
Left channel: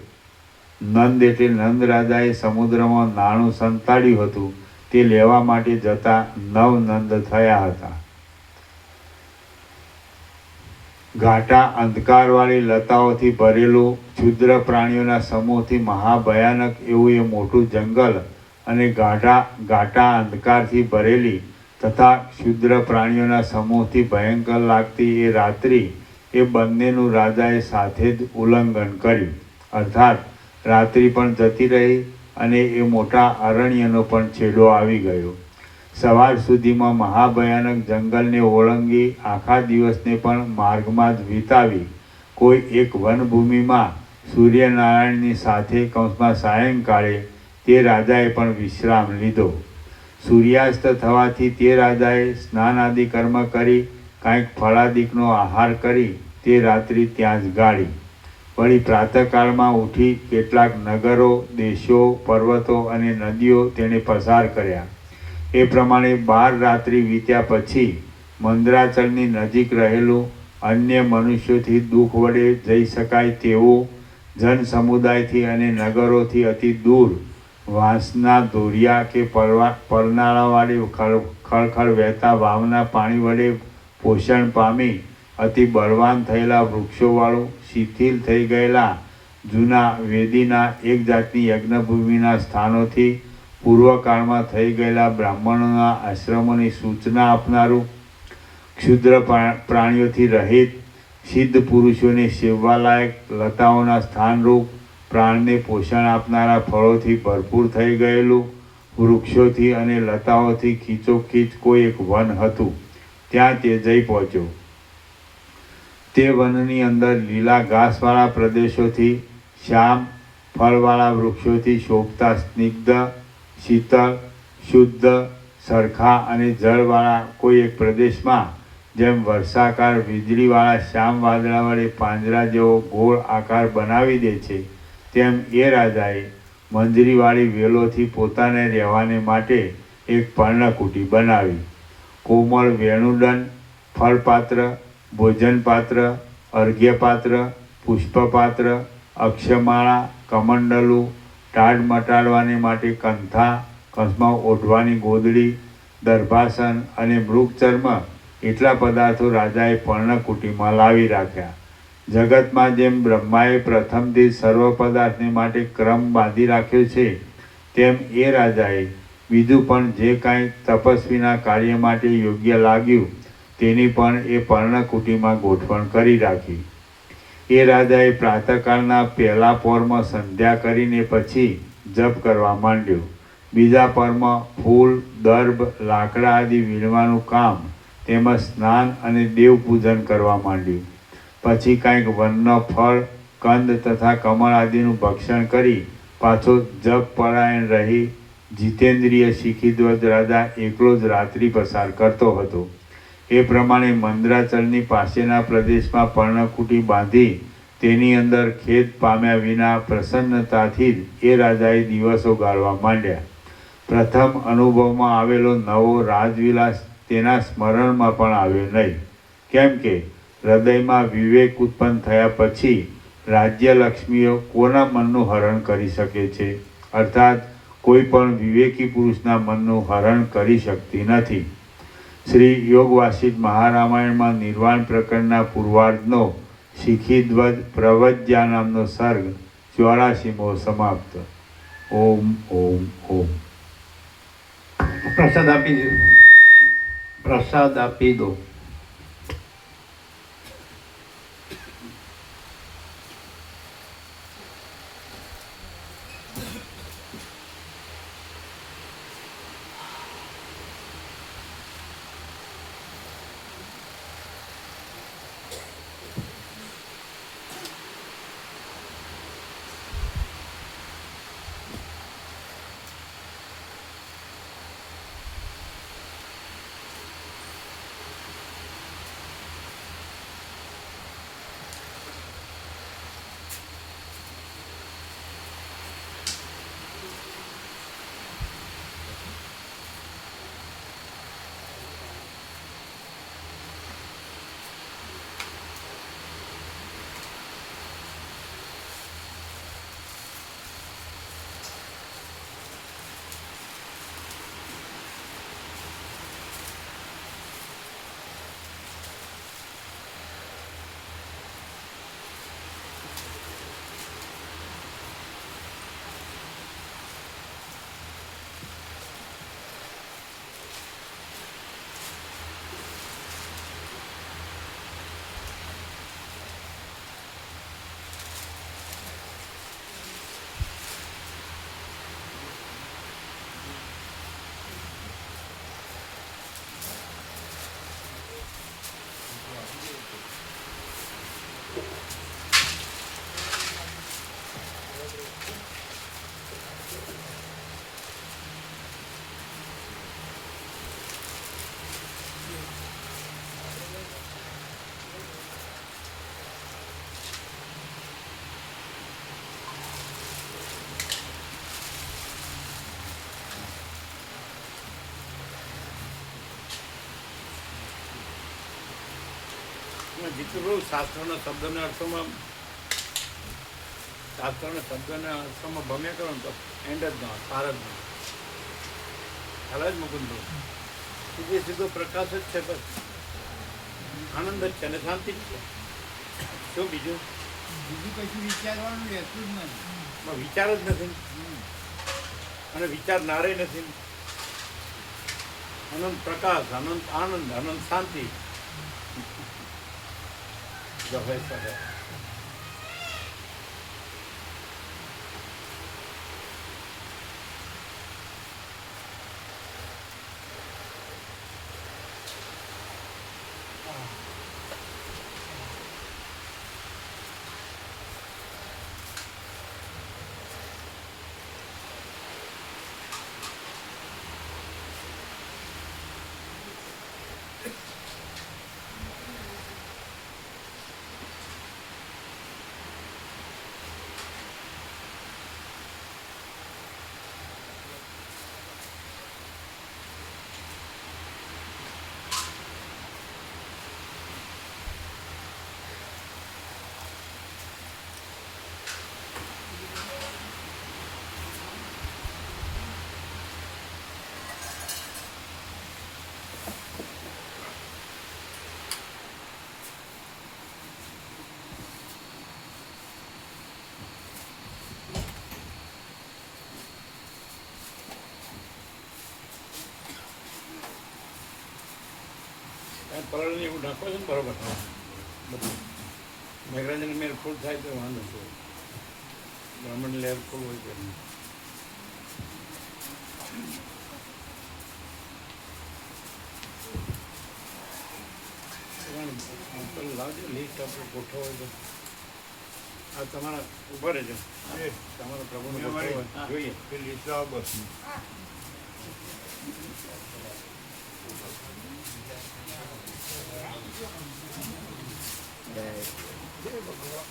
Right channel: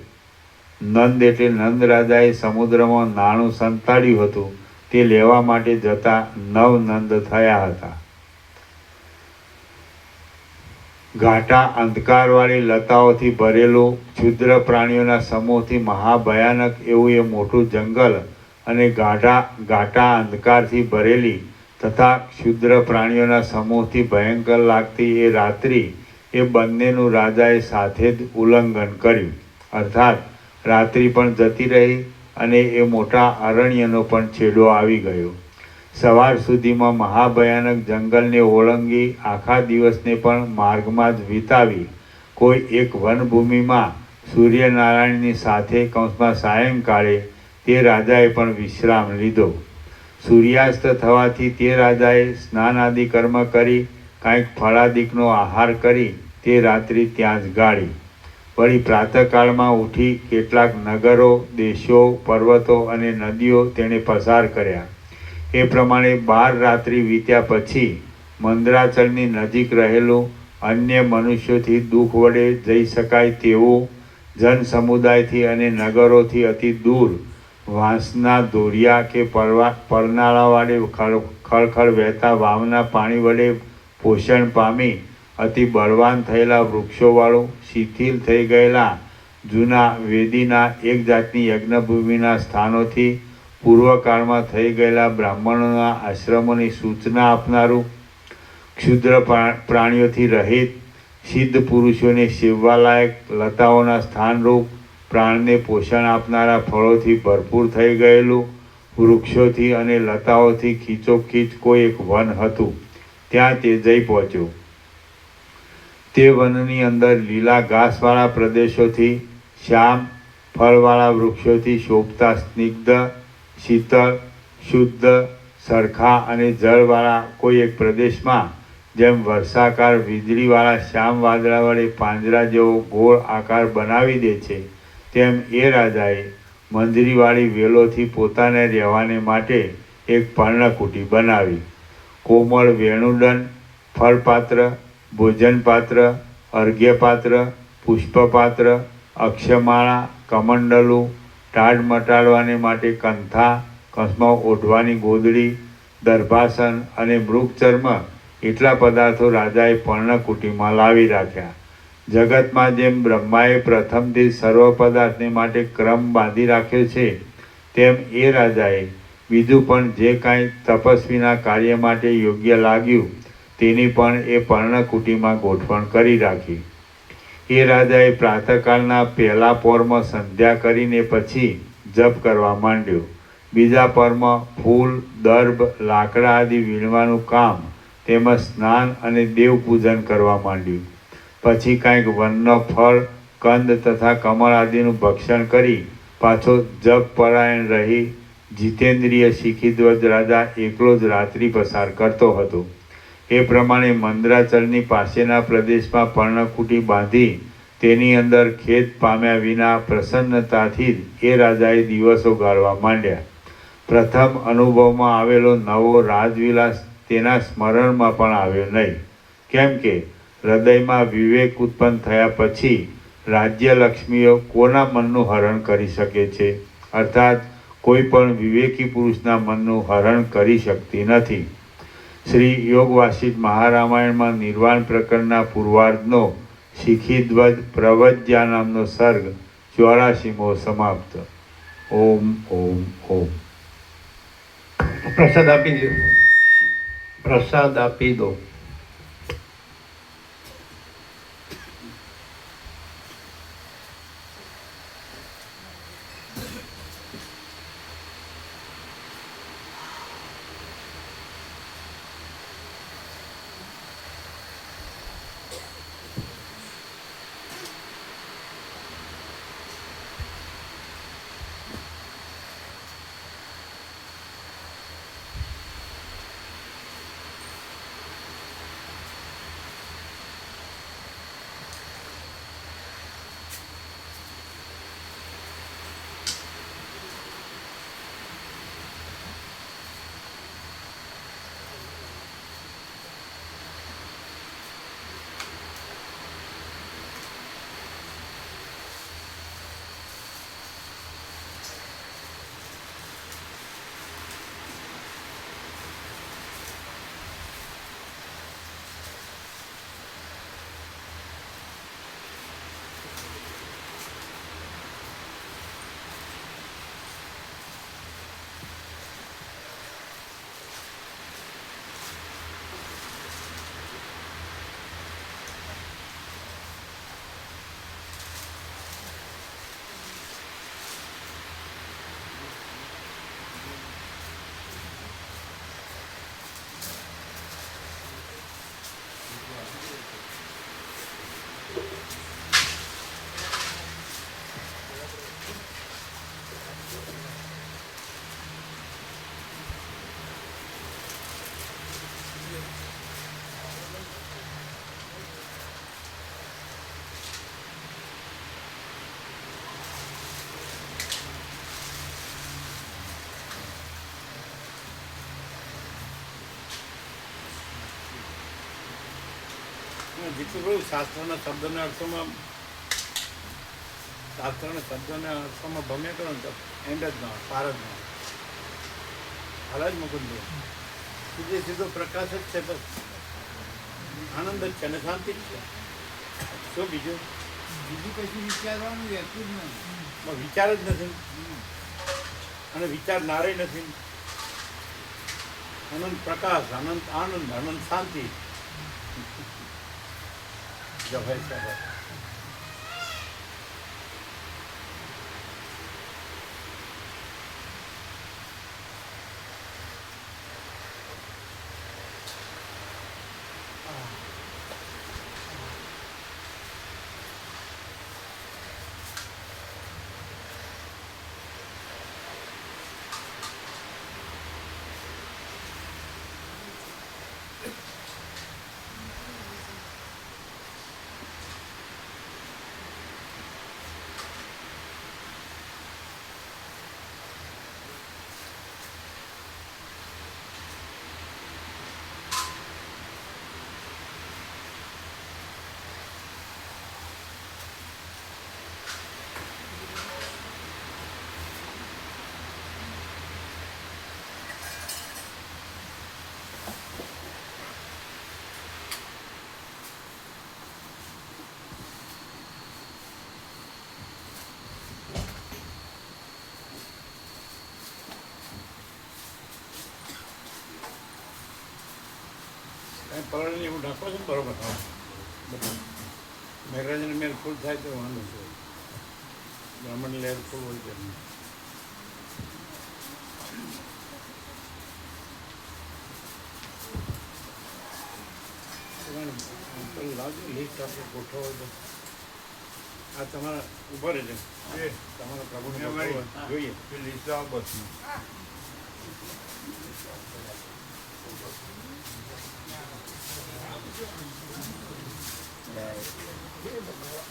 નંદ એટલે નંદ રાજાએ સમુદ્રમાં નાણું સંતાડ્યું હતું તે લેવા માટે જતા 9 નંદ થયા હતા. ઘાટા અંધકારવાળી લતાઓથી ભરેલું ક્ષુદ્ર પ્રાણીઓના સમૂહથી મહાભયાનક એવું એ મોટું જંગલ અને ઘાટા અંધકારથી ભરેલી તથા ક્ષુદ્ર પ્રાણીઓના સમૂહથી ભયંકર લાગતી એ રાત્રિ, એ બંનેનું રાજાએ સાથે જ ઉલ્લંઘન કર્યું. અર્થાત રાત્રિ પણ જતી રહી અને એ મોટા અરણ્યનો પણ છેડો આવી ગયો. સવાર સુધીમાં મહાભયાનક જંગલને ઓળંગી આખા દિવસને પણ માર્ગમાં જ વિતાવી કોઈ એક વનભૂમિમાં સૂર્યનારાયણની સાથે કૌંસમાં સાયંકાળે તે રાજાએ પણ વિશ્રામ લીધો. સૂર્યાસ્ત થવાથી તે રાજાએ સ્નાનાદિ કર્મ કરી કાંઈક ફળાદિકનો આહાર કરી તે રાત્રિ ત્યાં જ ગાળી. વળી પ્રાતઃકાળમાં ઉઠી કેટલાક નગરો, દેશો, પર્વતો અને નદીઓ તેણે પસાર કર્યા. એ પ્રમાણે 12 રાત્રિ વીત્યા પછી મંદરાચળની નજીક રહેલું અન્ય મનુષ્યોથી દુઃખ વડે જઈ શકાય તેવું જન સમુદાયથી અને નગરોથી અતિ દૂર વાંસના દોરિયા કે પરનાળા વડે ખળખળ વહેતા વાવના પાણી વડે પોષણ પામી અતિ બળવાન થયેલા વૃક્ષોવાળું શિથિલ થઈ ગયેલા જૂના વેદીના એક જાતની યજ્ઞભૂમિના સ્થાનોથી પૂર્વકાળમાં થઈ ગયેલા બ્રાહ્મણોના આશ્રમોની સૂચના આપનારું, ક્ષુદ્ર પ્રાણીઓથી રહિત, સિદ્ધ પુરુષોને સેવવાલાયક લતાઓના સ્થાનરૂપ પ્રાણને પોષણ આપનારા ફળોથી ભરપૂર થઈ ગયેલું, વૃક્ષોથી અને લતાઓથી ખીચોખીચ કોઈ એક વન હતું. ત્યાં તે જઈ પહોંચ્યો. તે વનની અંદર લીલા ઘાસવાળા પ્રદેશોથી, શ્યામ ફળવાળા વૃક્ષોથી શોભતા સ્નિગ્ધ, શીતળ, શુદ્ધ, સરખા અને જળવાળા કોઈ એક પ્રદેશમાં જેમ વર્ષાકાર વીજળીવાળા શ્યામ વાદળા વડે પાંજરા જેવો ગોળ આકાર બનાવી દે છે, તેમ એ રાજાએ મંજરીવાળી વેલોથી પોતાને રહેવાને માટે એક પર્ણકુટી બનાવી. કોમળ વેણુદંડ, ફળપાત્ર, ભોજનપાત્ર, અર્ઘ્યપાત્ર, પુષ્પપાત્ર, અક્ષમાળા, કમંડલું, ટાઢ મટાડવાને માટે કંથા, કૌંસમાં ઓઢવાની ગોદડી, દર્ભાસન અને મૃગચર્મ એટલા પદાર્થો રાજાએ પર્ણકુટીમાં લાવી રાખ્યા. જગતમાં જેમ બ્રહ્માએ પ્રથમથી સર્વ પદાર્થને માટે ક્રમ બાંધી રાખ્યો છે, તેમ એ રાજાએ બીજું પણ જે કાંઈ તપસ્વીના કાર્ય માટે યોગ્ય લાગ્યું તેની પણ એ પર્ણકુટીમાં ગોઠવણ કરી રાખી. એ રાજાએ પ્રાતઃકાળના પહેલા પહોરમાં સંધ્યા કરીને પછી જપ કરવા માંડ્યો. બીજા પહોરમાં ફૂલ, દર્ભ, લાકડા આદિ વીણવાનું કામ તેમજ સ્નાન અને દેવપૂજન કરવા માંડ્યું. પછી કાંઈક વનનો ફળ, કંદ તથા કમળ આદિનું ભક્ષણ કરી પાછો જપ પરાયણ રહી જીતેન્દ્રિય શિખીધ્વજ રાજા એકલો જ રાત્રિ પસાર કરતો હતો. એ પ્રમાણે મંદરાચળની પાસેના પ્રદેશમાં પર્ણકુટી બાંધી તેની અંદર ખેદ પામ્યા વિના પ્રસન્નતાથી જ એ રાજાએ દિવસો ગાળવા માંડ્યા. પ્રથમ અનુભવમાં આવેલો નવો રાજવિલાસ તેના સ્મરણમાં પણ આવ્યો નહીં. કેમ કે હૃદયમાં વિવેક ઉત્પન્ન થયા પછી રાજ્યલક્ષ્મીઓ કોના મનનું હરણ કરી શકે છે? અર્થાત કોઈ પણ વિવેકી પુરુષના મનનું હરણ કરી શકતી નથી. શ્રી યોગ વાસિષ્ઠ મહારામાયણમાં નિર્વાણ પ્રકરણના પૂર્વાર્ધનો શિખીધ્વજ પ્રવજ્યા નામનો સર્ગ 84મો સમાપ્ત. ઓમ ઓમ ઓમ. પ્રસાદ આપી દો. પ્રસાદ આપી દો. જેટલું બધું શાસ્ત્રના શબ્દના અર્થોમાં ભમ્યા કરો ને તો એન્ડ જ ના હોય, પાર જ ના હોય. ખ્યાલ જ મુકુંદો સીધો પ્રકાશ જ છે, બસ આનંદ જ છે અને શાંતિ જ છે. શું બીજું? બીજું કશું વિચારવાનું રહેતું જ નથી. વિચાર જ નથી અને વિચારનારે નથી. અનંત પ્રકાશ, અનંત આનંદ, અનંત શાંતિ જો હોય છે હોય. પરળને એવું ઢાંકો છે ને બરોબર બધું. મેઘરાજને મેર ફૂલ થાય તો વાંધો છે, બ્રાહ્મણની લહેર ફૂલ હોય છે. પેલું લાવજો લિસ્ટ આપણે ગોઠવો હોય તો. આ તમારા ઉભા રહેજો, તમારા પ્રભુનું ગોઠવો જોઈએ. લિસ્ટ આવો બસ. જય ભગવાન.